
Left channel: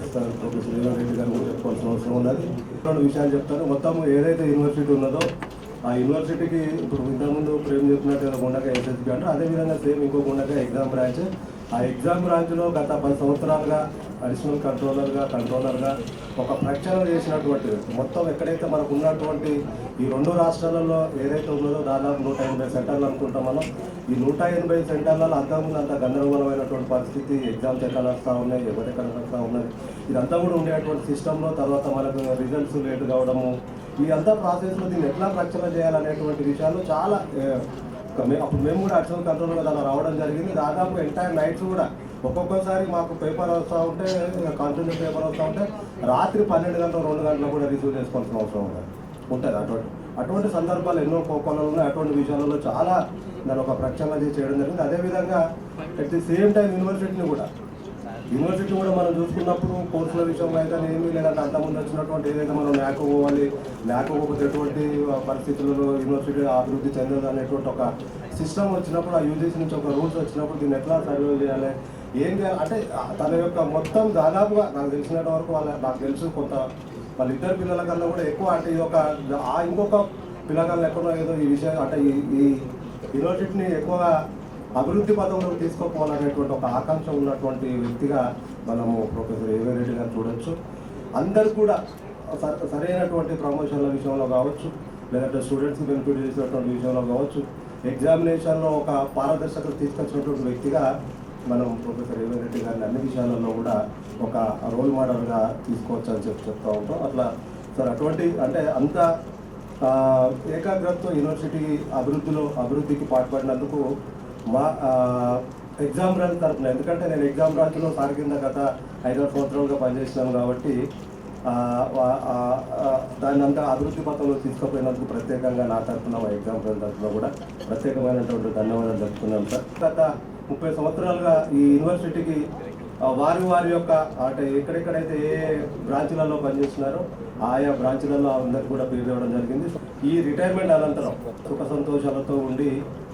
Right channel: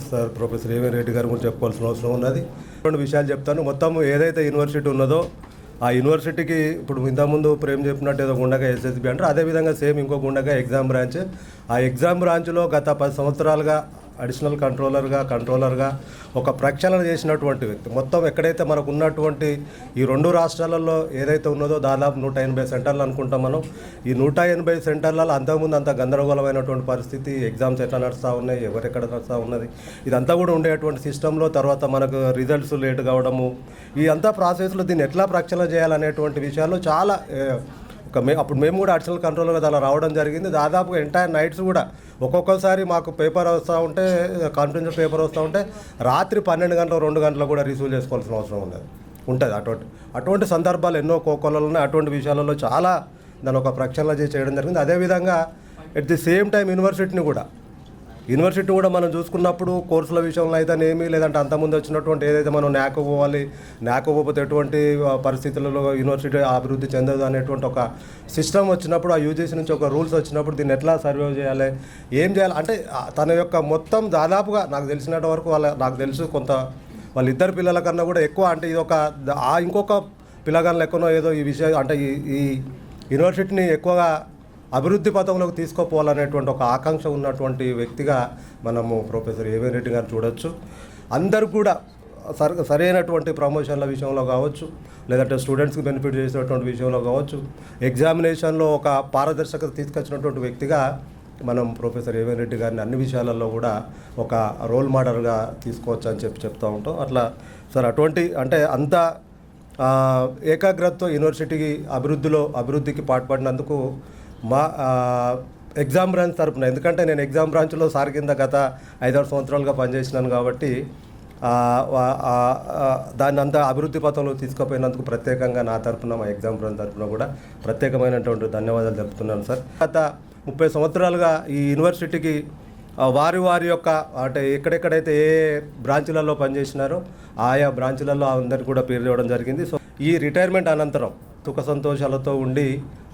సార్ ప్రొఫెసర్ ఏవిఎన్ రెడ్డి గారు గురించి చెప్పుకోవాల్సిన అవసరం ఉన్నది. 2 విషయాలు చెప్తాను. మొత్తం ఏదైతే యూనివర్సిటీ ఉన్నదో ఆ యూనివర్సిటీకి ఇప్పుడు ఇంతకుముందు ప్రేమ్ చెప్పినట్టు ఏదో గుండగా ఎస్ఎస్బి అంటారు, అదేవిధంగా సేమ్ ఇంకో గుండగా ఎగ్జామ్ బ్రాంచ్. ఆ ఎగ్జామ్ బ్రాంచ్లో గత 10 సంవత్సరాలుగా అడిషనల్ కంట్రోలర్గా ఒక ప్రక్షాళన చేసినటువంటి మొత్తం ఎక్కడైతే మనకు ఉన్నటువంటి ఈ 2 రాష్ట్రాలలో ఏదైతే ఉన్నదో దాదాపు 180 సెంటర్లు అనుకుంటాం మనం. ఈ 180 సెంటర్లలో అంతకుముందు అంత గందరగోళమైనటువంటి పరిస్థితి, ఎగ్జామ్స్ ఎట్లా నడుస్తూ ఉన్నాయి, ఎవరెక్కడ నడుస్తూ ఉన్నది, ఇదంతా కూడా ఉండేటువంటి సిస్టంలో తర్వాత మనకు రిజల్ట్స్ లేట్ కావడము, ఈ అంతా ప్రాసెస్లో దీన్ని ఎట్లా ప్రక్షాళన చేయాలనేటువంటి విషయాలు చాలా అప్పుడు మేము కూడా అడిషనల్ కంట్రోలర్ దానిలో రావడం జరిగింది. దాదాపు ఎంటైర్ నైట్స్ కూడా ఒక్కొక్కసారి మాకు పేపర్ వస్తూ ఉంటే, కాన్ఫిడెన్షియల్ పేపర్ వస్తూ ఉంటే రాత్రి 12 గంటలు 2 గంటలు కూడా రిసీవ్ చేసుకోవాల్సిన అవసరం ఉంటుంది. అటువంటి సందర్భాలు ఎన్నో కోకొలలో ఉన్నాయి. అటువంటి విషయాలలో చాలా దాని ఒక ప్రక్షాళన చేయడం జరిగింది. అదేవిధంగా at the same time university కూడా మనం చూసుకున్నప్పుడు కోర్సుల విషయంలో అయితేనేమి, లేదంటే అంతకుముందు వచ్చినటువంటి ఏదైతే మనం న్యాక్ పోతే ఎటువంటి పరిస్థితులలో యూనివర్సిటీ అభివృద్ధి చెందదు అనేటువంటి ఒక సిస్టమ్ వచ్చినప్పుడు, ఆ యూజీసీ నుంచి ఒక రూల్స్ వచ్చినప్పుడు దీన్ని ఎట్లా సర్వే చేయాలి, ఏం చేయాలి అంటే తన యొక్క మొత్తం దాదాపుగా నాకు తెలిసినంత వరకు నాకు తెలుసు కొంత వాళ్ళిద్దరు పిల్లల కన్నా కూడా ఎక్కువ, అంటే ఇది ఒక ఇంకొక పిల్లగాళ్ళు ఎక్కువనో ఏదో ఈ విషయం అంటే ఈ యూనివర్సిటీని ఎక్కువగా అభివృద్ధి పథంలోకి తీసుకుపోవాలనేటువంటి ఒక ఆకాంక్ష ఉన్నటువంటి వ్యక్తిగా మనము ప్రొఫెసర్ ఏవిఎన్ రెడ్డి గారిని చూడొచ్చు. అందరూ కూడా సరైనటువంటి ప్రమోషన్ల విషయంలో కావచ్చు, లేదంటే స్టూడెంట్స్కి బెనిఫిట్ చేసినటువంటి విషయంలో కావచ్చు, ఎగ్జామినేషన్లో ఒక పారదర్శకత తీసుకొచ్చినటువంటి వ్యక్తిగా మనం ప్రొఫెసర్ ఏవిఎన్ రెడ్డి గారిని అన్ని విషయాలలో కూడా ఒక రోల్ మోడల్గా తీసుకోవచ్చు అని చెప్తూ ఉంటాం. అట్లా సార్ అటువంటి అంటే అంత ఏకాగ్రతతో యూనివర్సిటీకి అభివృద్ధికి పాటుపడినందుకు మా ఎగ్జామ్ బ్రాంచ్ తరఫున, ఎందుకంటే నేను ఎగ్జామ్ బ్రాంచ్లో సార్ కింద గత 5-6 సంవత్సరాలుగా పనిచేసినాను కాబట్టి దాన్ని అంతా అభివృద్ధి పథంలో తీసుకుపోయినందుకు ప్రత్యేకంగా నా తరఫున, మా ఎగ్జామ్ బ్రాంచ్ తరఫున కూడా ప్రత్యేకమైనటువంటి ధన్యవాదాలు తెలుపుతున్నాను సార్. గత 30 సంవత్సరాలుగా ఈ యూనివర్సిటీకి వారి యొక్క అంటే ఎక్కడెక్కడైతే ఏ బ్రాంచ్లలో పనిచేసినారో ఆయా బ్రాంచ్లలో అందరికీ కూడా పేరు ఇవ్వడం జరిగింది. సో ఈ రిటైర్మెంట్ అనంతరం సుఖ సంతోషాలతో ఉండి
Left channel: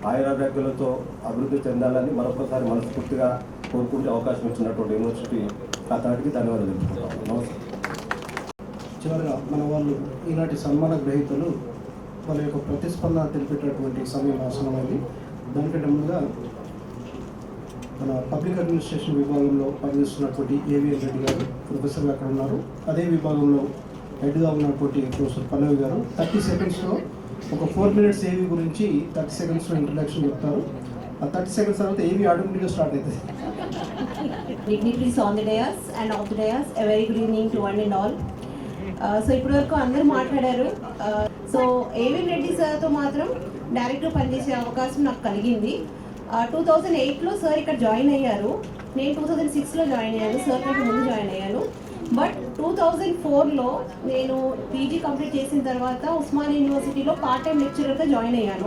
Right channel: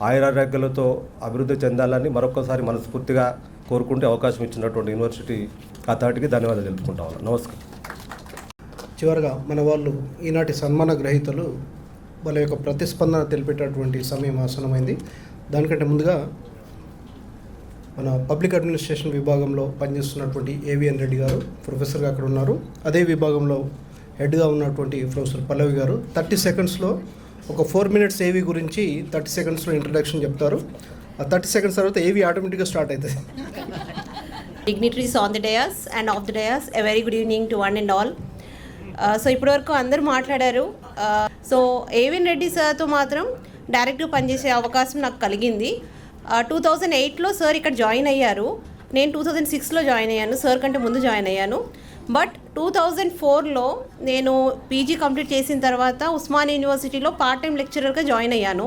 ఆయురారోగ్యాలతో అభివృద్ధి చెందాలని మరొకసారి మనస్ఫూర్తిగా కోరుకుంటే అవకాశం ఇచ్చినటువంటి యూనివర్సిటీ అథారిటీకి ధన్యవాదాలు తెలుపుకుంటాం. నమస్కారం. చివరిగా మన వాళ్ళు ఈనాటి సన్మాన గ్రహీతలు వాళ్ళ యొక్క ప్రతిస్పందన తెలిపేటటువంటి సమయం ఆసనమైంది. దానికంటే ముందుగా మన పబ్లిక్ అడ్మినిస్ట్రేషన్ విభాగంలో పనిచేస్తున్నటువంటి ఏవిఎన్ రెడ్డి గారు ప్రొఫెసర్గా అక్కడ ఉన్నారు. అదే విభాగంలో హెడ్గా ఉన్నటువంటి ప్రొఫెసర్ పల్లవి గారు 30 సెకండ్స్లో ఒక 4 minutes ఏవి గురించి 30 సెకండ్స్లో ఇంట్రడక్షన్ చెప్తారు. ఆ 30 సెకండ్స్ తర్వాత ఏవి ఆటోమేటిక్గా స్టార్ట్ అవుతుంది. Dignitaries on the dais and off the dais, a very good evening to one and all. So ఇప్పటివరకు అందరూ మాట్లాడారు. సో ఏవిఎన్ రెడ్డి సార్తో మాత్రం డైరెక్ట్గా పనిచేసే అవకాశం నాకు కలిగింది. 2008లో సార్ ఇక్కడ జాయిన్ అయ్యారు. నేను 2006లో జాయిన్ అయ్యాను. సార్ కంటే ముందు జాయిన్ అయ్యాను. బట్ 2004లో నేను పీజీ కంప్లీట్ చేసిన తర్వాత ఉస్మానియా యూనివర్సిటీలో పార్ట్ టైం లెక్చరర్గా జాయిన్ అయ్యాను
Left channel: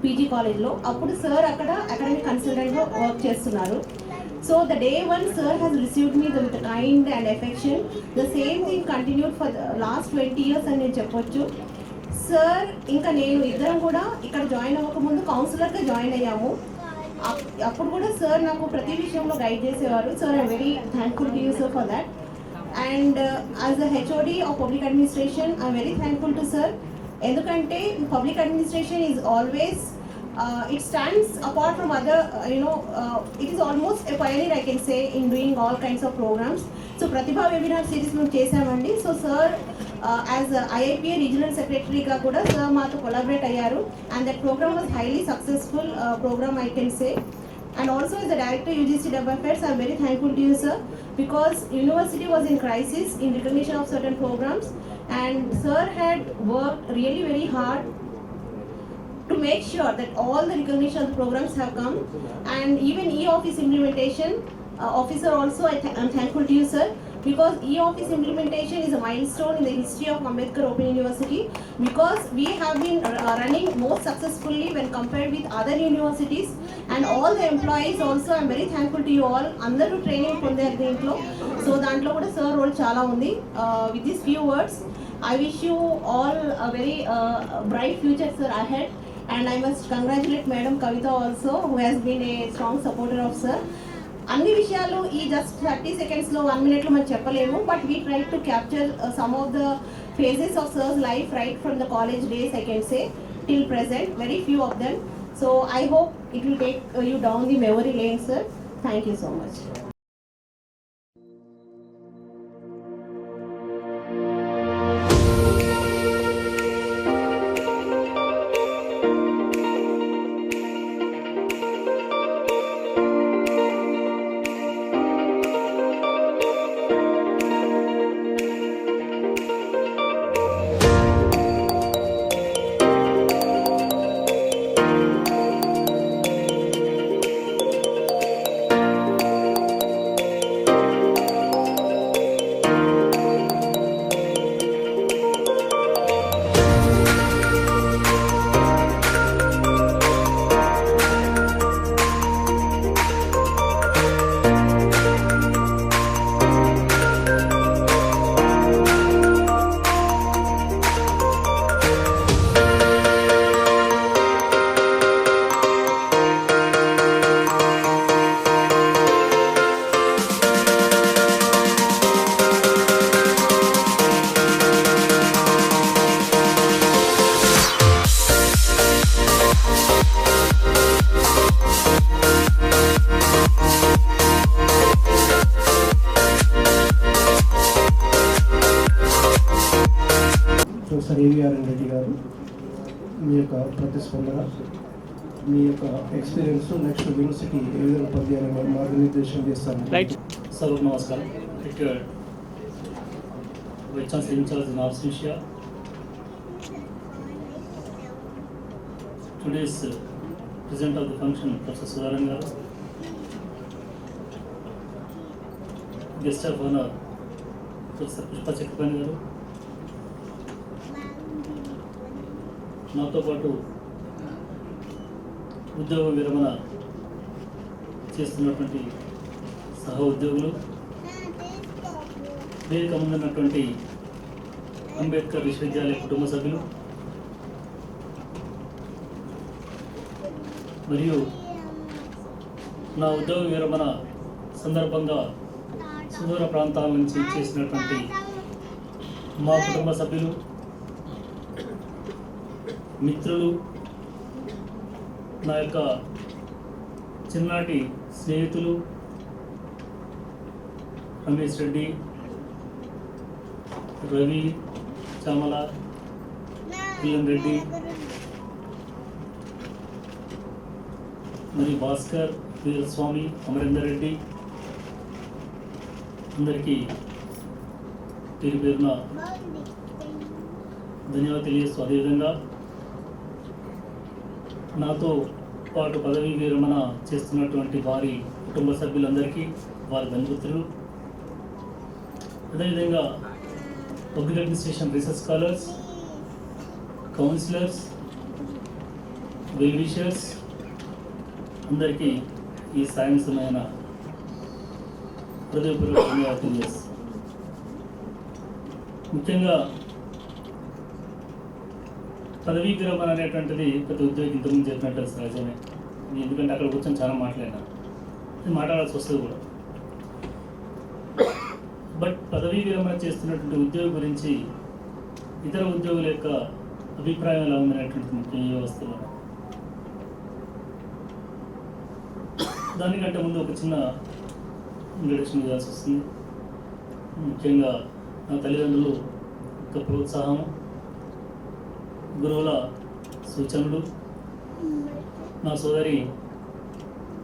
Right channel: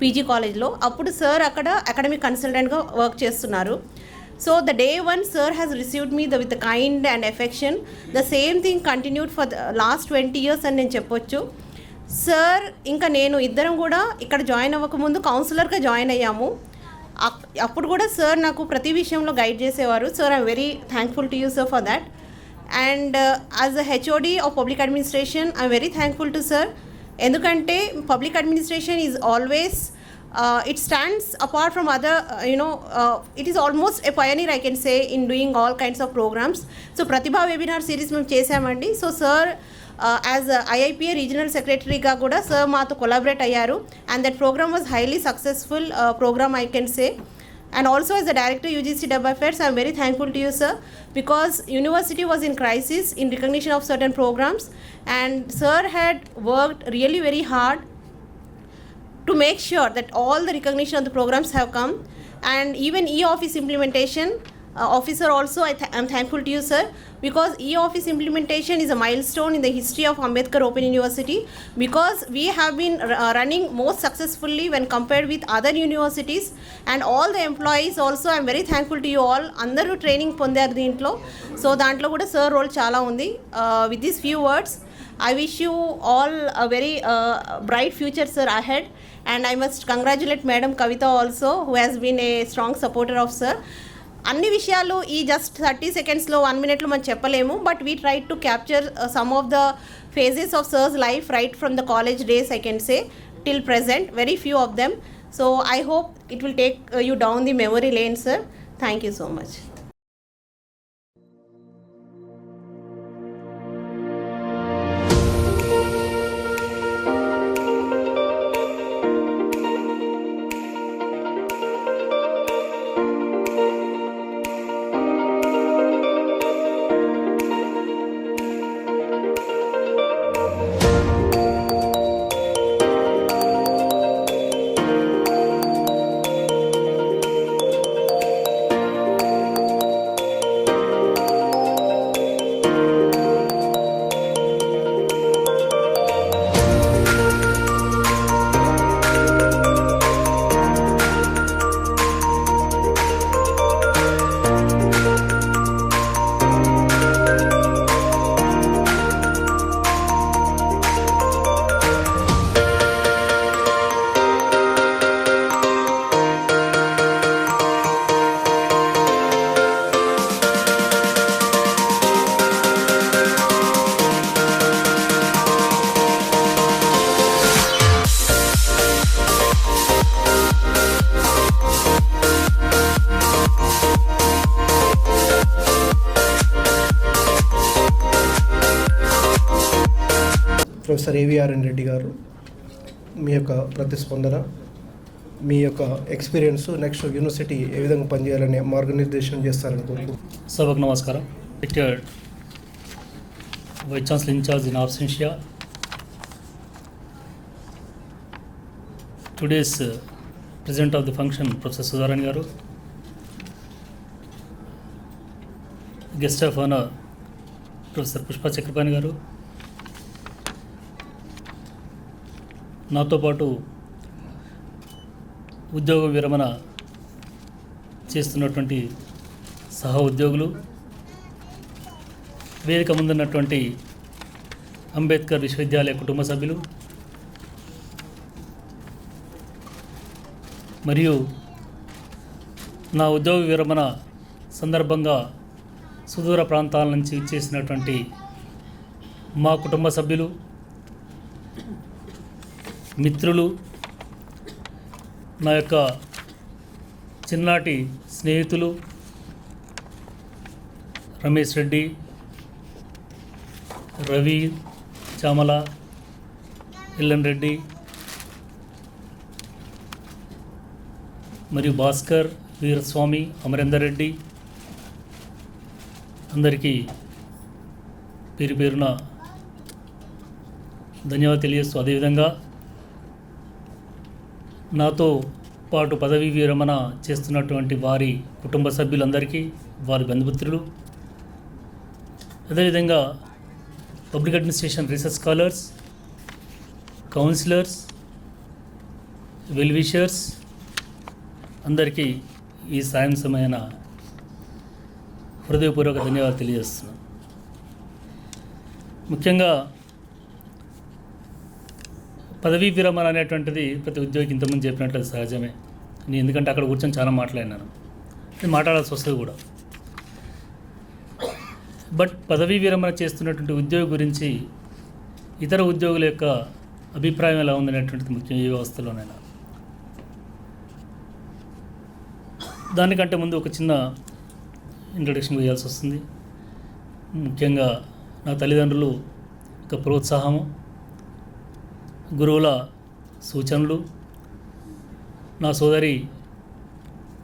పీజీ కాలేజ్లో. అప్పుడు సార్ అక్కడ అకాడమిక్ కన్సల్టెంట్గా వర్క్ చేస్తున్నారు. So the day one sir has received me with the kind and affection. The same thing continued for the last 20 years అని నేను చెప్పొచ్చు. సార్ ఇంకా నేను ఇద్దరం కూడా ఇక్కడ జాయిన్ అవ్వకముందు కౌన్సిలర్గా జాయిన్ అయ్యాము. అప్పుడు కూడా సార్ నాకు ప్రతి విషయంలో గైడ్ చేసేవారు. Sir I'm very thankful to you sir for that. And as a HOD of public administration I'm very thankful to sir. ఎందుకంటే public administration is always it stands apart from other, it is almost a pioneer I can say in doing all kinds of programs. So Pratibha webinar series మేము చేసామండి. So sir as IIPA regional సెక్రటరీగా కూడా సార్ మాతో కొలాబరేట్ అయ్యారు. And that program was highly successful program I can say. And also as a director UGC Dub Affairs, I am very thankful to you sir, because university was in crisis in recognition of certain programs, and sir had worked really very hard to make sure that all the recognition of the programs have come. And even e-office implementation officer also I'm thankful to you sir, because e-office implementation is a milestone in the history of Ambedkar Open University, because we have been running most successfully when compared with other universities. And all the employees also I'm very thankful to you all. Andaru training పొందారు దీంట్లో. సో దాంట్లో కూడా సార్ రోల్ చాలా ఉంది. With these few words I wish you all a very bright future sir ahead. And I must congratulate Madam Kavita also, who has been a strong supporter of sir. అన్ని విషయాలు ఈ జస్ట్ 30 సెకండ్స్లో 1 మినిట్లో మనం చెప్పలేము. But we try to capture some of the phases of sir's life right from the college days I can say till present, very few of them. So I hope it will take you down the memory lane sir. Thank you so much. Professor AVRN Reddy garu మీ యొక్క ప్రతిస్పందన, మీ యొక్క ఎక్స్పీరియన్స్, నెక్స్ట్ యూనివర్సిటీ ఏ విధంగా పనిచేయాలని మార్గనిర్దేశం చేస్తారు. సభకు నమస్కారం. Retired vice chancellor in charge in absentia. Today's President of the function, Professor Sudharan Garu, Guest of Honor, Professor Pushpa Chakrapani Garu, నాతో పాటు ఉద్యోగ విరమణ చేస్తున్నటువంటి సహ ఉద్యోగులు, వేదిక ముందున్నటువంటి అంబేద్కర్ విశ్వవిద్యాలయ కుటుంబ సభ్యులు మరియు నా ఉద్యోగ విరమణ సందర్భంగా సుదూర ప్రాంతాల నుంచి చేసినటువంటి మా కుటుంబ సభ్యులు, మిత్రులు, నా యొక్క చిన్ననాటి స్నేహితులు రమేష్ రెడ్డి, రవి, చామల, ఎల్లన్ రెడ్డి మరియు భాస్కర్, వీరస్వామి, అమరేందర్ రెడ్డి, అందరికీ పేరు పేరున ధన్యవాదాలు తెలియజేస్తూ, అదేవిధంగా నాతో పాటు పదవీ విరమణ చేస్తున్నటువంటి వారి కుటుంబ సభ్యులందరికీ, వారి బంధుమిత్రులు, అదేవిధంగా public administration research scholars, councillors, well wishers అందరికీ ఈ సాయంత్రమైన హృదయపూర్వక ధన్యవాదాలు తెలియజేస్తున్నాను. ముఖ్యంగా పదవీ విరమణ అనేటువంటిది ప్రతి ఉద్యోగికి ఇంతకుముందు చెప్పినట్లు సహజమే. నేను ఎందుకంటే అక్కడ కూర్చొని చాలా మాట్లాడినాను, నేను మాట్లాడాల్సి వస్తుంది కూడా. బట్ పదవీ విరమణ చేస్తున్నటువంటి ఉద్యోగి గురించి ఇతర ఉద్యోగుల యొక్క అభిప్రాయం ఎలా ఉందనేటువంటిది ముఖ్యం ఈ వ్యవస్థలోనే. దానికంటే ముందు ఒక చిన్న ఇంట్రడక్షన్ చేయాల్సి వస్తుంది. ముఖ్యంగా నా తల్లిదండ్రులు ఒక ప్రోత్సాహం, గురువుల సూచనలు, నా సోదరి,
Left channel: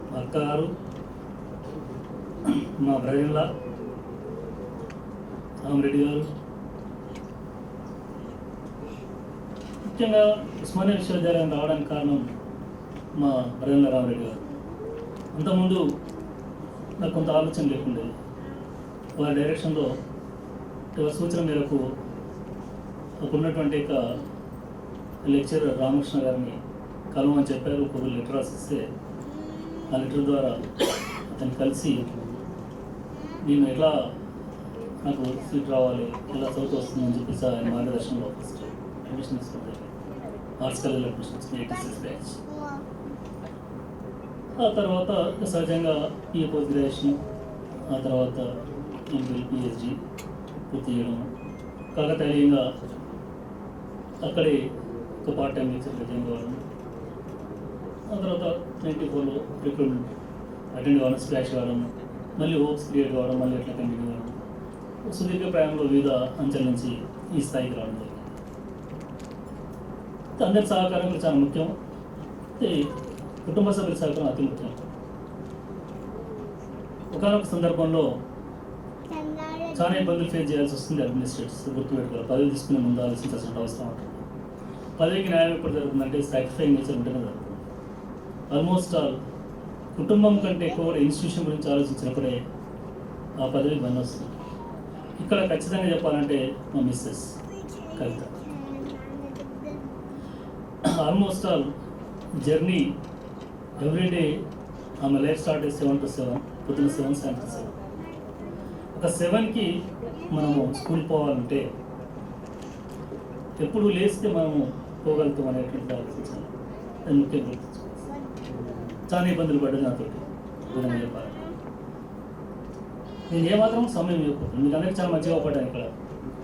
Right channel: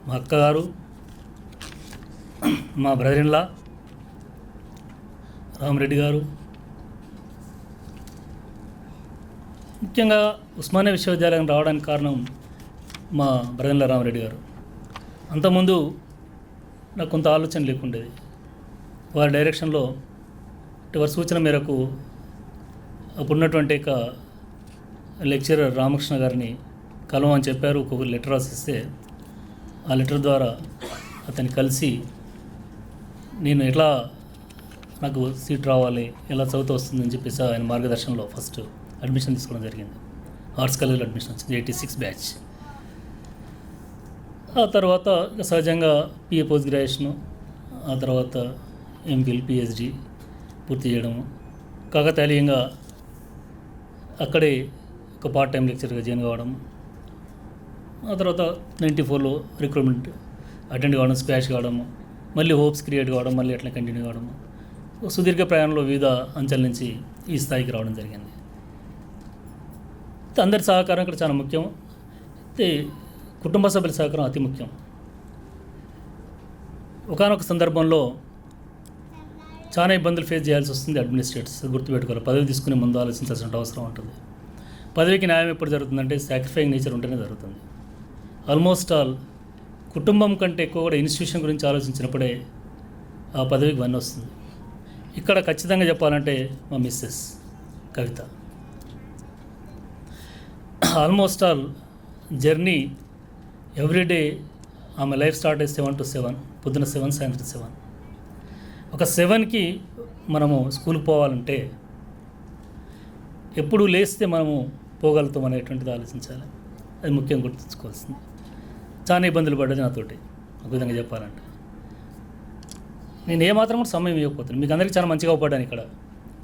మా అక్కగారు, మా బ్రదర్-ఇన్-లా రామరెడ్డి గారు, ముఖ్యంగా ఉస్మానియా విశ్వవిద్యాలయం రావడానికి కారణం మా బ్రదర్-ఇన్-లా రామరెడ్డి గారు. అంతకుముందు నాకు కొంత ఆలోచన లేకుండేది. వారి డైరెక్షన్లో, వారి సూచన మేరకు అప్పుడున్నటువంటి లెక్చరర్ రామకృష్ణ గారిని కలవమని చెప్పారు. ఒక లెటర్ రాసిస్తే ఆ లెటర్ ద్వారా అతన్ని కలిసి నేను ఎట్లా నాకు సీట్ రావాలి, ఎలా చదువుతూ వస్తుందని చెప్పేసి ఆయన మార్గదర్శనంలో ఫస్ట్ అడ్మిషన్ తీసుకోవడం జరిగింది. ఆర్ట్స్ కాలేజ్లో అడ్మిషన్ వచ్చింది, 86 బ్యాచ్. ఆ తర్వాత సహజంగా పిఏ పోస్ట్ గ్రాడ్యుయేషను, ఆ తర్వాత ఎంఫిల్, పిహెచ్డి పూర్తి చేయడము, కాకతాళీయంగా అక్కడే ఒక పార్ట్ టైం లెక్చర్గా జాయిన్ కావడం, ఆ తర్వాత 94లో రిక్రూట్మెంట్ అటెండ్ కావడం, స్పాష్ కావడం, మళ్ళీ హోప్స్ క్రియేట్ కావడం, మళ్ళీ అట్లా కంటిన్యూ కావడం, సుదీర్ఘ ప్రయాణంలో వివిధ అంచెల నుంచి ఈ స్థాయికి రావడం జరిగింది. అందరి సహకారం కూడా చాలా ముఖ్యం. అయితే కుటుంబ సభ్యుల సహకారం అతి ముఖ్యం. ఒకానొక సందర్భంలో చాలా ఇబ్బందులు ఫేస్ చేయాల్సి వస్తుంది అడ్మినిస్ట్రేటర్స్, గుర్తుపెట్టుకోవాలి. పదవి తీసుకునే ముందు ఆలోచించాల్సిన అవసరం ఉంటుంది. పదవికి న్యాయం ఎప్పుడు జరుగుతుందంటే సాక్రిఫైయింగ్ నేచర్ ఉంటేనే జరుగుతుంది. ఆల్మోస్ట్ ఆల్ కుటుంబం కంటే ఎక్కువ కూడా ఇన్స్టిట్యూషన్ గురించి ఆలోచించినప్పుడే ఆ పదవికి వన్ వస్తుంది. ఇక్కడ ఖచ్చితంగా చెప్పాలంటే మా మిస్సెస్ కవిత ఆల్మోస్ట్ ఆల్ జర్నీ ఎవ్రీడే ఆమె లైఫ్ స్టార్ట్ అయ్యి 7 to 7, పొద్దున 7, సాయంత్రం 7. ఒక 7కి మనము స్కూల్ పోవాలంటే ఎప్పుడు లేస్తే మనము పోగలుగుతాం అనేటువంటిది ఆలోచించాలి. అది ముఖ్యంగా గుర్తుంచుకోవాల్సింది. చాలా ఇబ్బందులు పడ్డది నాతోటి, ఒక విధంగా చెప్పాలంటే. నేను ఏమాత్రం సమయం ఇవ్వకపోతున్నాను. మీకు అందరికీ చాలా మంచిగా పడ్డాను, ఇక్కడ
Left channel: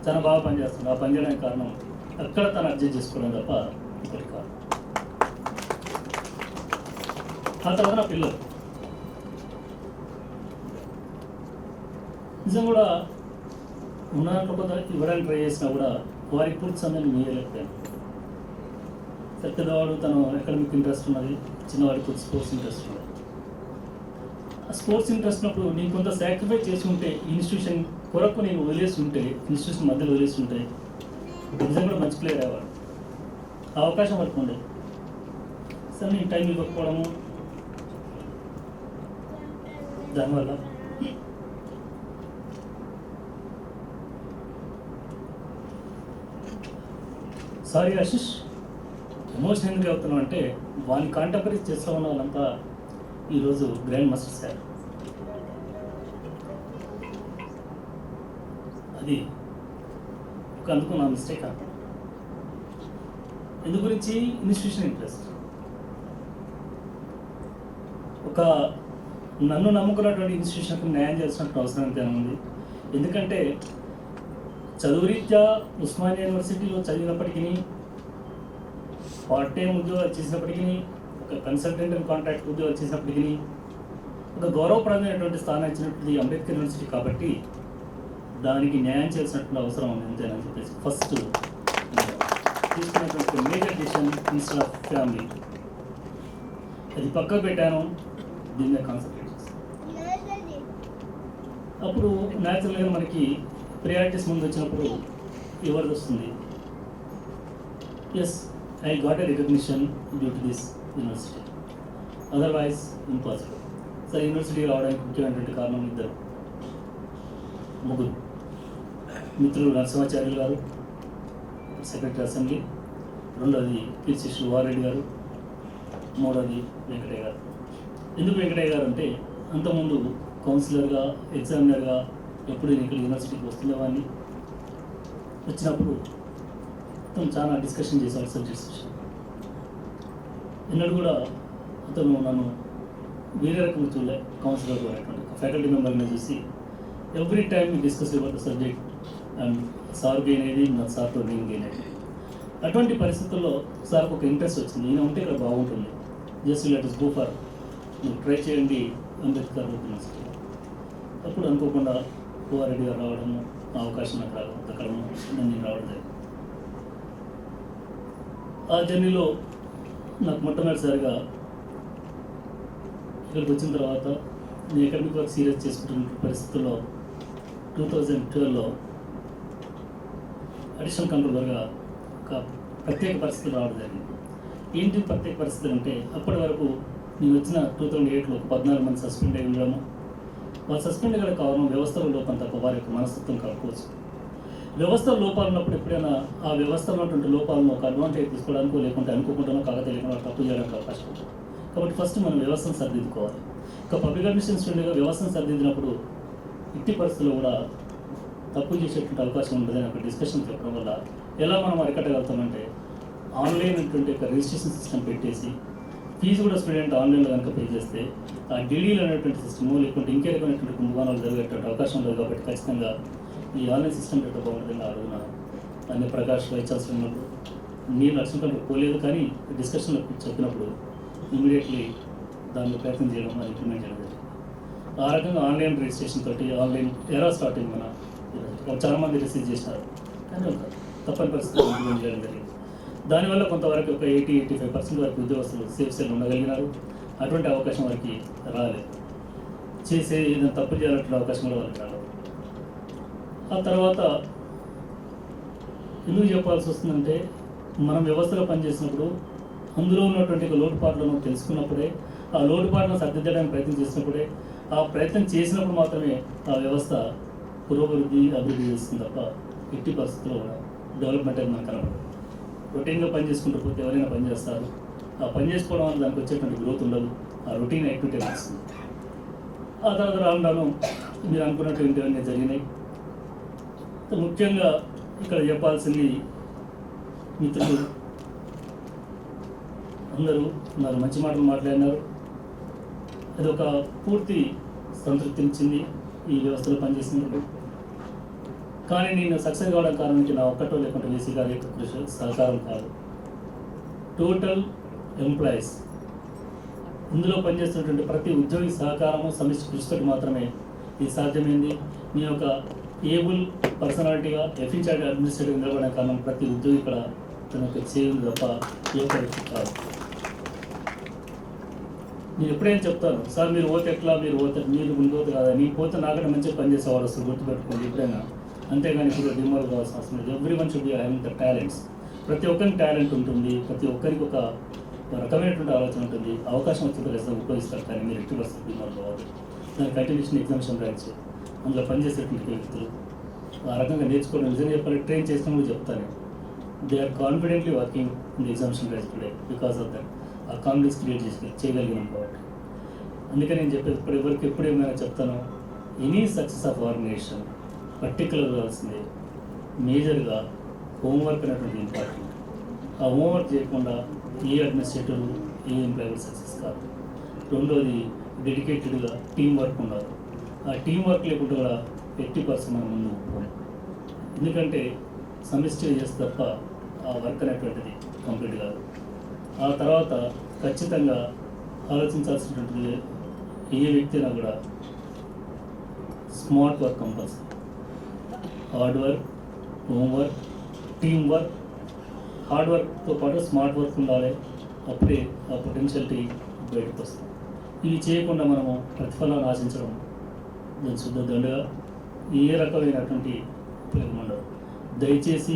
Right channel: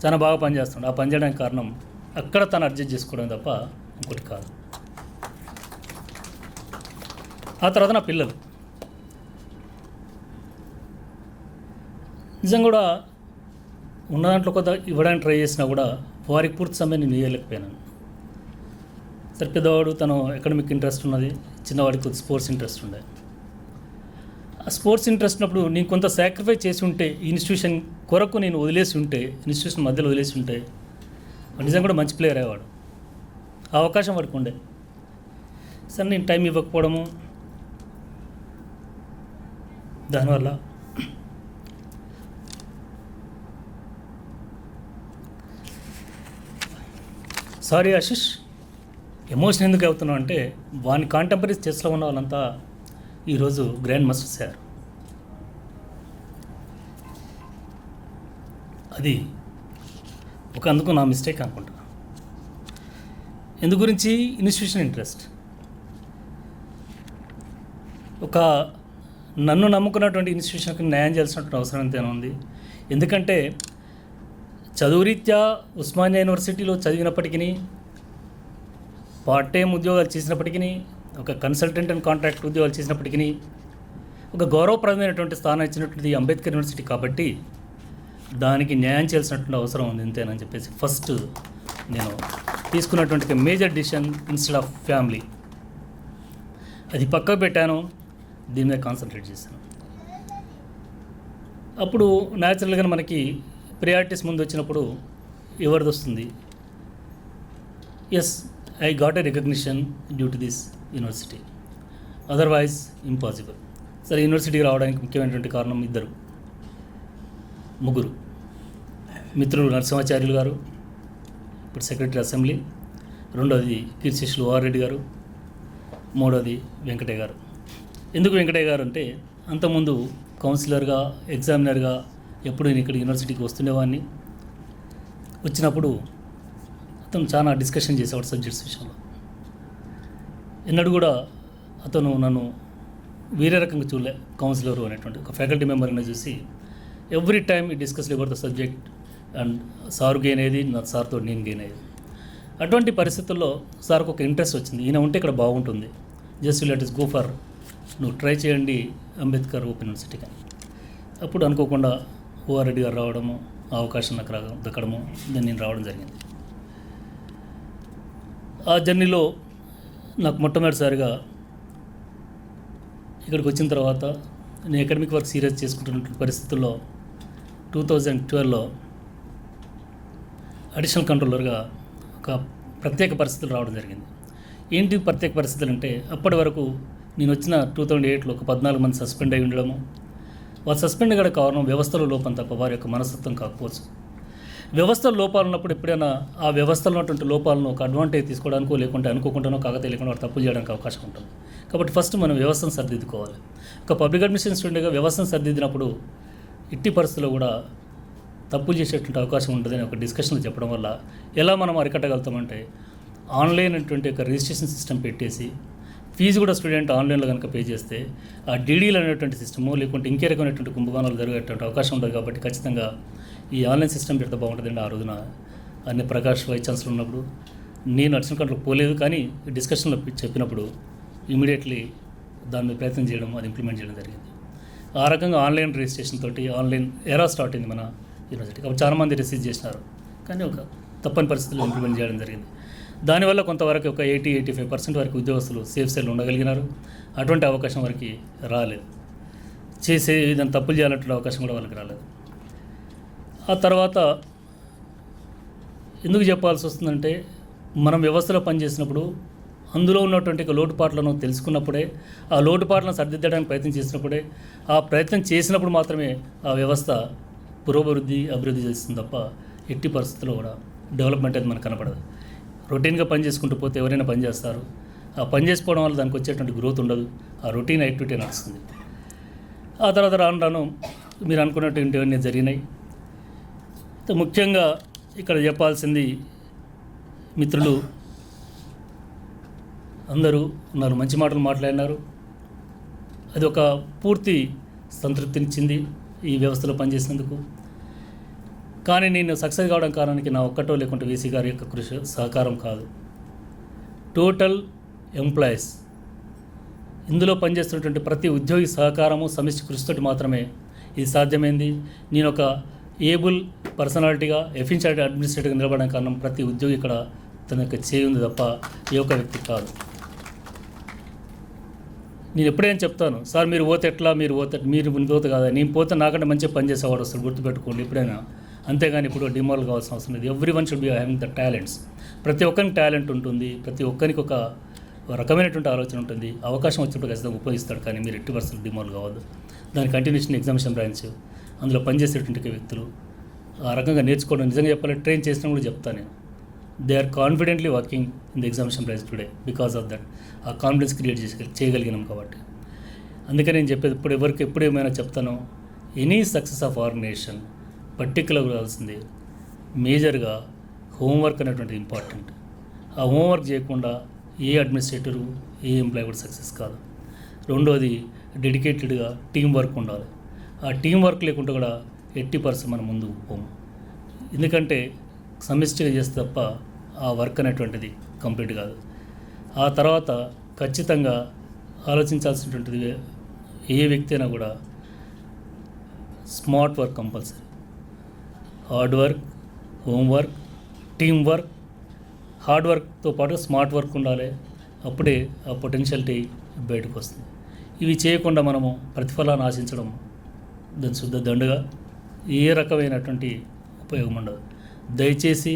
చాలా బాగా పనిచేస్తున్నాడు. ఆ పని చేయడానికి కారణం అక్కడ తను అడ్జస్ట్ చేసుకోవడం తప్ప ఇంకోటి కాదు. ఆ తర్వాత నా పిల్లలు నిజంగా కూడా ఉన్న దాంట్లో కొంత ఇవ్వడానికి ట్రై చేసినా కూడా వారికి పూర్తి సమయం నేను ఇవ్వలేకపోయాను. సరే, పెద్దవాడు తను అకాడమిక్ ఇంట్రెస్ట్ ఉన్నది, చిన్నవాడికి స్పోర్ట్స్ ఇంట్రెస్ట్ ఉండేది. ఆ స్పోర్ట్స్ ఇంట్రెస్ట్ ఉన్నప్పుడు నేను కొంత సాక్రిఫైస్ చేసి ఉంటే, ఇన్స్టిట్యూషన్ కొరకు నేను వదిలేసి ఉంటే, ఇన్స్టిట్యూషన్ మధ్యలో వదిలేసి ఉంటే నిజంగా కూడా మంచి ప్లేయర్ అయ్యేవాడు. ఆ అవకాశం వరకు ఉండేది. సరే నేను టైం ఇవ్వకపోవడం, దానివల్ల సారీ ఆశిష్, ఎమోషన్ ఎందుకు అవుతున్నావు అంటే వాని కాంటెంపరీస్ చెస్లో ఉన్న వాళ్ళంతా ఈరోజు గ్రాండ్ మాస్టర్స్ అయ్యారు. అది ఒక అందుకు నా మిస్టేక్ అనుకుంటా. ఎందు గురించి ఇన్స్టిట్యూషన్ ఇంట్రెస్ట్, ఒక నన్ను నమ్ముకున్నటువంటి ఇన్స్టిట్యూషన్కి న్యాయం చేయాల్సినటువంటి అవసరం ఎంతైనా ఉంది. ఎందుకంటే చదువురీత్యా ఉస్మానియా యూనివర్సిటీలో చదివినప్పటికీ, పార్ట్ టైం ఉద్యోగాలు చేసినప్పటికీ, ఒక కన్సల్టెంట్ అండ్ కాంట్రాక్ట్ ఉద్యోగాలు చేసినప్పటికీ, ఒక గౌరవప్రదమైనటువంటి స్థానం ఇచ్చినటువంటి అంబేద్కర్ యూనివర్సిటీ కాబట్టి దానికి న్యాయం చేయాల్సినటువంటి అవసరం ఉంది అంతేనని చెప్పేసి ఫస్ట్ నేను తీసుకున్నటువంటి major decision instead of family అది పక్కకు పెట్టాను, దీని మీద కాన్సన్ట్రేట్ చేశాను. అప్పుడు న్యాచురల్గా మనకి ప్రయారిటీస్ ముందు వచ్చినప్పుడు ఎవరిది వస్తుంది, yes I got a recognition due to this university, otherwise impossible. సరే, యూనివర్సిటీకి రావడానికి ముఖ్యమైనటువంటి కారణం ముగ్గురు మిత్రులు, నరసింహాచార్యులు గారు ఇప్పుడు సెక్రటరీ అసెంబ్లీ, రెండోది కీర్తిశేషులు వారెడ్డి గారు, మూడోది వెంకటయ్య గారు. ఎందుకు వెంకటయ్య గారు అంటే అంతకుముందు కౌన్సిలర్గా, ఎగ్జామినర్గా ఎప్పుడు నేను ఇక్కడ యూనివర్సిటీకి వస్తుండేవాడిని. వచ్చినప్పుడు అతను చాలా డిస్కషన్ చేసేవాడు సబ్జెక్ట్స్ విషయం. ఎన్నడూ కూడా అతను నన్ను వేరే రకంగా చూడలే. కౌన్సిలర్ అనేటువంటి ఒక ఫ్యాకల్టీ మెంబర్ని చూసి ఎవ్రీ టైమ్ ఈ discuss about the subject and sir gain అయ్యేది, నా సార్తో నేను గెయిన్ అయ్యేది. అటువంటి పరిస్థితుల్లో సార్కి ఒక ఇంట్రెస్ట్ వచ్చింది, ఈయన ఉంటే ఇక్కడ బాగుంటుంది, just let is go for, నువ్వు ట్రై చేయండి అంబేద్కర్ ఓపెన్ యూనివర్సిటీకి. అప్పుడు అనుకోకుండా ఓఆర్రెడ్డి గారు రావడము, ఆ అవకాశం నాకు దక్కడము, నేను రావడం జరిగింది. ఆ జర్నీలో నాకు మొట్టమొదటిసారిగా ఇక్కడికి వచ్చిన తర్వాత నేను అకాడమిక్ వర్క్ సీరియస్ చేసుకుంటున్న పరిస్థితుల్లో 2012లో అడిషనల్ కంట్రోలర్గా ఒక ప్రత్యేక పరిస్థితులు రావడం జరిగింది. ఏంటి ప్రత్యేక పరిస్థితులు అంటే, అప్పటి వరకు నేను వచ్చిన 2008లో ఒక 14 మంది సస్పెండ్ అయి ఉండడము. వారు సస్పెండ్ కూడా కారణం వ్యవస్థలో లోపం తప్ప వారి యొక్క మనస్తత్వం కాకపోవచ్చు. వ్యవస్థలో లోపాలు ఉన్నప్పుడు ఎప్పుడైనా ఆ వ్యవస్థలో ఉన్నటువంటి లోపాలను ఒక అడ్వాంటేజ్ తీసుకోవడానికో, లేకుంటే అనుకోకుండానో, కాకతీయకుండా తప్పు చేయడానికి అవకాశం ఉంటుంది. కాబట్టి ఫస్ట్ మనం వ్యవస్థను సరిదిద్దుకోవాలి. ఒక పబ్లిక్ అడ్మినిస్ట్రేషన్ స్టూడెంట్గా వ్యవస్థను సరిదిద్దినప్పుడు ఇట్టి పరిస్థితుల్లో కూడా తప్పులు చేసేటువంటి అవకాశం ఉంటుంది అని ఒక డిస్కషన్లు చెప్పడం వల్ల ఎలా మనం అరికట్టగలుగుతామంటే, ఆన్లైన్ అటువంటి ఒక రిజిస్ట్రేషన్ సిస్టమ్ పెట్టేసి ఫీజు కూడా స్టూడెంట్ ఆన్లైన్లో కనుక పే చేస్తే ఆ డీడీలు అనేటువంటి సిస్టము, లేకుంటే ఇంకే రకమైనటువంటి కుంభకోణాలు జరిగేటువంటి అవకాశం ఉంటుంది. కాబట్టి ఖచ్చితంగా ఈ ఆన్లైన్ సిస్టమ్ పెడితే బాగుంటుందండి. ఆ రోజున అన్ని ప్రకాష్ వైస్ ఛాన్సలర్ ఉన్నప్పుడు నేను అడిషనల్ కంట్రోల్ పోలేదు, కానీ డిస్కషన్లో చెప్పినప్పుడు ఇమీడియట్లీ దాన్ని ప్రయత్నం చేయడం, అది ఇంప్లిమెంట్ చేయడం జరిగింది. ఆ రకంగా ఆన్లైన్ రిజిస్ట్రేషన్ తోటి ఆన్లైన్ ఎరా స్టార్ట్ అయింది మన యూనివర్సిటీ. చాలామంది రిసీవ్ చేసినారు, కానీ ఒక తప్పని పరిస్థితుల్లో ఇంప్లిమెంట్ చేయడం జరిగింది. దానివల్ల కొంతవరకు ఒక 80-85% వరకు ఉద్యోగస్తులు సేఫ్ సైడ్ ఉండగలిగినారు. అటువంటి అవకాశం వారికి రాలేదు. చేసే దాన్ని తప్పులు చేయాలంటే అవకాశం కూడా వాళ్ళకి రాలేదు. ఆ తర్వాత ఎందుకు చెప్పాల్సి వస్తుందంటే, మనం వ్యవస్థలో పనిచేసినప్పుడు అందులో ఉన్నటువంటి లోటుపాట్లను తెలుసుకున్నప్పుడే, ఆ లోటుపాట్లను సరిదిద్దడానికి ప్రయత్నం చేసినప్పుడే, ఆ ప్రయత్నం చేసినప్పుడు మాత్రమే ఆ వ్యవస్థ అభివృద్ధి చేస్తుంది తప్ప ఎట్టి పరిస్థితుల్లో కూడా డెవలప్మెంట్ అనేది మనకు కనబడదు. రొటీన్గా పని చేసుకుంటూ పోతే ఎవరైనా పని చేస్తారు. ఆ పని చేసుకోవడం వల్ల దానికి వచ్చేటువంటి గ్రోత్ ఉండదు, ఆ రొటీన్ యాక్టివిటీ వస్తుంది. ఆ తర్వాత రాను మీరు అనుకున్నటువంటివన్నీ జరిగినాయి. ముఖ్యంగా ఇక్కడ చెప్పాల్సింది, మిత్రులు అందరూ ఉన్నారు, మంచి మాటలు మాట్లాడినారు. అది ఒక పూర్తి సంతృప్తినిచ్చింది ఈ వ్యవస్థలో పనిచేసేందుకు. కానీ నేను సక్సెస్ కావడం కారణానికి నా ఒక్కటో లేకుంటే వీసీ గారి యొక్క కృషి సహకారం కాదు. టోటల్ ఎంప్లాయీస్, ఇందులో పనిచేస్తున్నటువంటి ప్రతి ఉద్యోగి సహకారము, సమిష్టి కృషితోటి మాత్రమే ఇది సాధ్యమైంది. నేను ఒక ఏబుల్ పర్సనాలిటీగా, ఎఫిషియెంట్ అడ్మినిస్ట్రేటివ్గా నిలబడడానికి కారణం ప్రతి ఉద్యోగి ఇక్కడ తన యొక్క చేయింది తప్ప ఏ ఒక్క వ్యక్తి కాదు. నేను ఎప్పుడైనా చెప్తాను, సార్ మీరు పోతే ఎట్లా, మీరు పోతే కాదా, నేను పోతే నాకంటే మంచిగా పనిచేసేవాడు వస్తుంది, గుర్తుపెట్టుకోండి ఎప్పుడైనా. అంతేగాని ఇప్పుడు డిమాల్డ్ కావాల్సిన అవసరం లేదు. Every one should be having the talents. ప్రతి ఒక్కరికి టాలెంట్ ఉంటుంది, ప్రతి ఒక్కరికి ఒక రకమైనటువంటి ఆలోచన ఉంటుంది. అవకాశం వచ్చినప్పుడు ఖచ్చితంగా ఉపయోగిస్తాడు, కానీ మీరు 80% డిమాండ్ కావద్దు. దాని కంటిన్యూషన్ ఎగ్జామినేషన్ బ్రాంచ్, అందులో పనిచేసేటువంటి వ్యక్తులు ఆ రకంగా నేర్చుకోవడం, నిజంగా చెప్పాలంటే ట్రైన్ చేసినా కూడా చెప్తాను. They are confidently working in the examination branch today because of that. ఆ కాన్ఫిడెన్స్ క్రియేట్ చేయగలిగినాం కాబట్టి. అందుకే నేను చెప్పేది ఎప్పుడు ఏమైనా చెప్తాను, ఎనీ సక్సెస్ ఆఫ్ ఆర్గనైజేషన్ పర్టికులర్గా కావాల్సింది మేజర్గా హోంవర్క్ అనేటువంటి ఇంపార్టెంట్. ఆ హోంవర్క్ చేయకుండా ఏ అడ్మినిస్ట్రేటివ్ ఏ ఎంప్లాయీ కూడా సక్సెస్ కాదు. రెండోది డెడికేటెడ్గా టీం వర్క్ ఉండాలి. ఆ టీం వర్క్ లేకుండా కూడా 80% మనం ముందుకు పోం. ఎందుకంటే సమిష్టిగా చేస్తే తప్ప ఆ వర్క్ అనేటువంటిది కంప్లీట్ కాదు. ఆ తర్వాత ఖచ్చితంగా ఆలోచించాల్సినటువంటిది ఏ వ్యక్తి అయినా కూడా smart work compulsory. Hard work, homework, team work. Hard వర్క్తో పాటు స్మార్ట్ వర్క్ ఉండాలి. అప్పుడే ఆ పొటెన్షియాలిటీ బయటకు వస్తుంది. ఇవి చేయకుండా మనము ప్రతిఫలాన్ని ఆశించడం దాని శుద్ధ దండుగా ఏ రకమైనటువంటి ఉపయోగం ఉండదు. దయచేసి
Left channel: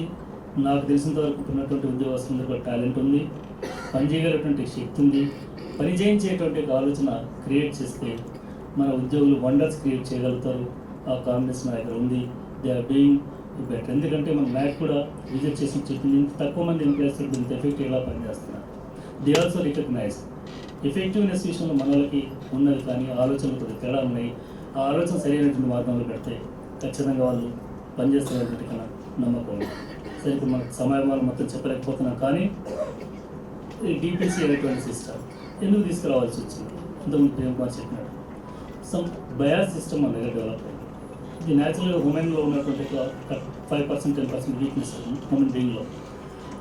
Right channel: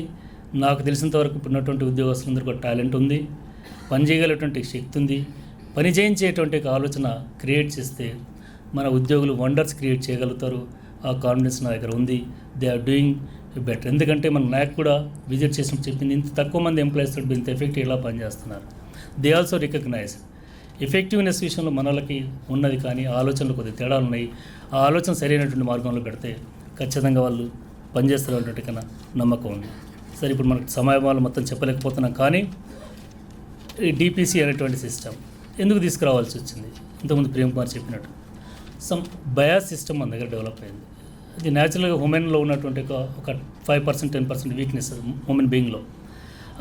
నాకు తెలిసినంత వరకు ఉన్నటువంటి ఉద్యోగస్తులందరికీ ఒక టాలెంట్ ఉంది, పని చేయగలిగేటువంటి శక్తి ఉంది. పని చేయించేటువంటి ఆలోచన క్రియేట్ చేస్తే మన ఉద్యోగులు వండర్స్ క్రియేట్ చేయగలుగుతారు. ఆ కాన్ఫిడెన్స్ నా దగ్గర ఉంది. They are doing better. ఎందుకంటే మన నాక్ కూడా విజిట్ చేసి చెప్పింది, ఇంత తక్కువ మంది ఎంప్లాయీస్ ఇంత ఎఫెక్టివ్ ఎలా పనిచేస్తున్నారు. దే ఆల్సో రికగ్నైజ్ ఎఫెక్టివ్నెస్ విషయంలో మనలకి ఉన్నది, కానీ ఆలోచనలు కొద్దిగా తేడాలు ఉన్నాయి. ఆ ఆలోచన సరైనటువంటి మార్గంలో పెడితే ఖచ్చితంగా వాళ్ళు పనిచేస్తారు అనేటువంటి కన్నా నమ్మకం ఉంది. సరే, ఇప్పుడు మనకు సమయాలు మొత్తం చెప్పలేకపోతున్నాం, కానీ ఈ డిపిసి అనేటువంటి సిస్టమ్ ఎందుకు తీసుకురావాల్సి వచ్చింది? ఇంతకుముందు ప్రేమ్ కుమార్ చెప్పినట్టు సమ్ బయాస్ సిస్టమ్ మన దగ్గర డెవలప్ అయింది. ఇది న్యాచురల్గా ఉమెన్లో ఉన్నటువంటి ఒక 5% 10% వీక్నెస్ ఉమెన్ బీయింగ్లో.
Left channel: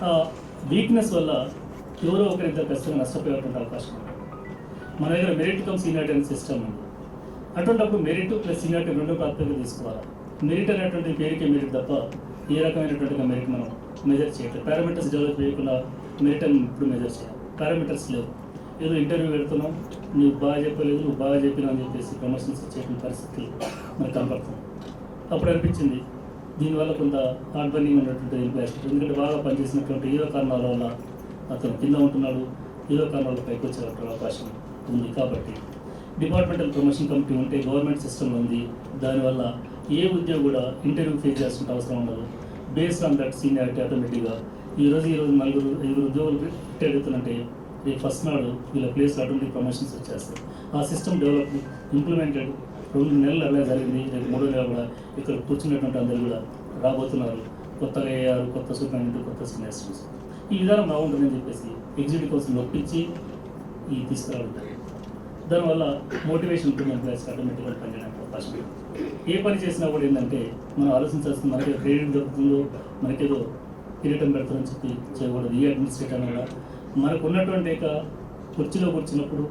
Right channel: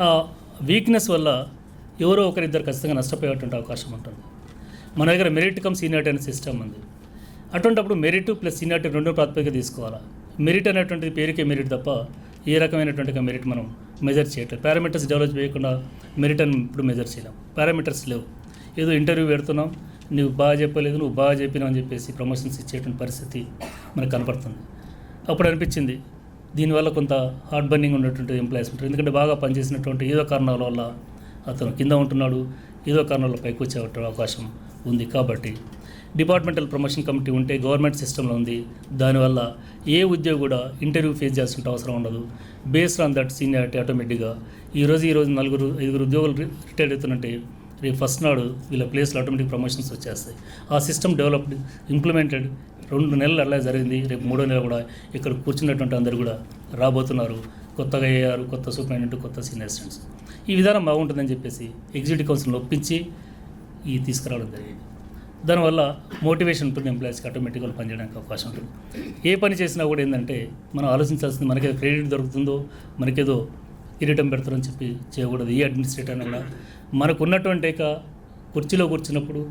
ఆ వీక్నెస్ వల్ల ఎవరో ఒకరిద్దరు ఖచ్చితంగా నష్టపోయేటువంటి అవకాశం ఉంటుంది. మన దగ్గర మెరిట్ కమ్ సీనియారిటీ అనే సిస్టమ్ ఉంది. అటువంటిప్పుడు మెరిట్ ప్లస్ సీనియారిటీ రెండు ప్రాతిపదిక తీసుకోవాలి. మెరిట్ అనేటువంటిది పేరుకే మెరిట్ తప్ప ఏ రకమైనటువంటి మెరిట్ మనం మెజర్ చేయట్లేదు. పారామీటర్స్ డెవలప్ చేయకుండా మెరిట్ అని ఇప్పుడు మెజర్ చేయాలి. పారామీటర్స్ లేవు. ఏదో ఇంటర్వ్యూ పెడుతున్నాం, నువ్వు బాగా చెప్పలేదు, నువ్వు బాగా చెప్పినావు అని చెప్పేసి ప్రమోషన్స్ ఇచ్చేటువంటి పరిస్థితి మనకు కనపడుతుంది. అప్పుడు అనిపించింది దీనివల్ల కొంత హార్డ్ బర్నింగ్ ఉన్నటువంటి ఎంప్లాయీస్ ఉంటారు. ఎందుకంటే బాగా పనిచేసినటువంటి ఏదో కారణాల వల్ల అతను కింద ఉంటున్నాడు, ఏదో కారణాల పైకి వచ్చే అవకాశం ఉంది. కాబట్టి డిపార్ట్మెంటల్ ప్రమోషన్ కమిటీ ఉంటే గవర్నమెంట్ సిస్టంలో ఉంది. దానివల్ల ఏ ఉద్యోగి కూడా ఇంటర్వ్యూ ఫేస్ చేయాల్సిన అవసరం ఉండదు. బేస్డ్ ఆన్ దట్ సీనియారిటీ ఆటోమేటిక్గా ఈ రోజు 5 ఉద్యోగులు రిటైర్ అవుతున్నట్టే రేపు ఫస్ట్ నాడు వీళ్ళ ప్లేస్లో ఆటోమేటిక్ ప్రమోషన్స్ వచ్చేస్తాయి. ఆ సిస్టమ్ డెవలప్డ్, ఇంప్లిమెంటెడ్ 2 నెలలు అలా జరిగింది. రేపు 3వ నెల కూడా ఇక్కడ కూర్చున్నటువంటి అందరూ కూడా రాబోతున్నారు. కొత్తగా అయ్యారు, కొత్త సూపరింటెండెంట్, కొత్త సీనియర్ అసిస్టెంట్స్. ఈ విధానం బాగుంటుందని చెప్పేసి ఎగ్జిక్యూటివ్ కౌన్సిల్ని ఒప్పించి ఈ తీసుకురావడం జరిగింది. దానివల్ల మోటివేషన్ ఉంటుంది, ఎంప్లాయీస్కి ఆటోమేటిక్గా పనిచేయడానికి అవకాశం ఉంటుంది. ఏ పని చేసినా కూడా ఏంటంటే మనం ఆలోచించాల్సింది మనకేదో క్రెడిట్ దొరుకుతుందో, మనకేదో కిరీటం పెడతారని చెప్పి చేయకూడదు. ఏ అడ్మినిస్ట్రేటర్ అయినా కూడా మనకు ఉన్నటువంటి కుర్చీలో కూర్చున్నప్పుడు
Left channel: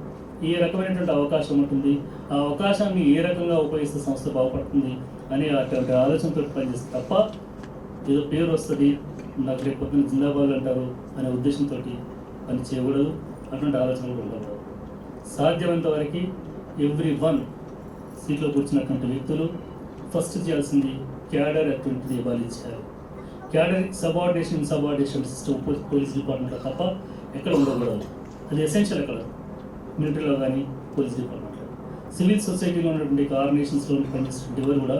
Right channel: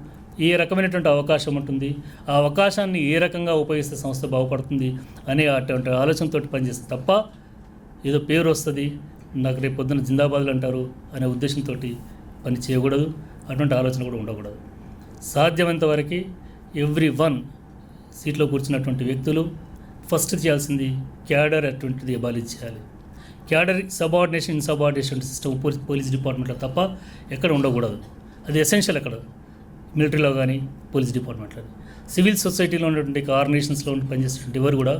ఏ రకమైనటువంటి అవకాశం ఉంటుంది, ఆ అవకాశాన్ని ఏ రకంగా ఉపయోగిస్తే సంస్థ బాగుపడుతుంది అనే అటువంటి ఆలోచనతో పనిచేస్తే తప్ప ఏదో పేరు వస్తుంది, నాకు రేపు పొద్దున్న జిందాబాద్లు అంటారు అనే ఉద్దేశంతో పని చేయకూడదు. అటువంటి ఆలోచన కూడా ఉండకూడదు. సాధ్యమైనంత వరకు ఎవ్రీ1 సీట్లో కూర్చున్నటువంటి వ్యక్తులు ఫస్ట్ చేయాల్సింది క్యాడర్ అటువంటిది అబాలిష్ చేయాలి. క్యాడర్ సబార్డినేషన్ సిస్టమ్ పోలీస్ డిపార్ట్మెంట్లో తప్ప ఎక్కడ ఉండకూడదు. అది ఎసెన్షియల్. ఎక్కడ మిలిటరీలో కానీ పోలీస్ డిపార్ట్మెంట్లో, సివిల్ సొసైటీలో ఉన్నటువంటి ఆర్గనైజేషన్స్లో పనిచేసేటువంటి ఎవరు కూడా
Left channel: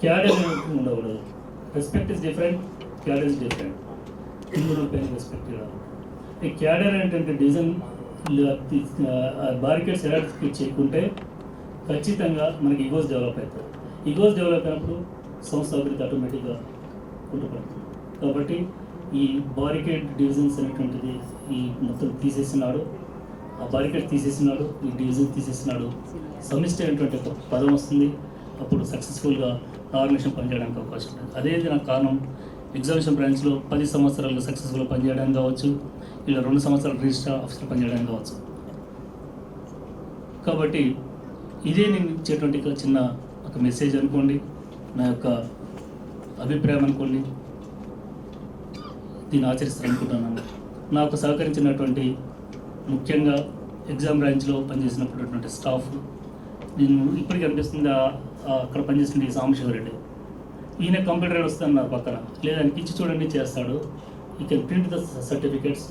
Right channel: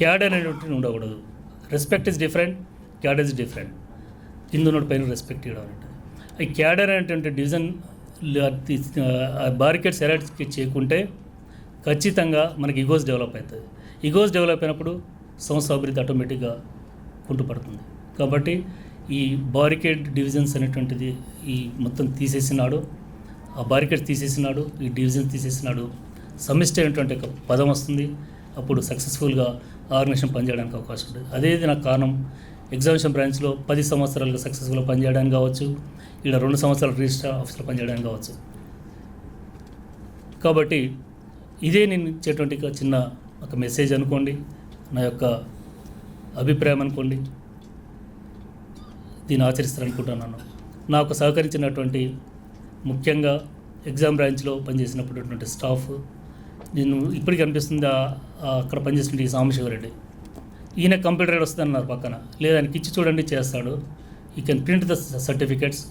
క్యాడర్ అనేటువంటి ఉండకూడదు. Respect is different, cadre is different. కింద ఉన్న పైన రెస్పెక్ట్ ఇవ్వాలి. ఈ క్యాడర్ అనేటువంటి డివిజన్ బారికేడ్స్ ఎలాంటి చేయకుంటే ఖచ్చితంగా మనకి ఈగోస్ డెవలప్ అవుతుంది. ఈగోస్ డెవలప్ అయినప్పుడు సంస్థ అభివృద్ధి ఆటోమేటిక్గా కుంటుపడుతుంది. కాబట్టి ఈ బారికేడ్ డివిజన్స్ అనేటువంటిది ఈ మొత్తం తీసేసినాడు, ఆ బారికేడ్ తీసేసినాడు, ఈ డివిజన్ తీసేసినాడు. సమిష్టి అనేటువంటి ఒక పదం వస్తుంది. అప్పుడు సక్సెస్ఫుల్గా ఆర్గనైజేషన్ పనిచేయడానికి అవకాశం ఉంటుంది. అదే నాకు కారణం ఎగ్జామినేషన్ బ్రాంచ్లో 10 సంవత్సరాలు సక్సెస్ఫుల్గా పనిచేయడానికి కావచ్చు, ఇలా 2 సంవత్సరాలు రిజిస్టర్ ఆఫీసర్ పనిచేయడానికి కావచ్చు. కాబట్టి ఇదే నేను ఇచ్చేటువంటి చిన్న ఒక మెసేజ్ అనుకోండి, నా యొక్క అభిప్రాయం అనుకోండి. దీన్ని ఆచరిస్తారనుకుంటున్నాను. నాకు సహకరించినటువంటి ముఖ్యంగా ఎగ్జామ్ బ్రాంచ్లో పనిచేసినటువంటి స్టాఫ్, నేను ఇప్పటికీ అనిపిస్తుంది అక్కడ పనిచేసిన ఈ సాంబశివరెడ్డి, ఈయన కంప్యూటర్ వస్తుందన్నారు పక్కన, లేదా ఆయనకి ఇచ్చి చూడండి చేస్తాడు. You can print the certificates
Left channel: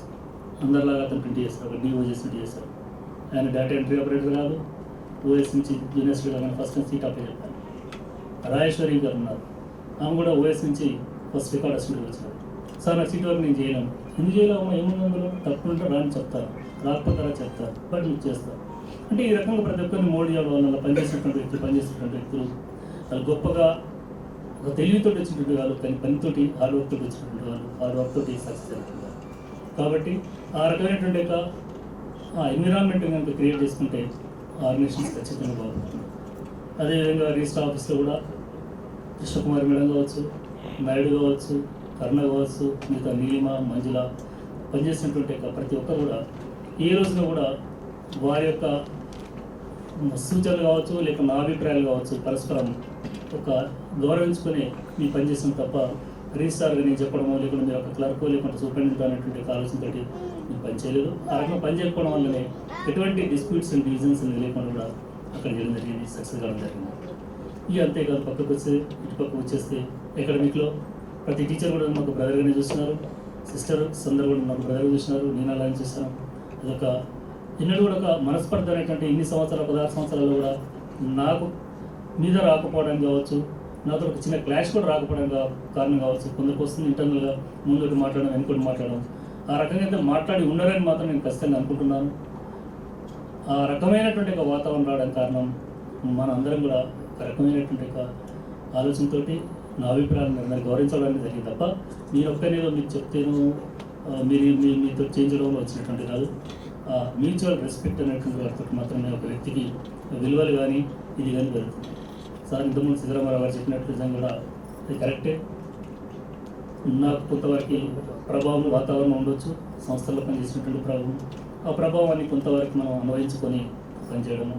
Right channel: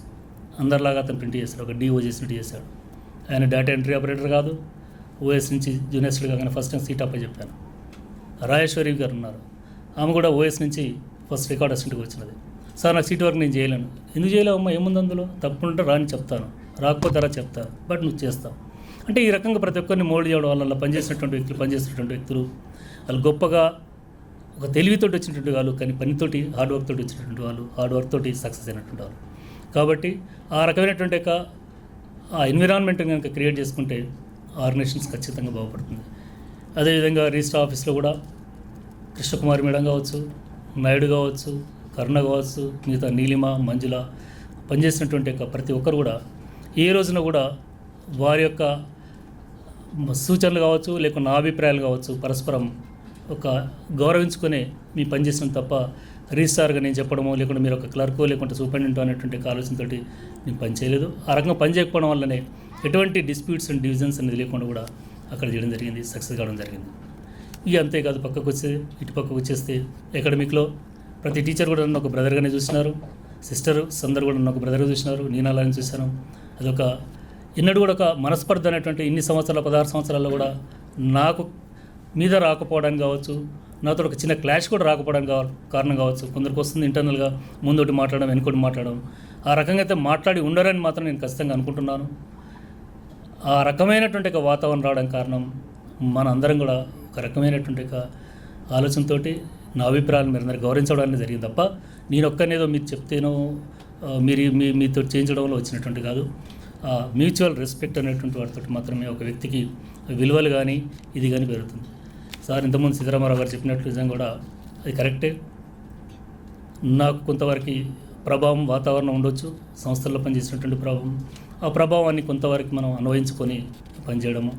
అందరిలాగా అతను ప్రింట్ చేశాడు, ఒక డిఓ చేసినట్టు చేశాడు. ఆయన డేటా ఎంట్రీ ఆపరేటర్ కాదు, ఓఎస్ నుంచి జూనియర్ స్టూడెంట్ కాకుండా ఫస్ట్ టైం సీట్ అప్పై చెప్పాను. రాజేశ్వరి గారు ఉన్నారు, ఆమె కూడా ఓఎస్ నుంచి ఫస్ట్ రికార్డ్ అసిస్టెంట్కి వచ్చినది. సార్ నాకు సీట్ వరకు నేను చేయలేను. ఎందుకు చేయలేమమ్మా, ఏముంది అందులో, తప్పుంటే రాని చెప్తాను, రాకపోతే రా చెప్తాను, బట్ నువ్వు చేస్తావు. అంటే ఈ రకంగా ప్రతి ఒక్కరిని మోల్డ్ చేయడం వల్ల పనిచేసినటువంటి వ్యక్తులు వాళ్ళు గొప్పగా ఒక తెలివితోటి వచ్చినటువంటి వాళ్ళు, కానీ పనితోటి హార్డ్ వర్క్ తోటి వచ్చినటువంటి వాళ్ళు, హార్డ్ వర్క్ తోటి సక్సెస్ అయినటువంటి వాళ్ళు. కాబట్టి ఆ రకమైనటువంటి ఆ ఎన్విరాన్మెంట్ కనుక క్రియేట్ చేసుకుంటే ఆర్గనైజేషన్స్ ఖచ్చితంగా బాగుపడుతుంది. అదేవిధంగా రిజిస్టర్ ఆఫీస్లో కూడా కృష్ణకుమారి మేడం కావచ్చు, నాయుడు కావచ్చు, కరుణ కావచ్చు, మిగతా నీలిమ, మంజుల పనిచేసినటువంటి ప్రతి ఒక్కరు కూడా ఏ రోజున కూడా వారి యొక్క సూచనలు కావచ్చు, లేక నా అభిప్రాయాలు కావచ్చు, పరస్పరం ఒక గౌరవించుకునే మీ పనిచేసిన తప్ప రిజిస్టార్గా నేను చెప్పడమో, లేకుంటే మీరు ఒక క్లర్కో, లేకుంటే సూపరింటెండెంట్ అనేటువంటి ఆలోచనతో నేను పని చేయలేదు. ఆ రకంగా పని చేయకపోవడం వల్లనే ఎటువంటి డిస్ప్యూట్స్ అండ్ డివిజన్స్ అనేది లేకుండా కూడా అక్కడ చేయడం జరిగింది, సక్సెస్ కావడం జరిగింది. ఇక అంతేకాదు, పక్కకు ఇటు పక్కకు వచ్చేస్తే అకాడమిక్లో ప్రతి టీచర్ కూడా నన్ను ఒక బ్రదర్గానే చూస్తున్నారు, సిస్టర్స్ అందరూ కూడా నన్ను ఒక బ్రదర్గా చూసినారు, నేను అలాగే చూశాను. అదొక ఎన్నడూ కూడా ఒక మనస్పర్ధ అనేటువంటి ఇన్ని సంవత్సరాల 16 సంవత్సరాల్లో కూడా నాకు మీద రాకపోవడానికి కావచ్చు, నాతో ఒక చిన్న క్లాష్ కూడా రాకపోవడానికి కారణం కావచ్చు. కొందరికి వస్తుంది ఇంటర్నల్గా ముందోటి మాట్లాడడం, వెనుకోటి మాట్లాడడం. ఆ రకంగా అయితే మాట్లాడి ఉండరని మాత్రం నేను ఖచ్చితంగా అనుకుంటున్నాను. ఆ రకమైనటువంటి ఒక వాతావరణం రావడానికి కారణం మన అందరం కూడా ఒక రకమైనటువంటి ఒక ఆలోచనతో నా అభిప్రాయాన్ని మీరు అందరూ గౌరవించడానికి జరిగింది తప్ప నేను ఒక్కనేదో మీరు చెప్తేనో మీతో చేయించడంలో వచ్చినటువంటి కాదు. మ్యూచువల్ రెస్పెక్ట్ అనేటువంటి వాటితో మాత్రమే ఒక వ్యక్తికి విలువలు కానీ ఇది కానీ పెరుగుతుంది. సార్ ఇంతకుముందు సీతారామరావు గారు చెప్పినట్లు నిజంగా కూడా అది కరెక్టే. నాకు కొంతవరకు ప్రభావం వాతావరణం ఉండొచ్చు, సంస్థల్లో పనిచేసినటువంటి ప్రభావం, ఆ ప్రభావాన్ని కొంతవరకు మనం అన్వయించుకొని పనిచేయడము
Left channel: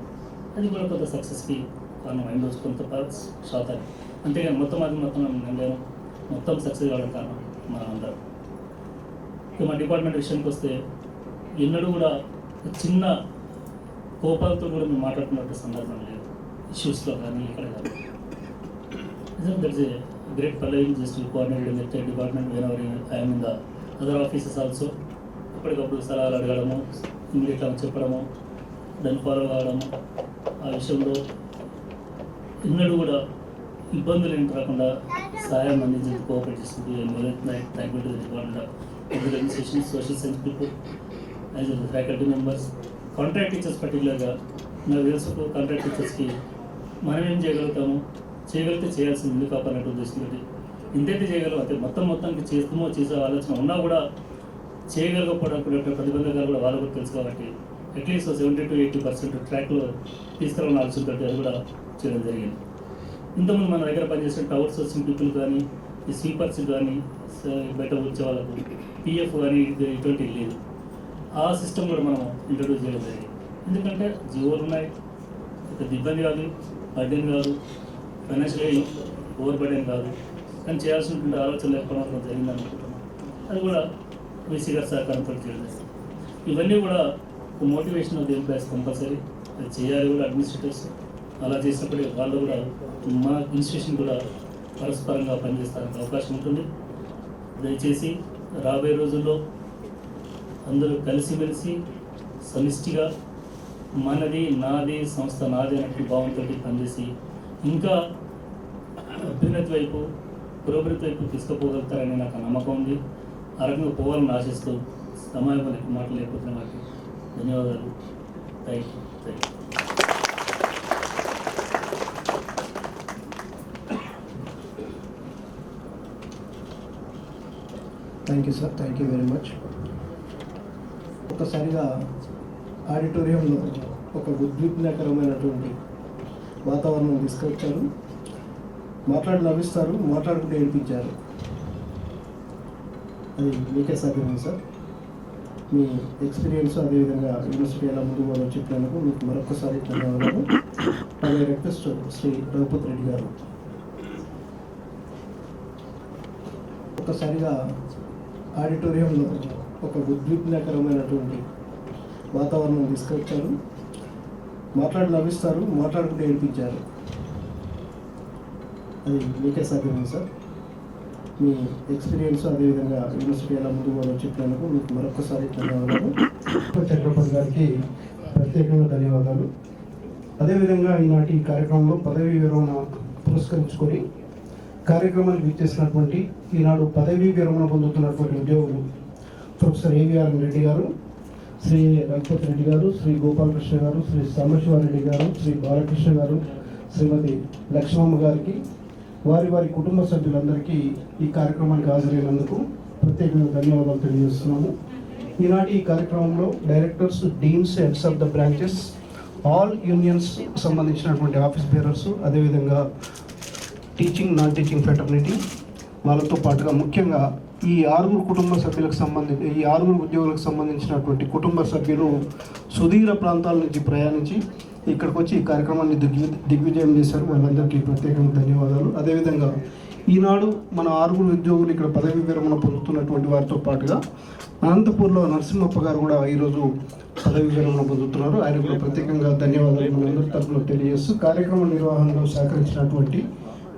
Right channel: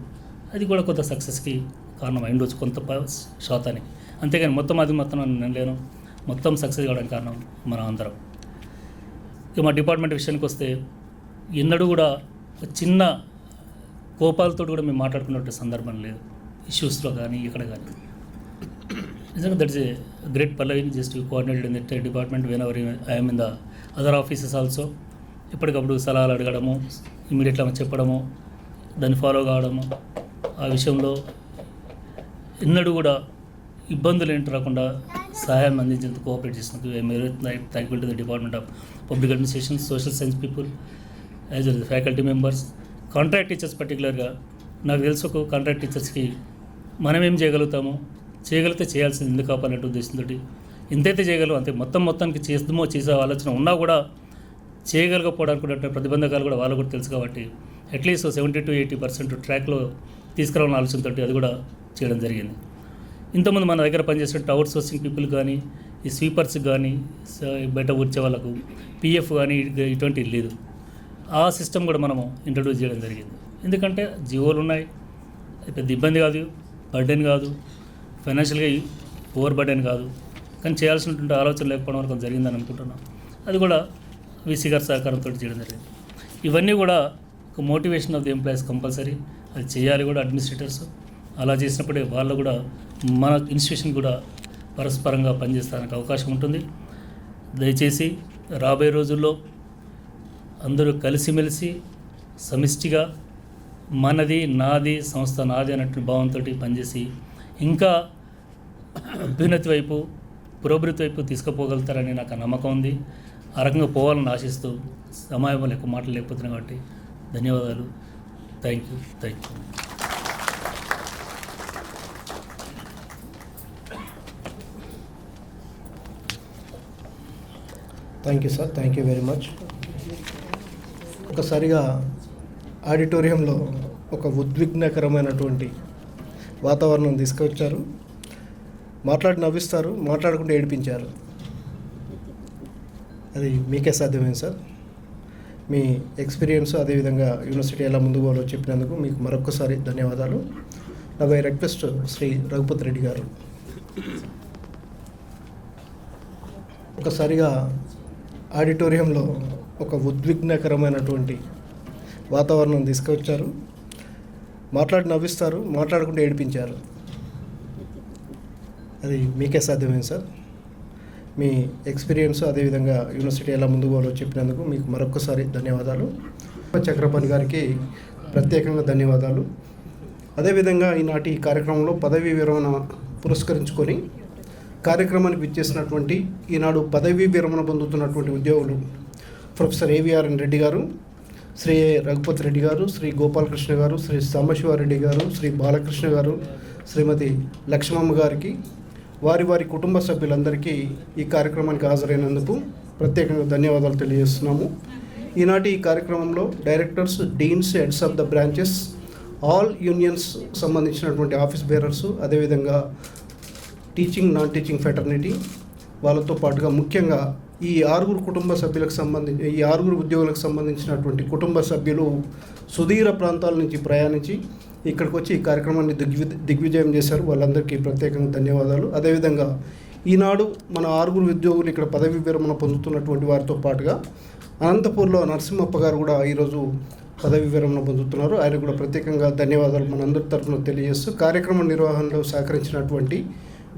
అది కూడా కొంత సక్సెస్కి కారణం అయి ఉండొచ్చు, కొంత శాతానికి. అంతేగాని మొత్తం నేను లేను, మొత్తం సక్సెస్ కావడానికి కారణం మనం అందరం. ఇక మా డిపార్ట్మెంట్ విషయానికి వస్తే ఎన్నడూ కూడా చిన్న కోపాలతో కూడా మేము మాట్లాడుకున్నట్టు సందర్భం లేదు, ఇష్యూస్లో కానీ ఇక్కడ కానీ. నిజంగా that's a great Pallavi just coordinated in the department when ever I'm in the other offices also. ఎప్పటికప్పుడు సలహాలు అడగడము, ఇమీడియట్గా చెప్పడము, దాన్ని ఫాలో కావడము, ఆ విషయంలో ఎన్నడూ కూడా ఇబ్బందులు ఏంటి రాకుండా సహాయం అందించేందుకు కోఆపరేట్ చేసినందుకు thankful to the department of public administration, social science people, as well faculty members, contract teachers. పర్టికులర్గా నాకు తెలుసు ఒక కాంట్రాక్ట్ టీచర్స్కి మనం ఏం చేయగలుగుతాము, చేయగలిగితే చేయాల్సింది ఎందుకు కాపాలనే ఉద్దేశంతో ఎంతైతే చేయగలవు అంతే మొత్తానికి చేసే ఆలోచన ఉన్నా కూడా చేయగలగకపోవడానికి ప్రతిబంధకాలు కూడా వాళ్ళు కూడా తెలుసు. కాబట్టి అట్లీస్ట్ 70 to 80% ట్రాక్లో తీసుకురావాలని ఆలోచనతో అది కూడా చేయడం జరిగింది. ఇంతకుముందు మన దగ్గర పనిచేసే అవుట్ సోర్సింగ్ పీపుల్ కానీ, ఈ స్వీపర్స్ కానీ, బయట వచ్చే వాళ్ళకు పిఎఫ్ కానీ ఇటువంటి లేదు. ఆ సిస్టమ్ కూడా మనము ఇంట్రడ్యూస్ చేయడం జరిగింది. ఎందుకంటే జీవోలు ఉన్నాయి, పెద్ద ఇబ్బంది కాదు, బర్డెన్ కాదు, ఫైనాన్షియల్గా ఓవర్ బర్డెన్ కాదు, కానీ చేయాల్సినటువంటి ఆలోచన లేకపోవడం వల్ల జరిగిందని అనుకుంటున్నాను. అది కూడా వీసీ గారి సహకారంతో చేయడం జరిగింది. ఇవన్నీ కూడా ఒక motivation of the employees compulsory అది చేయాలి కూడా అడ్మినిస్ట్రేటర్స్. అలా చేసినప్పుడే వాళ్ళు కూడా మన ఇన్స్టిట్యూషన్ కూడా పరస్పరంగా పనిచేస్తానికి అవకాశం ఉంటుంది. దయచేసి రాబోయే రోజుల్లో అందరూ కలిసిమెలిసి సమిష్టిగా మనది నాది సంస్థ నాది అన్నట్టు భావంతో పనిచేసి ఇంకా అభ్యున్నతి వైపు పురోభివృద్ధి వైపు తీసుకుపోగలుగుతారని నాకు నమ్మకం ఉంది. ఆ రకంగా పోవాలని ఆశిస్తూ సమయం ఎక్కువ మాటలు లేకపోతున్నాయి కాబట్టి ధన్యవాదాలు. Thank you. Thank you sir, thank you very much. ఒకసారిగా ఆడిటోరియంలో ఒక ఉద్విగ్నకరమైనటువంటి వాతావరణం తీసుకొచ్చారు. మాట్లాడి నవ్విస్తారు, మాట్లాడుకుంటూ ఏడిపించారు. అది మీకే సాధ్యమైంది సార్. మీ ఎక్స్పీరియన్స్ అదేవిధంగా యూనివర్సిటీ ఎలా ముందుకు పోవాలో చెప్పినందుకు మీకు మరొకసారి ధన్యవాదాలు. నా మై రిక్వెస్ట్ శ్రీ రఘుపతి రెడ్డి గారు. ఒకసారిగా ఆడిటోరియంలో ఒక ఉద్విగ్నకరమైనటువంటి వాతావరణం తీసుకొచ్చారు. మాట్లాడి నవ్విస్తారు, మాట్లాడుకుంటూ ఏడిపించారు. అది మీకే సాధ్యమైంది సార్. మీ ఎక్స్పీరియన్స్ అదేవిధంగా యూనివర్సిటీ ఎలా ముందుకు పోవాలో చెప్పినందుకు మీకు మరొకసారి ధన్యవాదాలు. చక్రపాణి గారికి ప్రత్యేకంగా ధన్యవాదాలు. అదేవిధంగా ఈనాటి ఈ కార్యక్రమంలో పదవీ విరమణ పురస్కరించుకొని కార్యక్రమానికి విచ్చేసినటువంటి ఈనాడు పదవీ విరమణ పొందుతున్నటువంటి ఉద్యోగులు ప్రొఫెసర్ ఏవిఆర్ఎన్ రెడ్డి గారు, శ్రీ రఘుపతి రెడ్డి గారు, శ్రీ గోపాలకృష్ణ గారు, శ్రీ సాంబశివారెడ్డి గారు, శ్రీ బాలకృష్ణ గారు, శ్రీమతి లక్ష్మమ్మ గారికి, వారి కుటుంబ సభ్యులందరికీ ఈ కార్యక్రమానికి హాజరైనందుకు ప్రత్యేకంగా ధన్యవాదాలు తెలియజేస్తున్నాము. ఈనాటి ఈ కార్యక్రమంలో directors, deans, heads of the branches, all unions సంబంధించినటువంటి ఆఫీస్ బేరర్స్, అదేవిధంగా టీచింగ్, నాన్ టీచింగ్ ఫ్రెటర్నిటీ వాళ్ళతో పాటుగా ముఖ్యంగా ఈ 6 కుటుంబ సభ్యులకు సంబంధించి ఈ 6 ఉద్యోగులకు సంబంధించినటువంటి కుటుంబ సభ్యులు సుదూర ప్రాంతాల నుంచి ప్రయాణించి ఇక్కడికి వచ్చి ఈ కార్యక్రమాన్ని దిగ్విజయం చేశారు. వాళ్ళందరికీ ప్రత్యేకంగా ధన్యవాదాలు. అదేవిధంగా ఈనాడు మన 6 ఉద్యోగులు ఇక్కడ పదవీ విరమణ పొందుతున్నటువంటి వారితో పాటుగా అనంతపూర్లో నరసింహప్ప గారు కూడా ఈరోజు పదవీ విరమణ పొందుతున్నారు. ఆయన కూడా ప్రత్యేకంగా ధన్యవాదాలు మనందరి తరఫున తెలియజేస్తూ కార్యక్రమ నిర్వహణలో సహకరించినటువంటి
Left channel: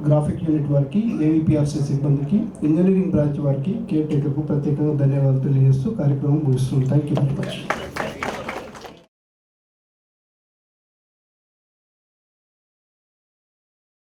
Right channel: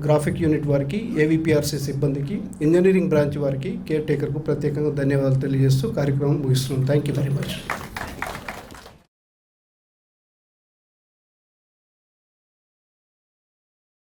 గ్రాఫిక్ యూనిట్ వారికి, ఏవిపిఆర్సీ సిబ్బందికి, ఇంజనీరింగ్ బ్రాంచ్ వారికి, కేర్ టేకర్కు ప్రత్యేకంగా ధన్యవాదాలు తెలియజేస్తూ కార్యక్రమం ముగిస్తున్నాం. Thank you very much.